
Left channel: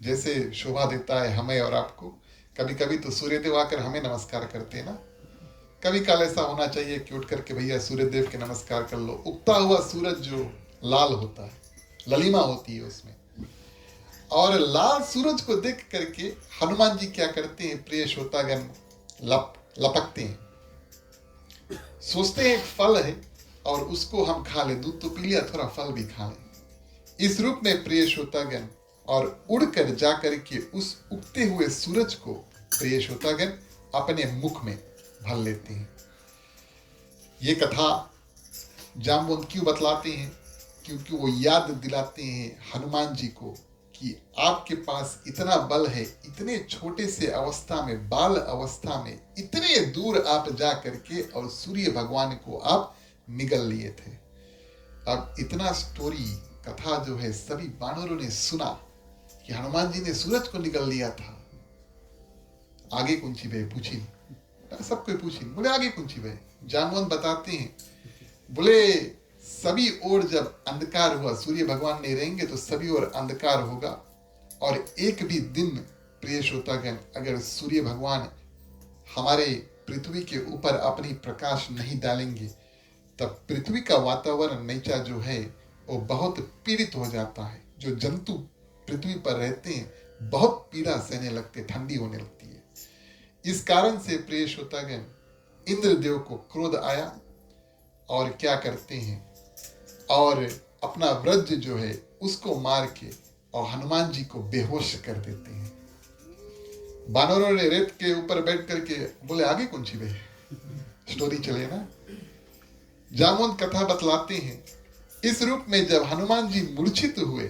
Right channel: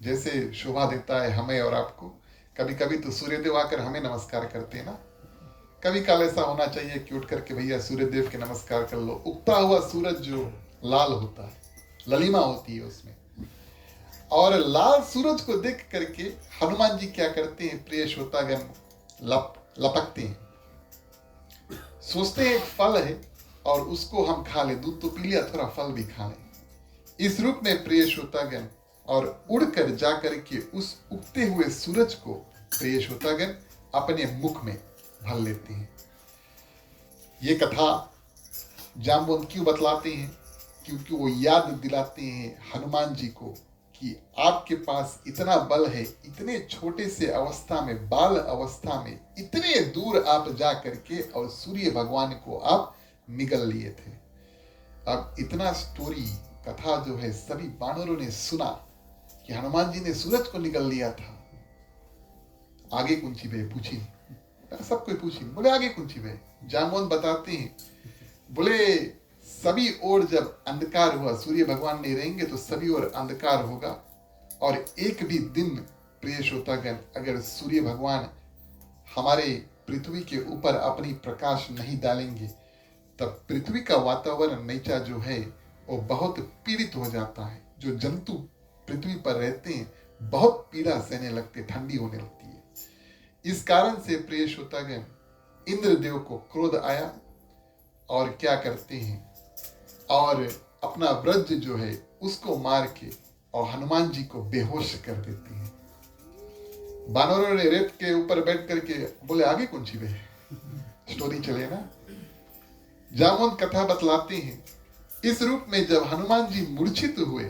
जैसे शोभा देता है हमें और आपको, कभी कभी तो सूर्य देव आकर हमें नमस्कार करते हैं ना। कभी काल ऐसा होना चाहिए कि उठ करके भैया सूर्य देव के नमस्कार कर लो। उगता हुआ सूरज जो लाल होता है, ललिमा होती है उसमें, और लाल सूरज को देख करके हनुमान जी क्या करते हैं प्रिय श्रोतागण, लपकते हैं। सोचते हैं एक फल है और उसको हम खा ले, दूध तो पी लिया, थोड़ा फल भी खा ले। इस रूप में प्रिय श्रोतागण और उड़कर जाकर के उस उगते हुए सूरज को प्रिय श्रोतागण अपने मुख में भर लेते हैं। ये कथा जामवंत क्यों बतलाते हैं? क्योंकि वो याद दिलाते हैं हनुमान जी को कि आपके पास इतना बल है, इतने छोटे से अवस्था में, बाल अवस्था में इतने दूर आप जा करके और सूर्य भगवान को आप निगल लिए थे। अब इतना स्टोरी कथा जो है सभी बानरों ने सुना कि हनुमान जी ने सूरज को निगल लिया था। आगे कौन सी बे पूछी, सबको पूछी, बोले आगे कौन सी बे। जामवंत बताते हैं, बोले सभी ओर जब अंधकार हुआ, सूर्य भगवान नहीं रहेंगे तो सभी ओर अंधकार होगा, और एक भी दिन प्रिय श्रोतागण अगर सूर्य भगवान हमारे पृथ्वी के ऊपर अपनी प्रकाश नहीं डालेंगे तब पृथ्वी का वातावरण नीचा जो है वो बहुत पीड़ित हो जाता है। जो जंतु पृथ्वी पर रहते हैं बहुत पीड़ा सहने लगते, ठंडी होने लगती है। इस कारण से प्रिय श्रोतागण इंद्रदेव को क्रोध आया और क्या करते हैं, और अपना वज्र जो है उसको मार के और हनुमान जी को बेहोश कर देते हैं। बानरों ने रेत के ऊपर बैठ करके बोले आगे कौन सी बे, स्टोरी चले ना। जामवंत कथा बतलाते हैं, इस रूप में जब हनुमान जी मूर्छित हुए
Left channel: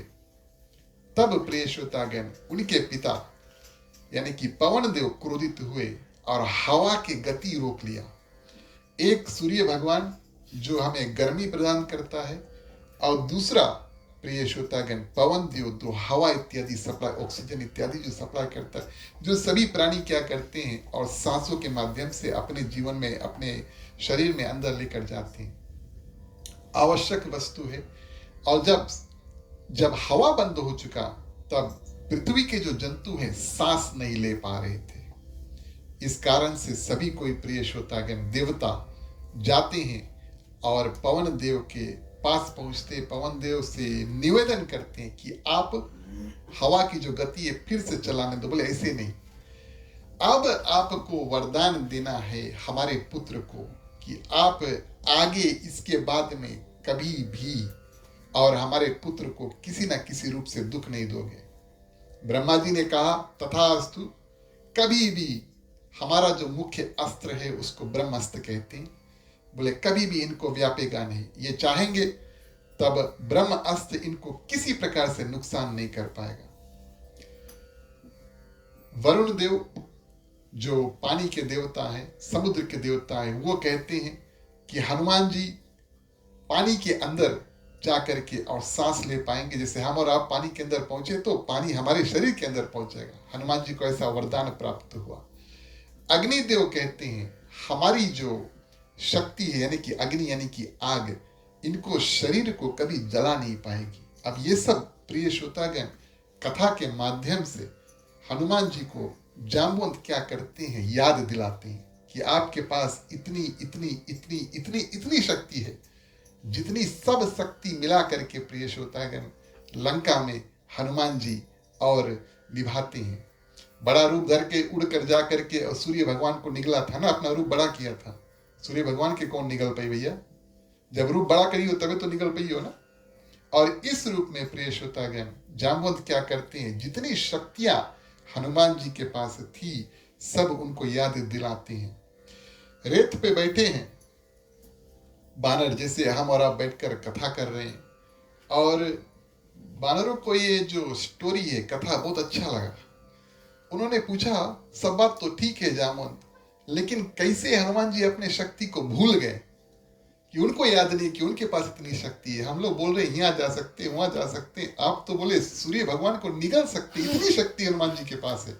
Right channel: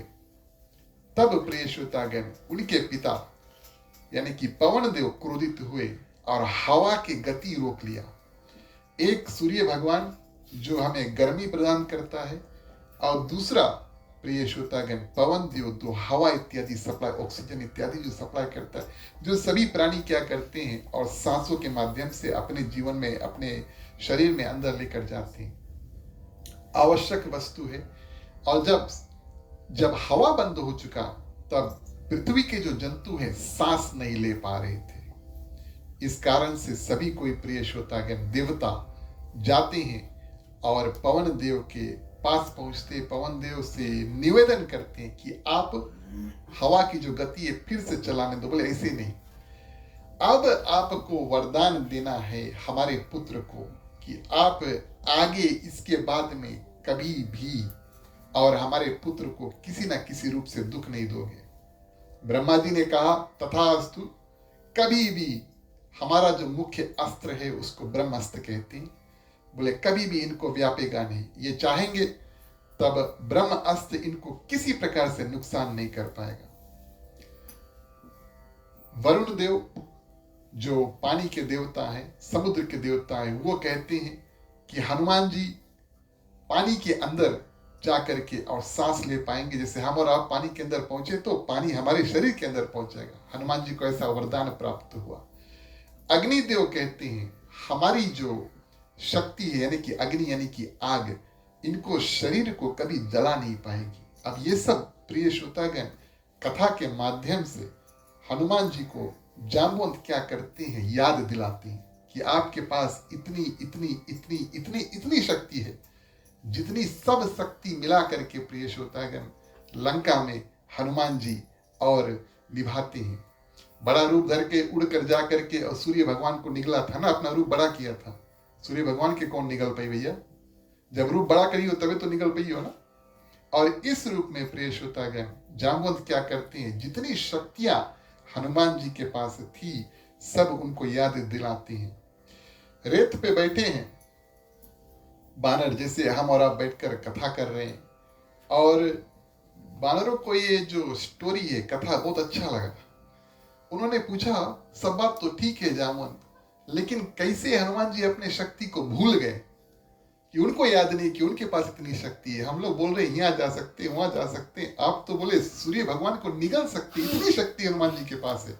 तब प्रिय श्रोतागण उनके पिता यानी कि पवन देव क्रोधित हुए और हवा की गति रोक लिया। एक सूर्य भगवान जो हमें गर्मी प्रदान करता है, और दूसरा प्रिय श्रोतागण पवन देव जो हवा इत्यादि सप्लाई, ऑक्सीजन इत्यादि जो सप्लाई करता है, जो सभी प्राणी क्या करते हैं और सांसों के माध्यम से अपने जीवन में, अपने शरीर में अंदर लेकर जाते हैं, आवश्यक वस्तु है। और जब हवा बंद हो चुका तब पृथ्वी के जो जंतु हैं सांस नहीं ले पा रहे थे। इस कारण से सभी कोई प्रिय श्रोतागण देवता जाते हैं और पवन देव के पास पहुंचते, पवन देव से निवेदन करते हैं कि आप हवा की जो गति है फिर से चलाने दो। बोले ऐसे नहीं, अब आपको वरदान देना है हमारे पुत्र को कि आप आगे इसके बाद में कभी भी और हमारे पुत्र को किसी ना किसी रूप से दुख नहीं दोगे। ब्रह्मा जी ने कहा तथास्तु, कभी भी हमारा जो मुख्य अस्त्र है उसको ब्रह्मास्त्र कहते हैं। बोले कभी भी इनको व्यापेगा नहीं, ये चाहेंगे तब ब्रह्म अस्त्र इनको किसी प्रकार से नुकसान नहीं कर पाएगा। वरुण देव जो पानी के देवता हैं, समुद्र के देवता हैं, वो कहते हैं कि हनुमान जी पानी के अंदर जा करके और सांस ले पाएंगे। जैसे हम और आप पानी के अंदर पहुंचे तो पानी हमारे शरीर के अंदर पहुंचेगा। हनुमान जी को ऐसा वरदान प्राप्त हुआ। अग्निदेव कहते हैं हमारी जो शक्ति है यानी कि अग्नि यानी कि आग, इनको शरीर को कभी जला नहीं पाएगी। अब ये सब प्रिय श्रोतागण कथा के माध्यम से हनुमान जी को जाम्बवंत क्या करते हैं, याद दिलाते हैं कि आपके पास इतनी इतनी इतनी इतनी इतनी शक्ति है, जितनी सब शक्ति मिला करके प्रिय श्रोतागण लंका में हनुमान जी और निभाते हैं। बड़ा रूप धर के उड़ कर जा करके और सूर्य भगवान को निगला था ना, अपना रूप बड़ा किया था। सूर्य भगवान के कौन निगल पाई भैया, जब रूप बड़ा करी हो तभी तो निगल पाई हो ना। और इस रूप में प्रिय श्रोतागण जाम्बवंत क्या करते हैं, जितनी शक्तियां हनुमान जी के पास थी सब उनको याद दिलाते हैं। रेत पे बैठे हैं बानर, जैसे हम और आप बैठकर कथा कर रहे हैं, और बानरों को ये जो स्टोरी है, कथा बहुत अच्छा लगा। उन्होंने पूछा सब बात तो ठीक है जामवंत, लेकिन कैसे हनुमान जी अपने शक्ति को भूल गए कि उनको याद नहीं कि उनके पास इतनी शक्ति है। हम लोग बोल रहे हैं यहाँ जा सकते हैं, वहां जा सकते हैं, आप तो बोले सूर्य भगवान को निगल सकते, इतनी शक्ति हनुमान जी के पास है,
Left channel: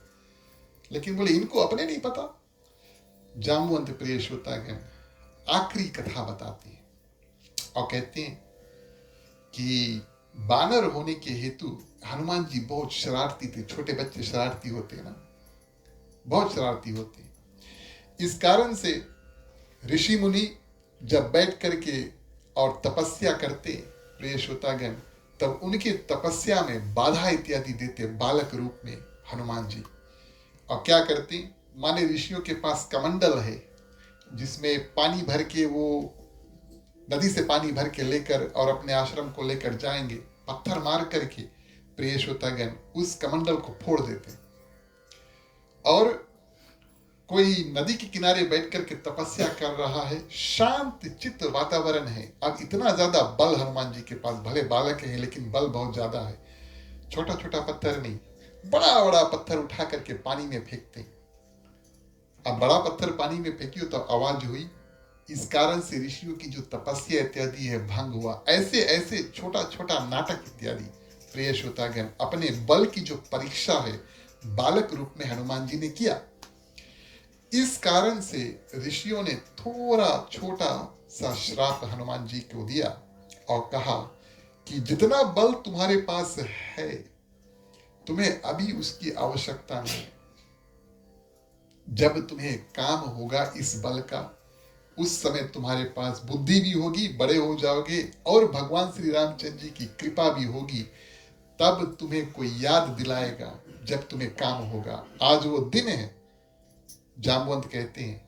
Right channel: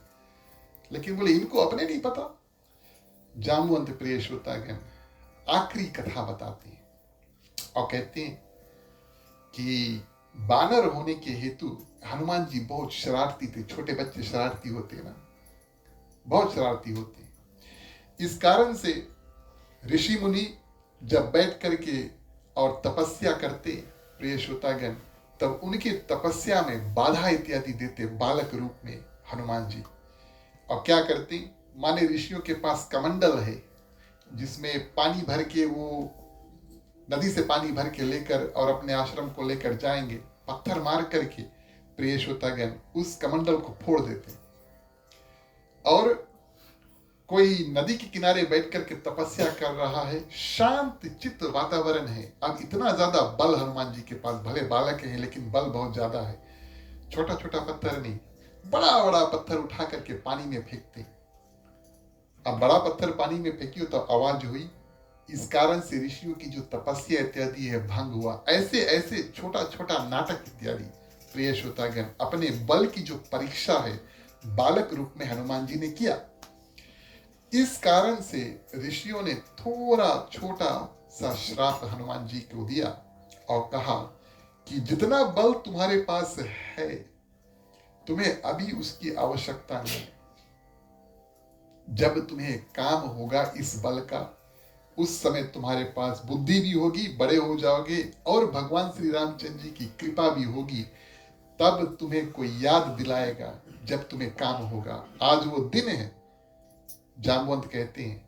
लेकिन बोले इनको अपने नहीं पता। जाम्बवंत प्रिय श्रोतागण आखिरी कथा बताते हैं और कहते हैं कि बानर होने के हेतु हनुमान जी बहुत शरारती थे। छोटे बच्चे शरारती होते हैं ना, बहुत शरारती होते हैं। इस कारण से ऋषि मुनि जब बैठ करके और तपस्या करते प्रिय श्रोतागण, तब उनकी तपस्या में बाधा इत्यादि देते बालक रूप में हनुमान जी। और क्या करते, माने ऋषियों के पास कमंडल है जिसमें पानी भर के, वो नदी से पानी भर के लेकर और अपने आश्रम को लेकर जाएंगे, पत्थर मार करके प्रिय श्रोतागण उस कमंडल को फोड़ देते। और कोई नदी के किनारे बैठ करके तपस्या कर रहा है, शांत चित्त वातावरण है। अब इतना ज्यादा बल हनुमान जी के पास, भले बालक है लेकिन बल बहुत ज्यादा है। छोटा छोटा पत्थर नहीं, बड़ा बड़ा पत्थर उठा करके पानी में फेंकते। अब बड़ा पत्थर पानी में फेंकियो तो आवाज हुई, इस कारण से ऋषियों की जो तपस्या इत्यादि है भंग हुआ। ऐसे ऐसे छोटा छोटा नाटक इत्यादि प्रिय श्रोतागण अपने बल की जो परीक्षा है बालक रूप में हनुमान जी ने किया। इस कारण से ऋषियों ने थोड़ा छोटा सा श्राप हनुमान जी को दिया और कहा कि जितना बल तुम्हारे पास है तुम्हें अभी उसकी आवश्यकता नहीं। जब तुम्हें काम होगा इस बल का उस समय तुम्हारे पास बुद्धि भी होगी, बड़े हो जाओगे और भगवान श्री रामचंद्र जी की कृपा भी होगी, तब तुम्हें कोई याद दिलाएगा जब तुम्हें काम होगा। आज वो दिन है। जामवंत कहते हैं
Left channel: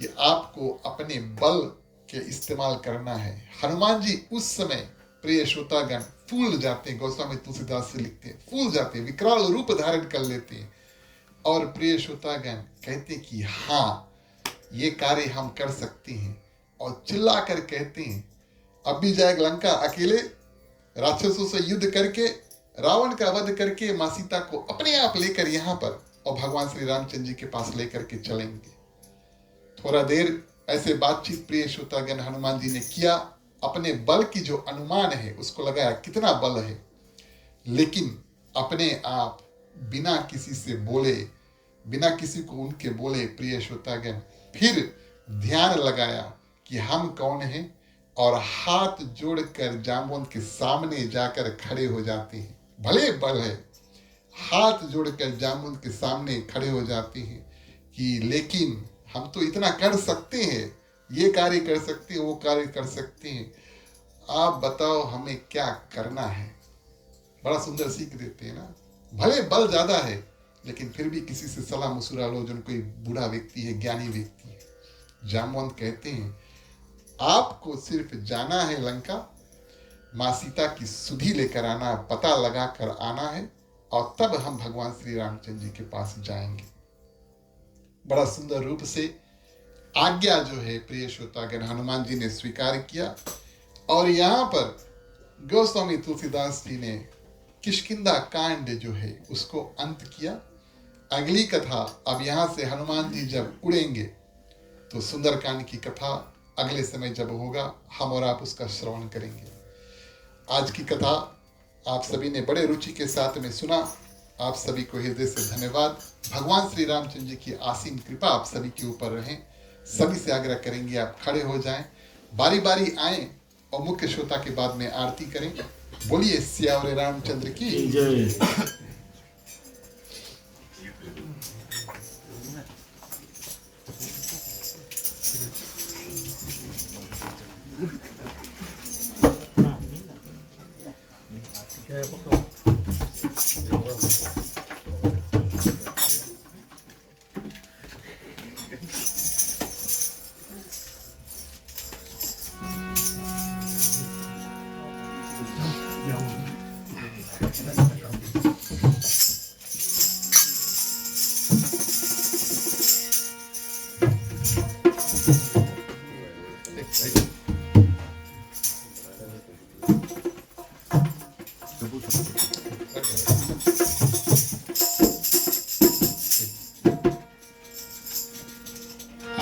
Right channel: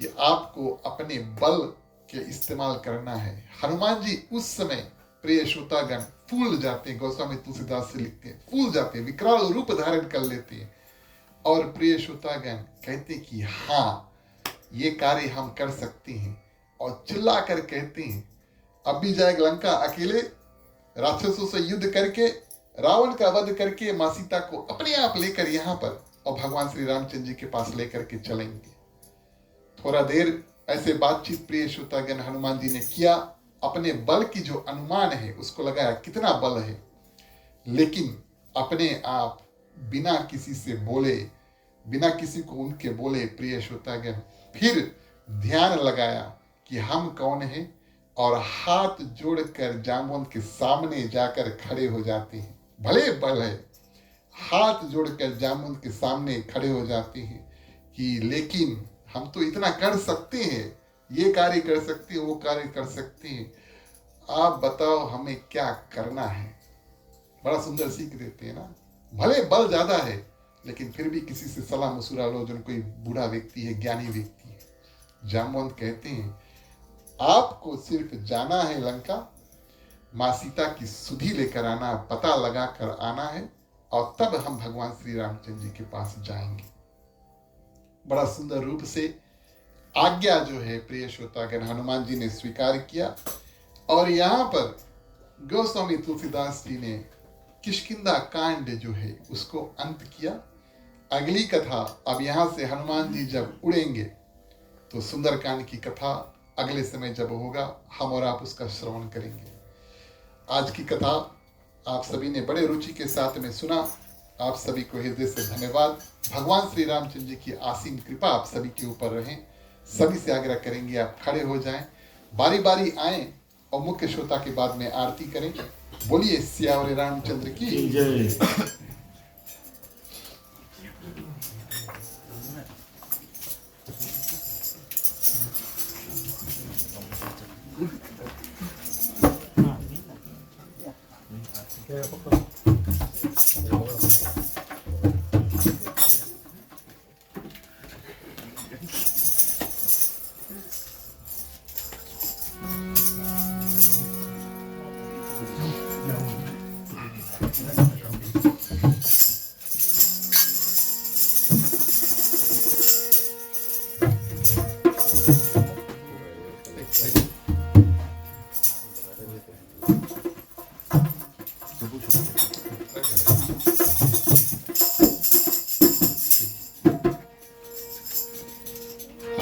कि आपको अपने बल के इस्तेमाल करना है। हनुमान जी उस समय प्रिय श्रोतागण फूल जाते हैं। गोस्वामी तुलसीदास से लिखते हैं फूल जाते हैं, विकराल रूप धारण कर लेते हैं और प्रिय श्रोतागण कहते हैं कि हाँ ये कार्य हम कर सकते हैं और चिल्ला कर कहते हैं अब भी जाए लंका अकेले राक्षसों से युद्ध करके रावण का वध करके मां सीता को अपने आप लेकर यहाँ पर और भगवान श्री रामचंद्र जी के पास लेकर के चलेंगे। थोड़ा देर ऐसे बातचीत प्रिय श्रोतागण हनुमान जी ने किया। अपने बल की जो अनुमान है उसको लगाया कितना बल है, लेकिन अपने आप बिना किसी से बोले, बिना किसी को उनके बोले प्रिय श्रोतागण फिर ध्यान लगाया कि हम कौन हैं और हाथ जोड़कर जामवंत के सामने जाकर खड़े हो जाते हैं। भले बल है, हाथ जोड़कर जामवंत के सामने खड़े हो जाते हैं कि लेकिन हम तो इतना कर सकते हैं, ये कार्य कर सकते हैं, वो कार्य कर सकते हैं, आप बताओ हमें क्या करना है। बड़ा सुंदर सीख देते हैं ना। भले बल ज्यादा है लेकिन फिर भी किसी से सलाह मशुरा लो जो कोई बूढ़ा व्यक्ति है, ज्ञानी व्यक्ति है। जामवंत कहते हैं आपको सिर्फ जाना है लंका, मां सीता की सुधि लेकर आना, पता लगा कर आना है और तब हम भगवान श्री रामचंद्र जी के पास जाएंगे। बड़ा सुंदर रूप से आज्ञा जो है प्रिय श्रोतागण हनुमान जी ने स्वीकार किया और यहाँ पर गोस्वामी तुलसीदास जी ने किष्किंधा कांड जो है उसको अंत किया। अगली कथा अब यहाँ से हनुमान जी जब उड़ेंगे तो सुंदरकांड की कथा अगले समय जब होगा हम और आप उसका श्रवण करेंगे। आज की कथा आप सभी ने बड़े रुचि के साथ में सुना। आप सभी को हृदय से धन्यवाद। भगवान श्री रामचंद्र जी की असीम कृपा आप सभी के ऊपर रहे। सभी से आग्रह करेंगे आप खड़े हो जाएं, बारी बारी आए और मुख्य श्रोता के बाद में आरती करें। बोलिए सियावर रामचंद्र की जय।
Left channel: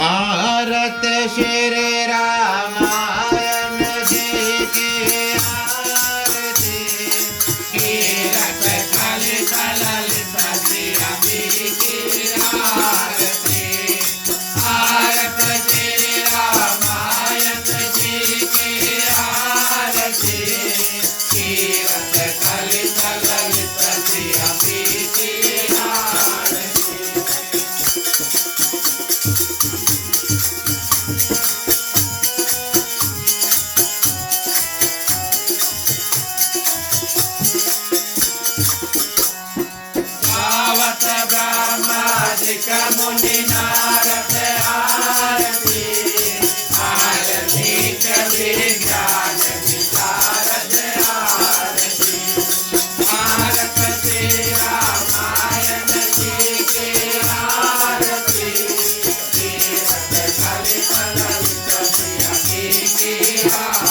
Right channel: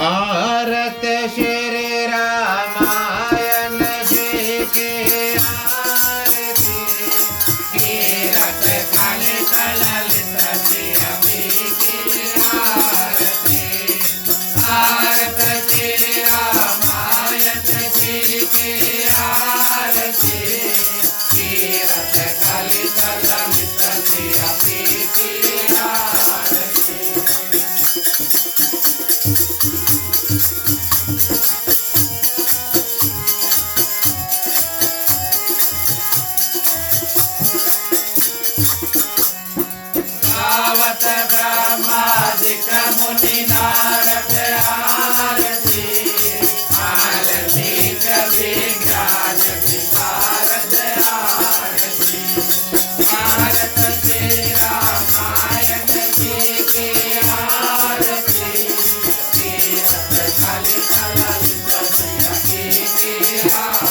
आरत श्री रामायण जी की आरती, कीरत कलित ललित श्री अम्बी की आरती। आरत श्री रामायण जी की आरती, कीरत कलित ललित श्री अम्बी की आरती। गावत ब्रह्मादिक मुनि नारद आरती, आरती कवि ज्ञान विशारद आरती। भारत श्री रामायण जी की आरती, कीरत कलित ललित श्री अम्बी की आरती।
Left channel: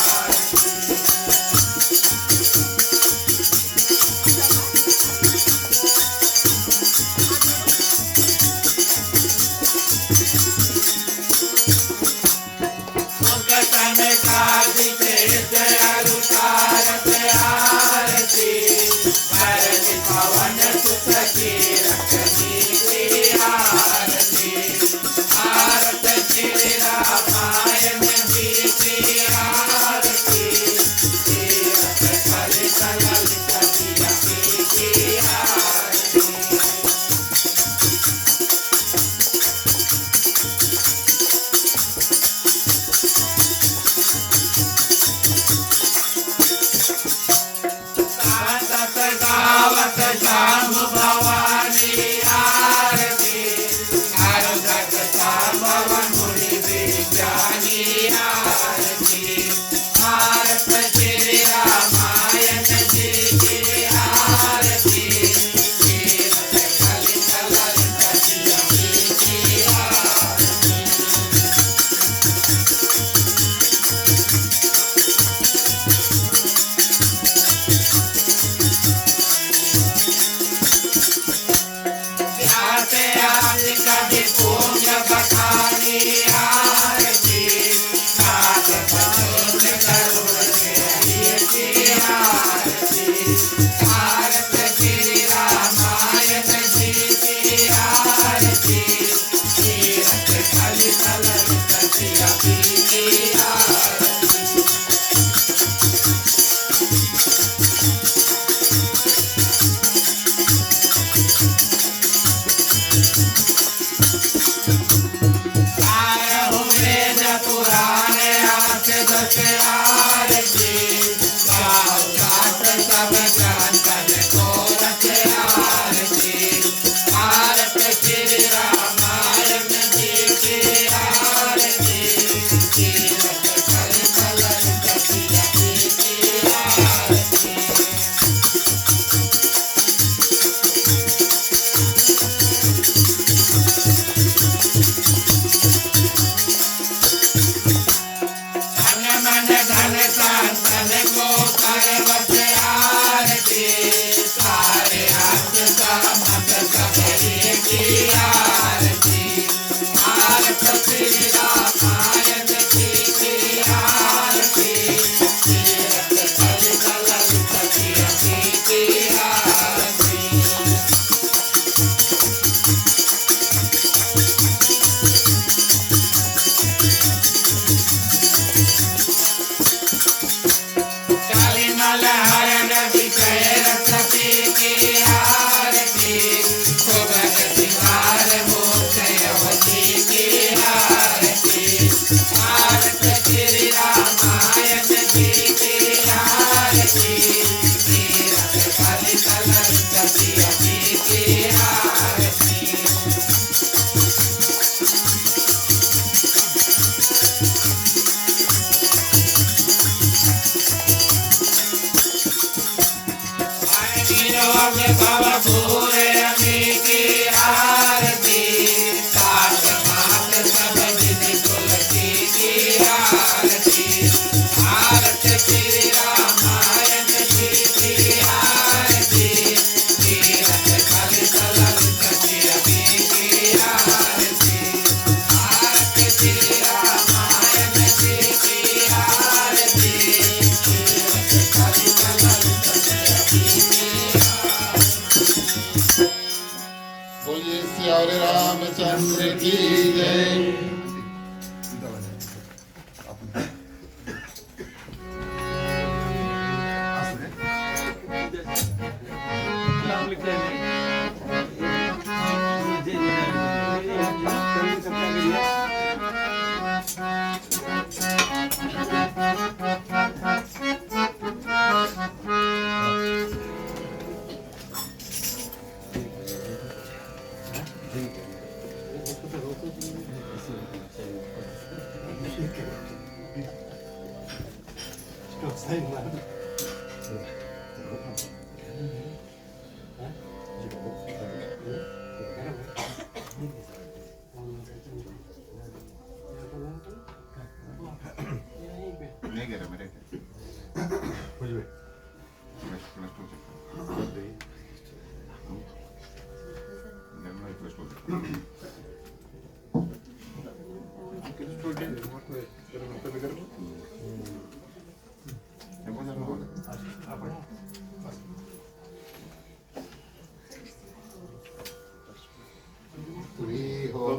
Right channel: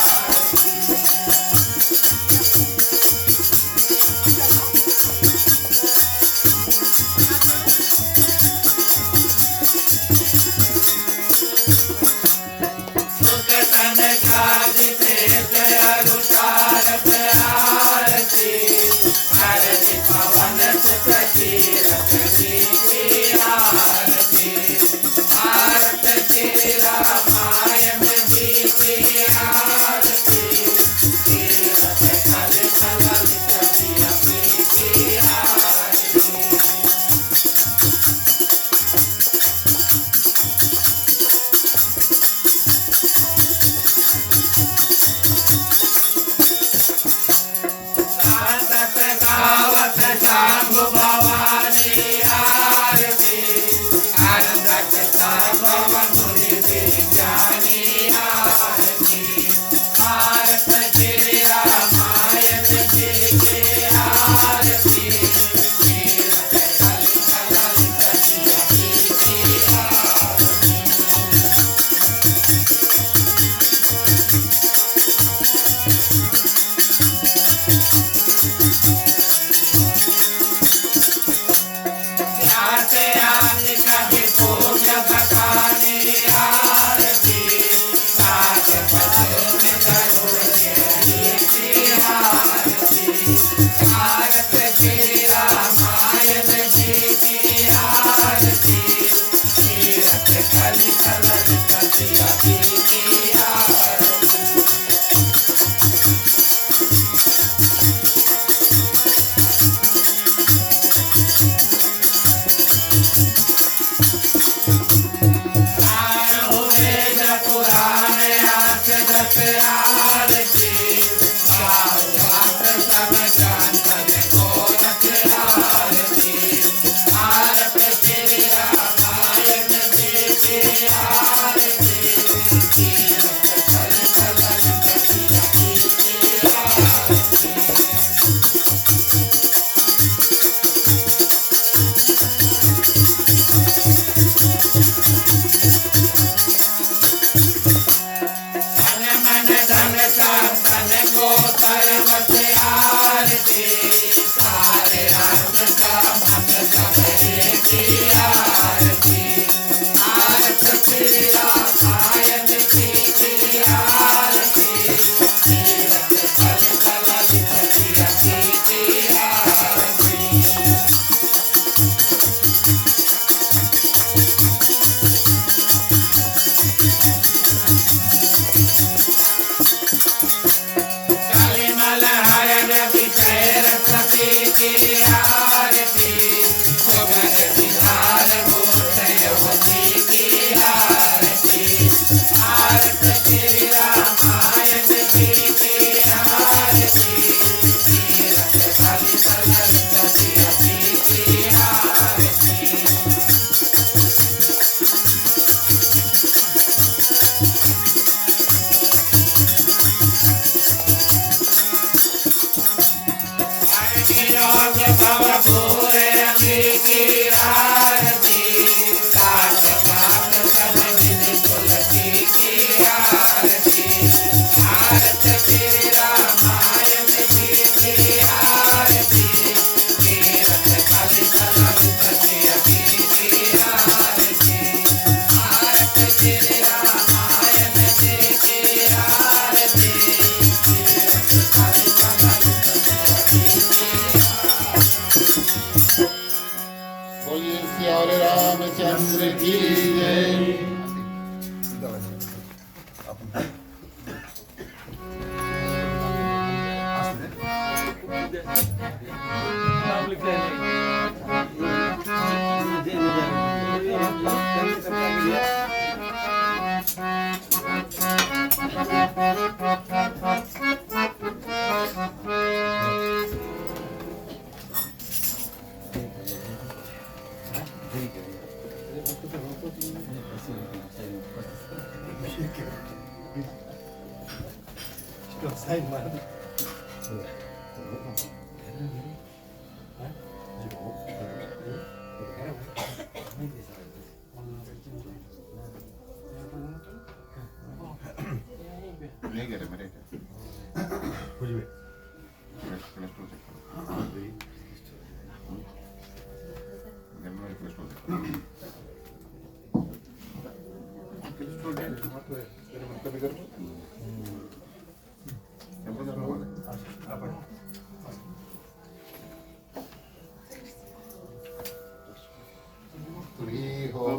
नहीं करे मेरे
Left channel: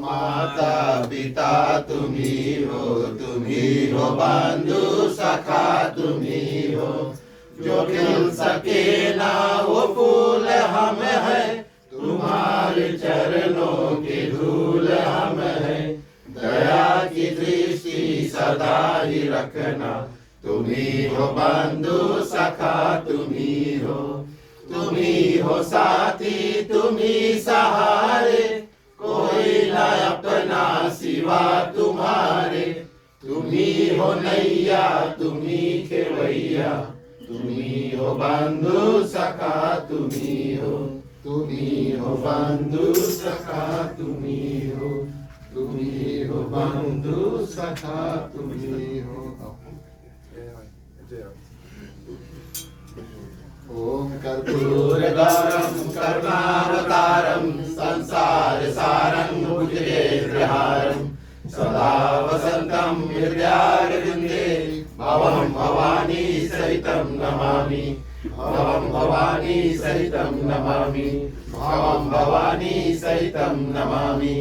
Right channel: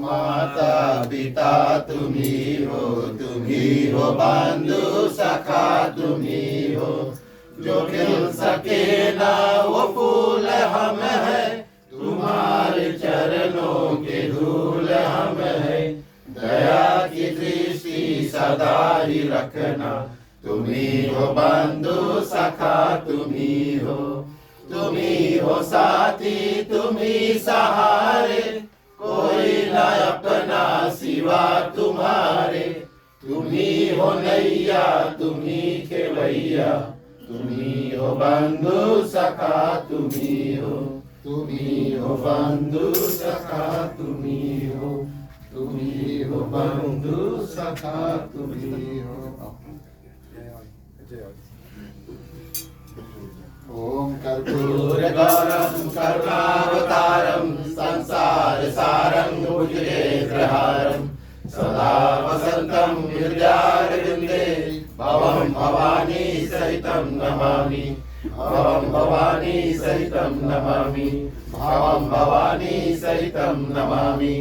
माता पिता तुम्ही हो बंधु सखा तुम्ही हो, जो खिल सके ना वो फूल हम है, तुम्हारे चरणों के धूल हम है, दया की दृष्टि सदा ही रखना, तुम्ही हो बंधु सखा तुम्ही हो साथी तुम्ही सहारे, कोई न अपना सिवा तुम्हारे, तुम्ही हो नैया तुम्ही खेवैया, तुम्ही हो बंधु सखा तुम्ही हो बंधु सखा तुम्ही हो बंधु सखा तुम्ही हो। ओम कर्पूरगौरं करुणावतारं संसार सारं भुजगेन्द्रहारं, सदा वसन्तं हृदयारविन्दे भवं भवानी सहितं नमामि, भवं भवानी सहितं नमामि, भवं भवानी सहितं नमामि।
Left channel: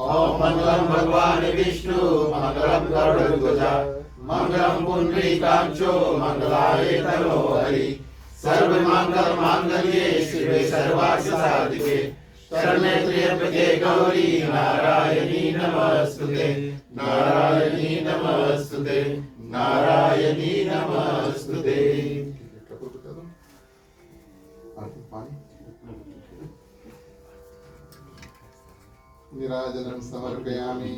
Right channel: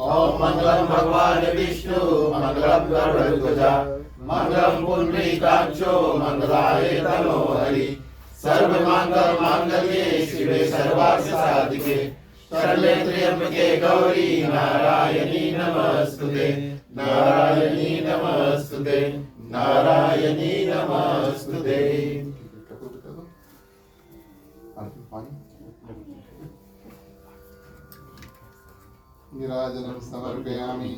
ओम मंगलम भगवान विष्णु मंगलम गरुड़ध्वजा मंगलम पुंडरीकाक्षो मंगलाय तनो हरि, सर्व मंगल मांगल्ये शिवे सर्वार्थ साधिके, शरण्ये त्र्यंबके गौरी नारायणी नमस्तुते, नारायणी नमस्तुते, नारायणी नमस्तुते। नीराजनं समर्पयामि।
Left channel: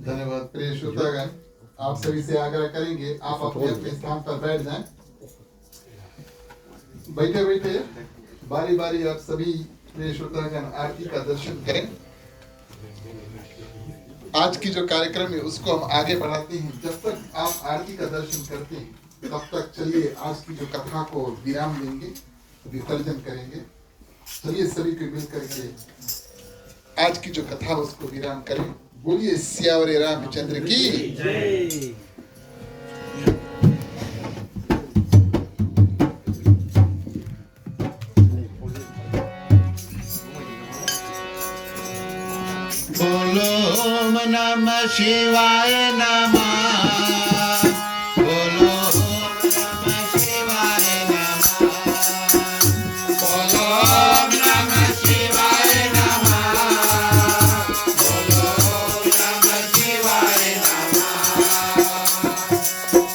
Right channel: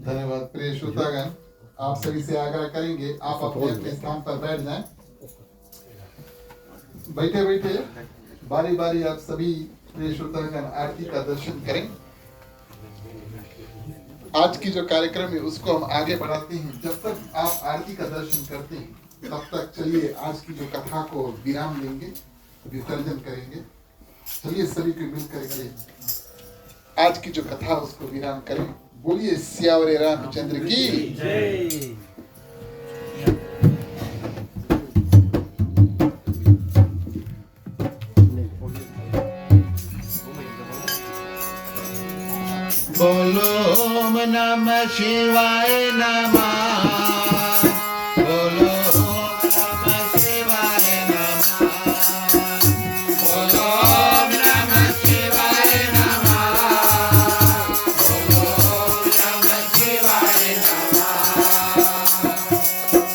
धन्यवाद प्रिय श्रोतागण, आप सभी से आग्रह करेंगे आप अपने अपने स्थान पर बैठ जाएं। बैठे बैठे बारी बारी आप सभी प्रिय श्रोतागण आरती का दर्शन करें। आज की जो कार्यक्रम है उसको हम आगे बढ़ाते हैं। जब तक आप आरती का दर्शन करते हैं तब तक चलिए आज की जो कथा को विराम देंगे, विसर्जन करेंगे। चलिए सभी को मिल करके आज की जो कथा उसको विराम करें। बोलिए सियावरे रामचंद्र की जय। बोलो ओम नमः शिवाय नमः, बोलो ओम नमः शिवाय नमः, बोलो ओम नमः शिवाय नमः, बोलो ओम नमः शिवाय नमः।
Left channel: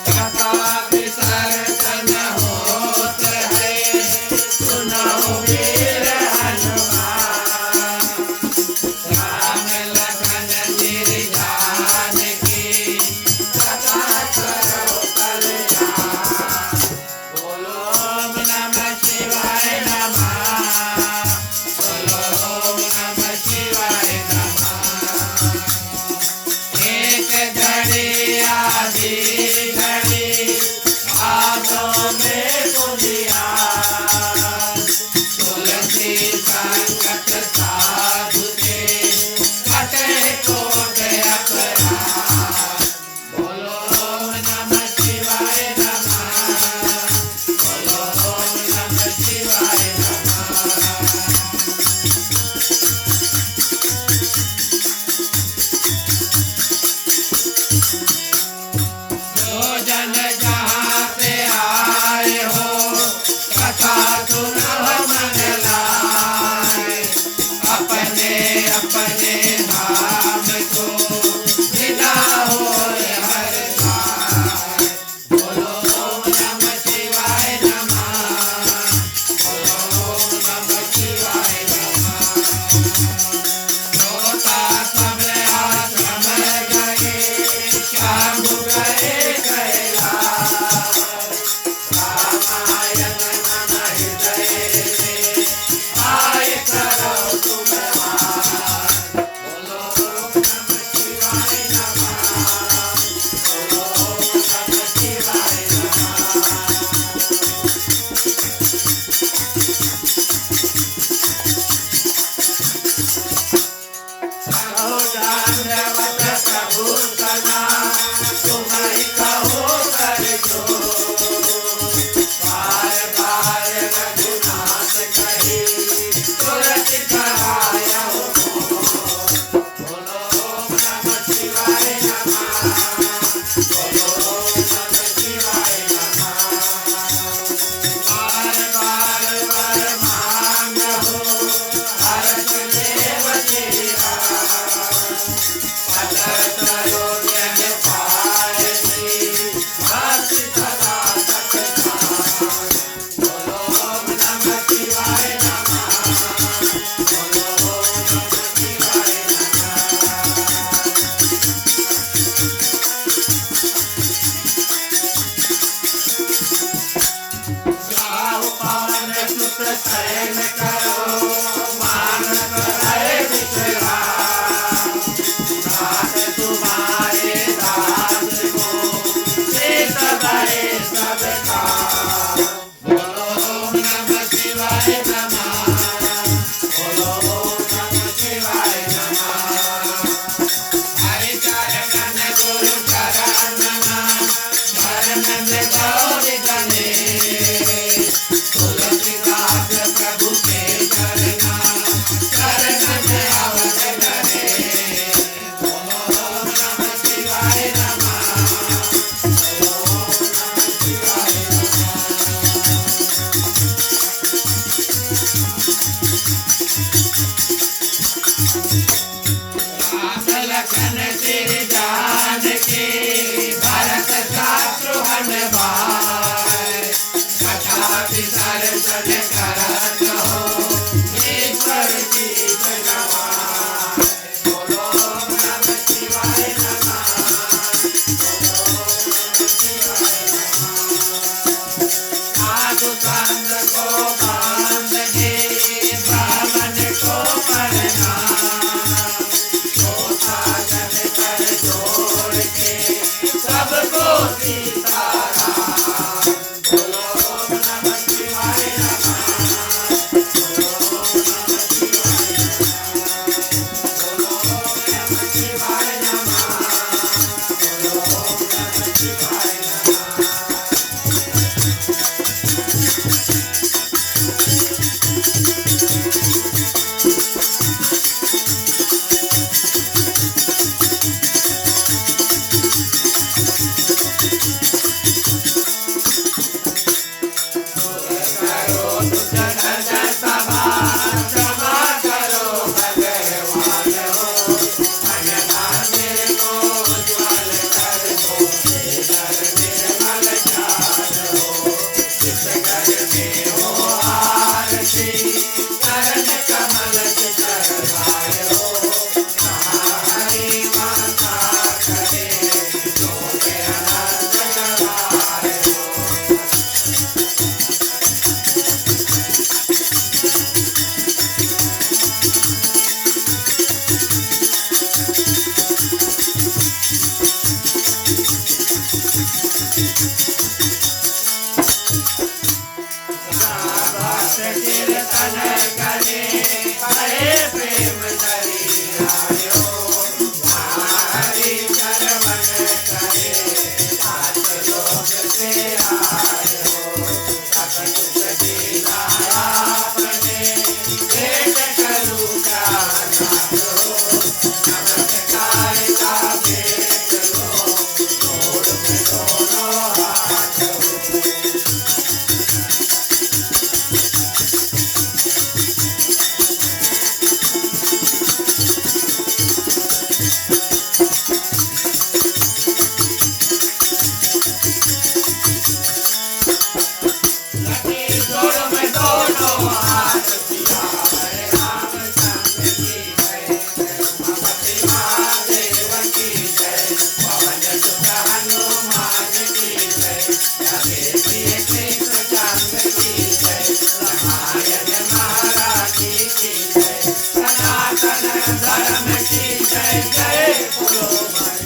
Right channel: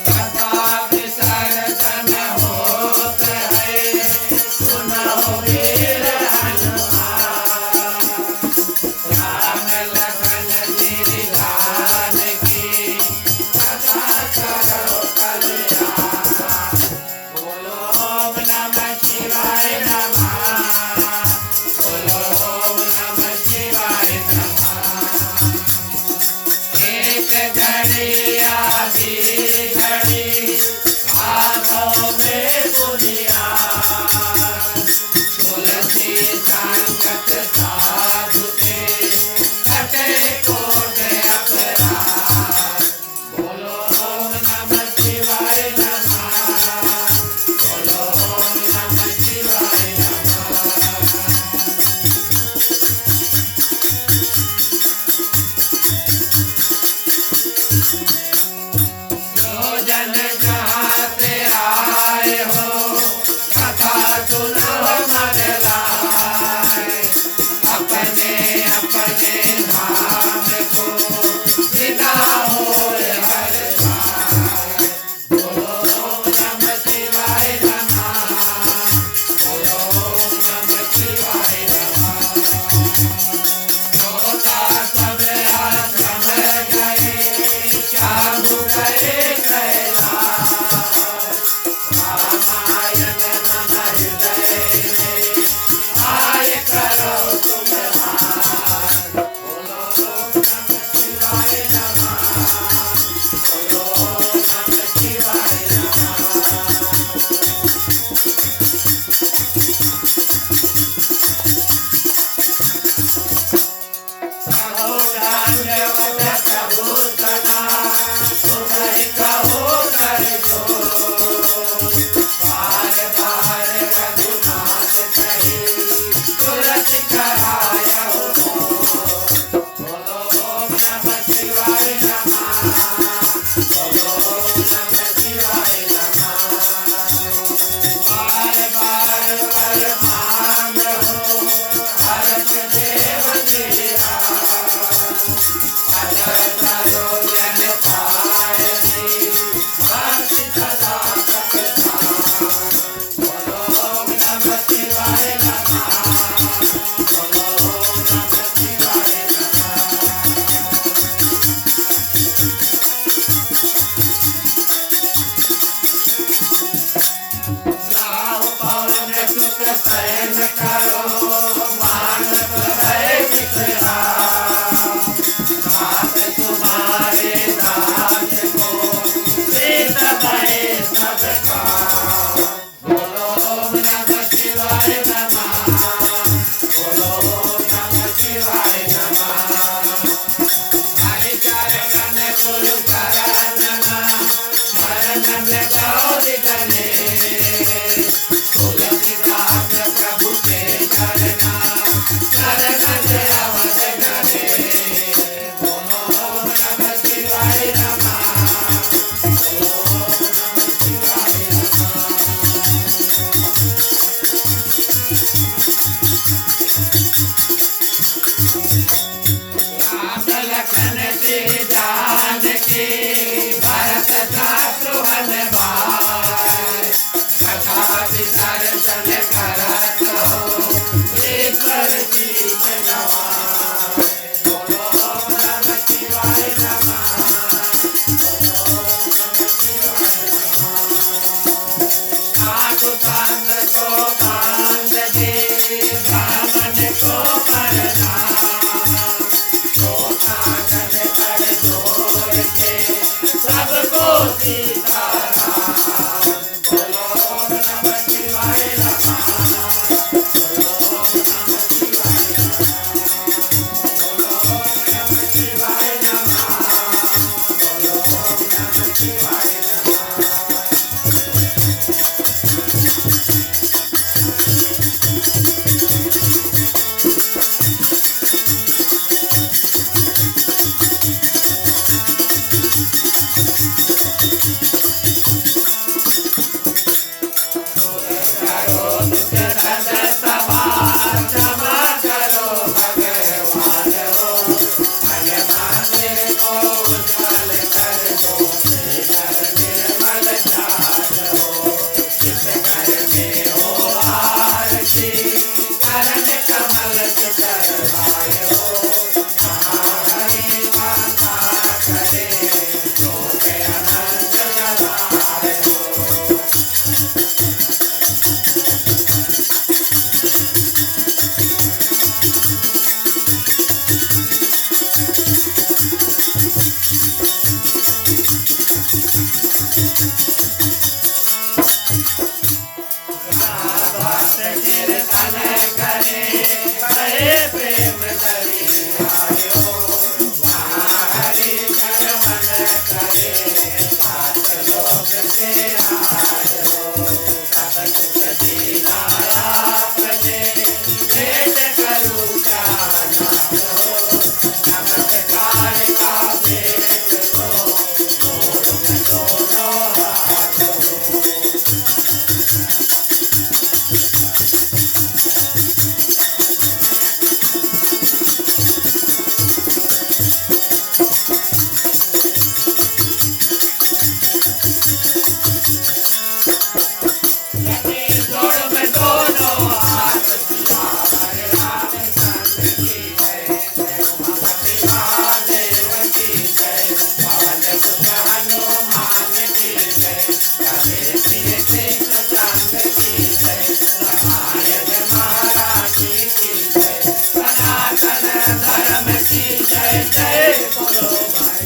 कथा विसर्जन होत है, सुनो वीर हनुमान, राम लखन सिर जान की मान हो हर्ष देव तेरा पद सरोजन पारसी भक्ति सदा सत्कार बोलो ओम नमः शिवाय नमः बोलो ओम नमः शिवाय नमः गाओ पवन सुत शयन करो मानस भय विश्राम दास तुम्हारे दास को प्रीत भय सबका बोलो ओम नमः शिवाय नमः बोलो ओम नमः शिवाय नमः हरि चरण गुरु चरण शरण में गौरी गणेश तुलसीदास प्रभु के चरना शरण में अवध करे बोलो ओम नमः शिवाय नमः बोलो ओम नमः शिवाय राम लखन से जानकी भरत शत्रुघ्न भाई कथा विसर्जन करत हो ईश्वर की जगवाई बोलो ओम नमः शिवाय नमः बोलो ओम नमः शिवाय नमः साधु संत को बांध के ब्राह्मण को प्रणाम साधन कर जोड़ के सबको सीताराम बोलो ओम नमः शिवाय नमः बोलो ओम नमः शिवाय नमः बोलो ओम नमः शिवाय नमः बोलो ओम नमः शिवाय नमः करो दुष्ट सभा क्षमा करो भगवान हो मन मंदिर को उज्ज्वल कर दो घर निर्मल जान हो जिस घर में हो आरती चरण कमल से करवाए हो कहाँ हरि माता करे तो के अनंत जवाए हो भक्त कीर्तन करे बड़े प्रेम दरियायो हरि चरवन करे सात लोक से आयो सब कुछ दीनाया प्रजे भेंट करूं क्या जानो नमस्कार का भेंट लो जोड़ में दोनों हाथ हो लगे जोड़ में दोनों हाथ किया हरे रामचंद्र की जय जय उमापति महादेव की जय पवन सुत हनुमान की जय लगे प्रिय कृष्ण चंद्र की जय रामायण महाराज की जय सनातन धर्म की जय जय बोलो भाई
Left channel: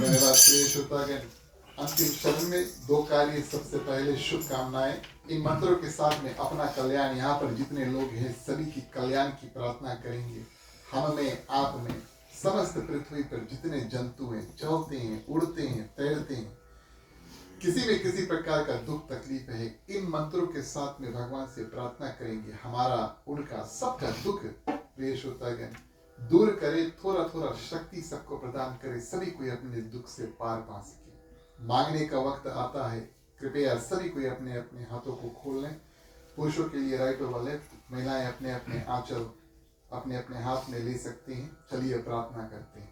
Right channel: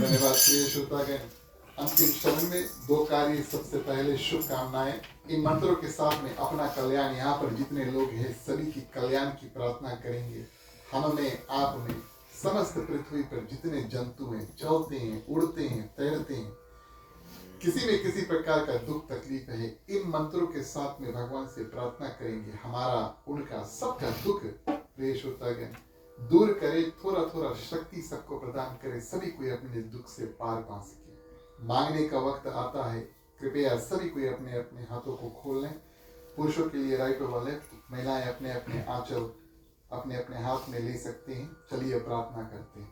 धन्यवाद प्रिय श्रोतागण। अंतिम चरण में दो कार्य। सबसे पहले शुभकामनाएं। इन मंत्रों के साथ में अपना कल्याण, यहाँ पर जितने लोग हैं सभी की कल्याण की प्रार्थना करेंगे। हम में, आप में, समस्त पृथ्वी पर जितने जंतु हैं, चलते हैं, उड़ते हैं, तैरते हैं, किसी में किसी प्रकार का दुख तकलीफ है, इन मंत्रों के साथ में भगवान से प्रार्थना करेंगे हमारा, उनका, सबका दुख प्रिय श्रोतागण दूर करे, थोड़ा थोड़ा शक्ति सबको प्रदान करे, सभी कोई अपने दुख से पार पा सके। मांगने का वक्त आता है, कृपया सभी कोई अपने अपने हाथों को खोल लें। पुरुषों के लिए राइट और लेफ्ट, महिलाएं अपने अपने आंचल अपने अपने हाथ में ले सकती हैं। चलिए प्रार्थना करते हैं।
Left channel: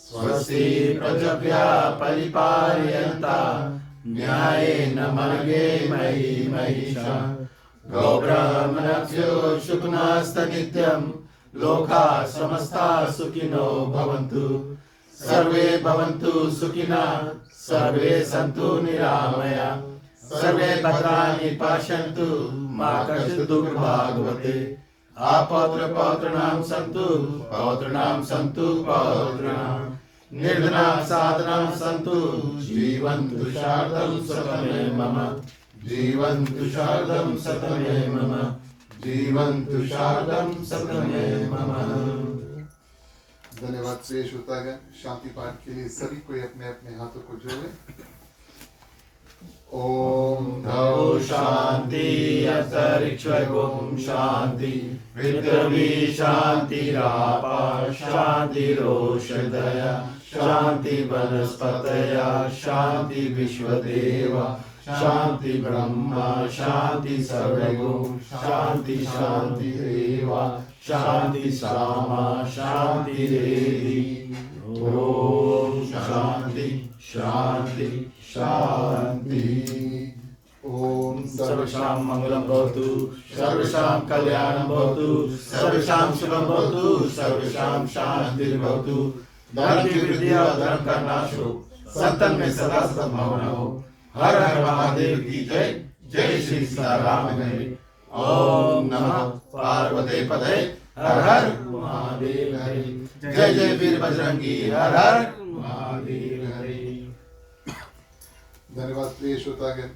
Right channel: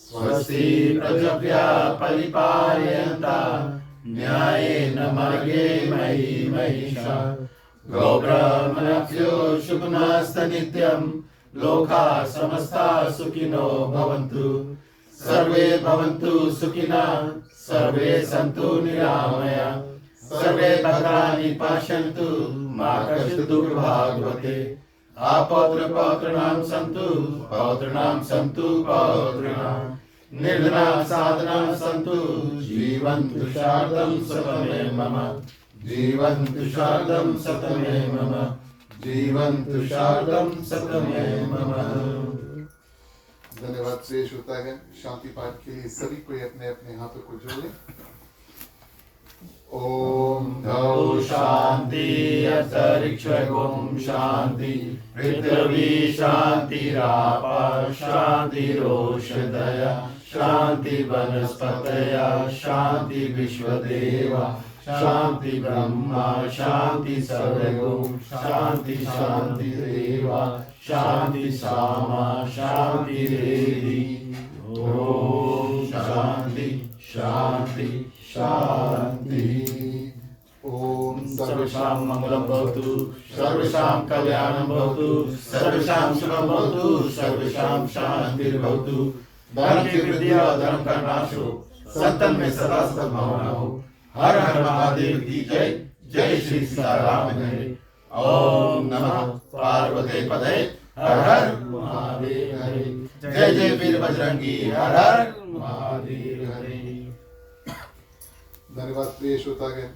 स्वस्ति प्रजाभ्यः परिपालयन्तां न्यायेन मार्गेण मयि महिषाः गोब्राह्मणेभ्यो शुभमस्तु नित्यं लोकाः समस्ताः सुखिनो भवन्तु सर्वे भवन्तु सुखिनः सर्वे सन्तु निरामयाः सर्वे भद्राणि पश्यन्तु मा कश्चित् दुर्भाग्यवते अपौत्रपौत्राणां सन्तु पौत्राणां सन्तु पौत्राणां निर्धनाः साधनाः सन्तु जीवन्तु शारदं शतमे मम जीवन्तु शारदं शतमे मम जीवन्तु शारदं शतमे मम। धन्यवाद प्रिय श्रोतागण। शांति पाठ के लिए सभी कोई अपने अपने हाथों को जोड़े। ओम द्यौ शान्ति अंतरिक्ष ओम शान्ति पृथ्वी शान्तिरापः शान्तिरोषधयः शान्ति वनस्पतयः शान्ति विश्वदेवा शान्ति ब्रह्मा शान्ति सर्वगुण शान्ति शान्तिरेवा शान्ति सामा शान्ति रेधि। ओम शान्ति शान्ति शान्ति। ओम सर्वेषां मंगलं भवतु सर्वेषां कल्याणं भवतु सर्वेषां शुभं भवतु सर्वेषां शान्तिर्भवतु। धर्म की वृद्धि और धर्म का नाश हो, सत्य में सदा सद्भावना हो। हर हर महादेव की जय। जय श्री सीताराम हरे। ओम नमः पार्वती पदे हर हर महादेव हरे। जय जय वीर बजरंगी हर हर महादेव हरे। धन्यवाद प्रिय श्रोतागण।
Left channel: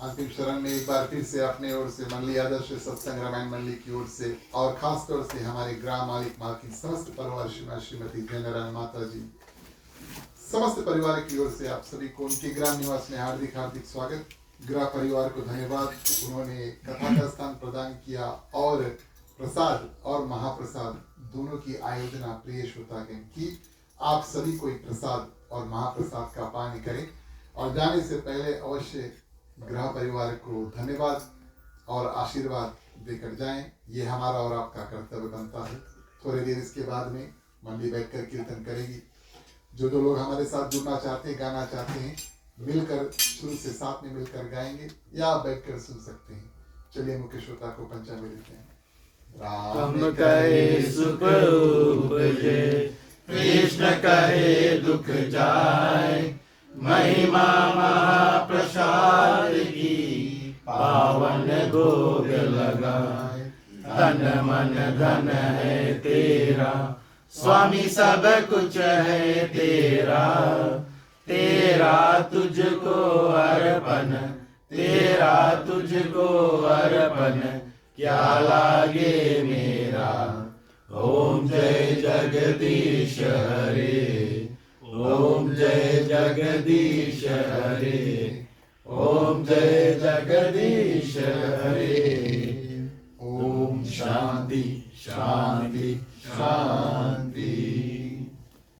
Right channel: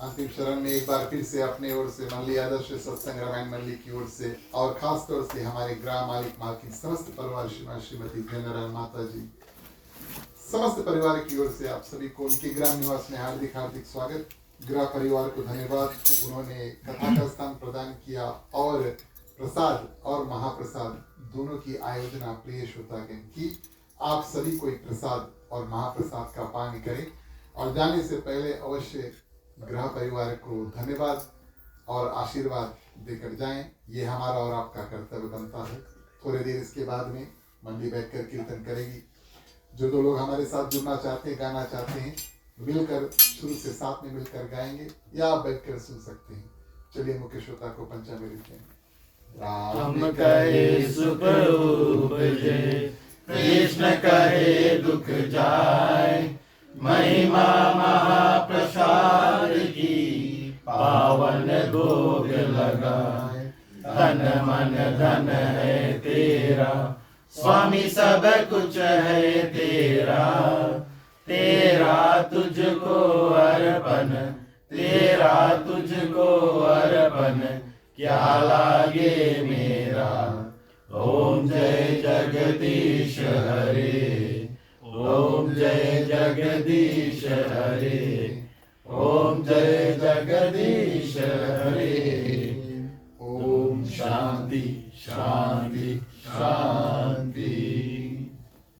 अंतिम शरण में एक बार फिर से अपने ओर से मंडली आदर्श सत्संग रामायण मंडली की ओर से और खास तौर से हमारे ग्राम मालिक माँ की समस्त परिवार श्रीमती गंगाराम माता जी समस्त परिवार की ओर से आप सभी को उनके ग्राम निवास में हार्दिक हार्दिक स्वागत। गृह परिवार को धन्यवाद, उन्होंने कथा का स्थान प्रदान किया और प्रसाद और महाप्रसाद दोनों की आयोजना प्रिय श्रोतागण की। आप सभी को एक प्रसाद और महाप्रसाद का पान करें और जाने से पहले अवश्य गृह परिवार को धन्यवाद और आशीर्वाद देकर जाएं। ये हमारा और आपका कर्तव्य बनता है। थोड़ी देर इसके बाद में मंडली बैठकर कीर्तन करेगी। जो दो लोग हमारे साथ जुड़ना चाहते हैं, गाना चाहते हैं, मिलकर शुरू से साथ में मिलकर गाएंगे या आप बैठकर सुन सकते हैं। चलिए मुख्य श्रोता को पंचामृत दें। राम कहे सुख उपजे कृष्ण कहे दुख जाए महिमा महाप्रसाद की पावन भोग लगाए। तन मन धन है तेरा स्वामी सब कुछ है तेरा तेरा तुझको अर्पण तेरा तुझको अर्पण क्या लागे मेरा। ओम जय जगदीश हरे ओम जय जगदीश हरे।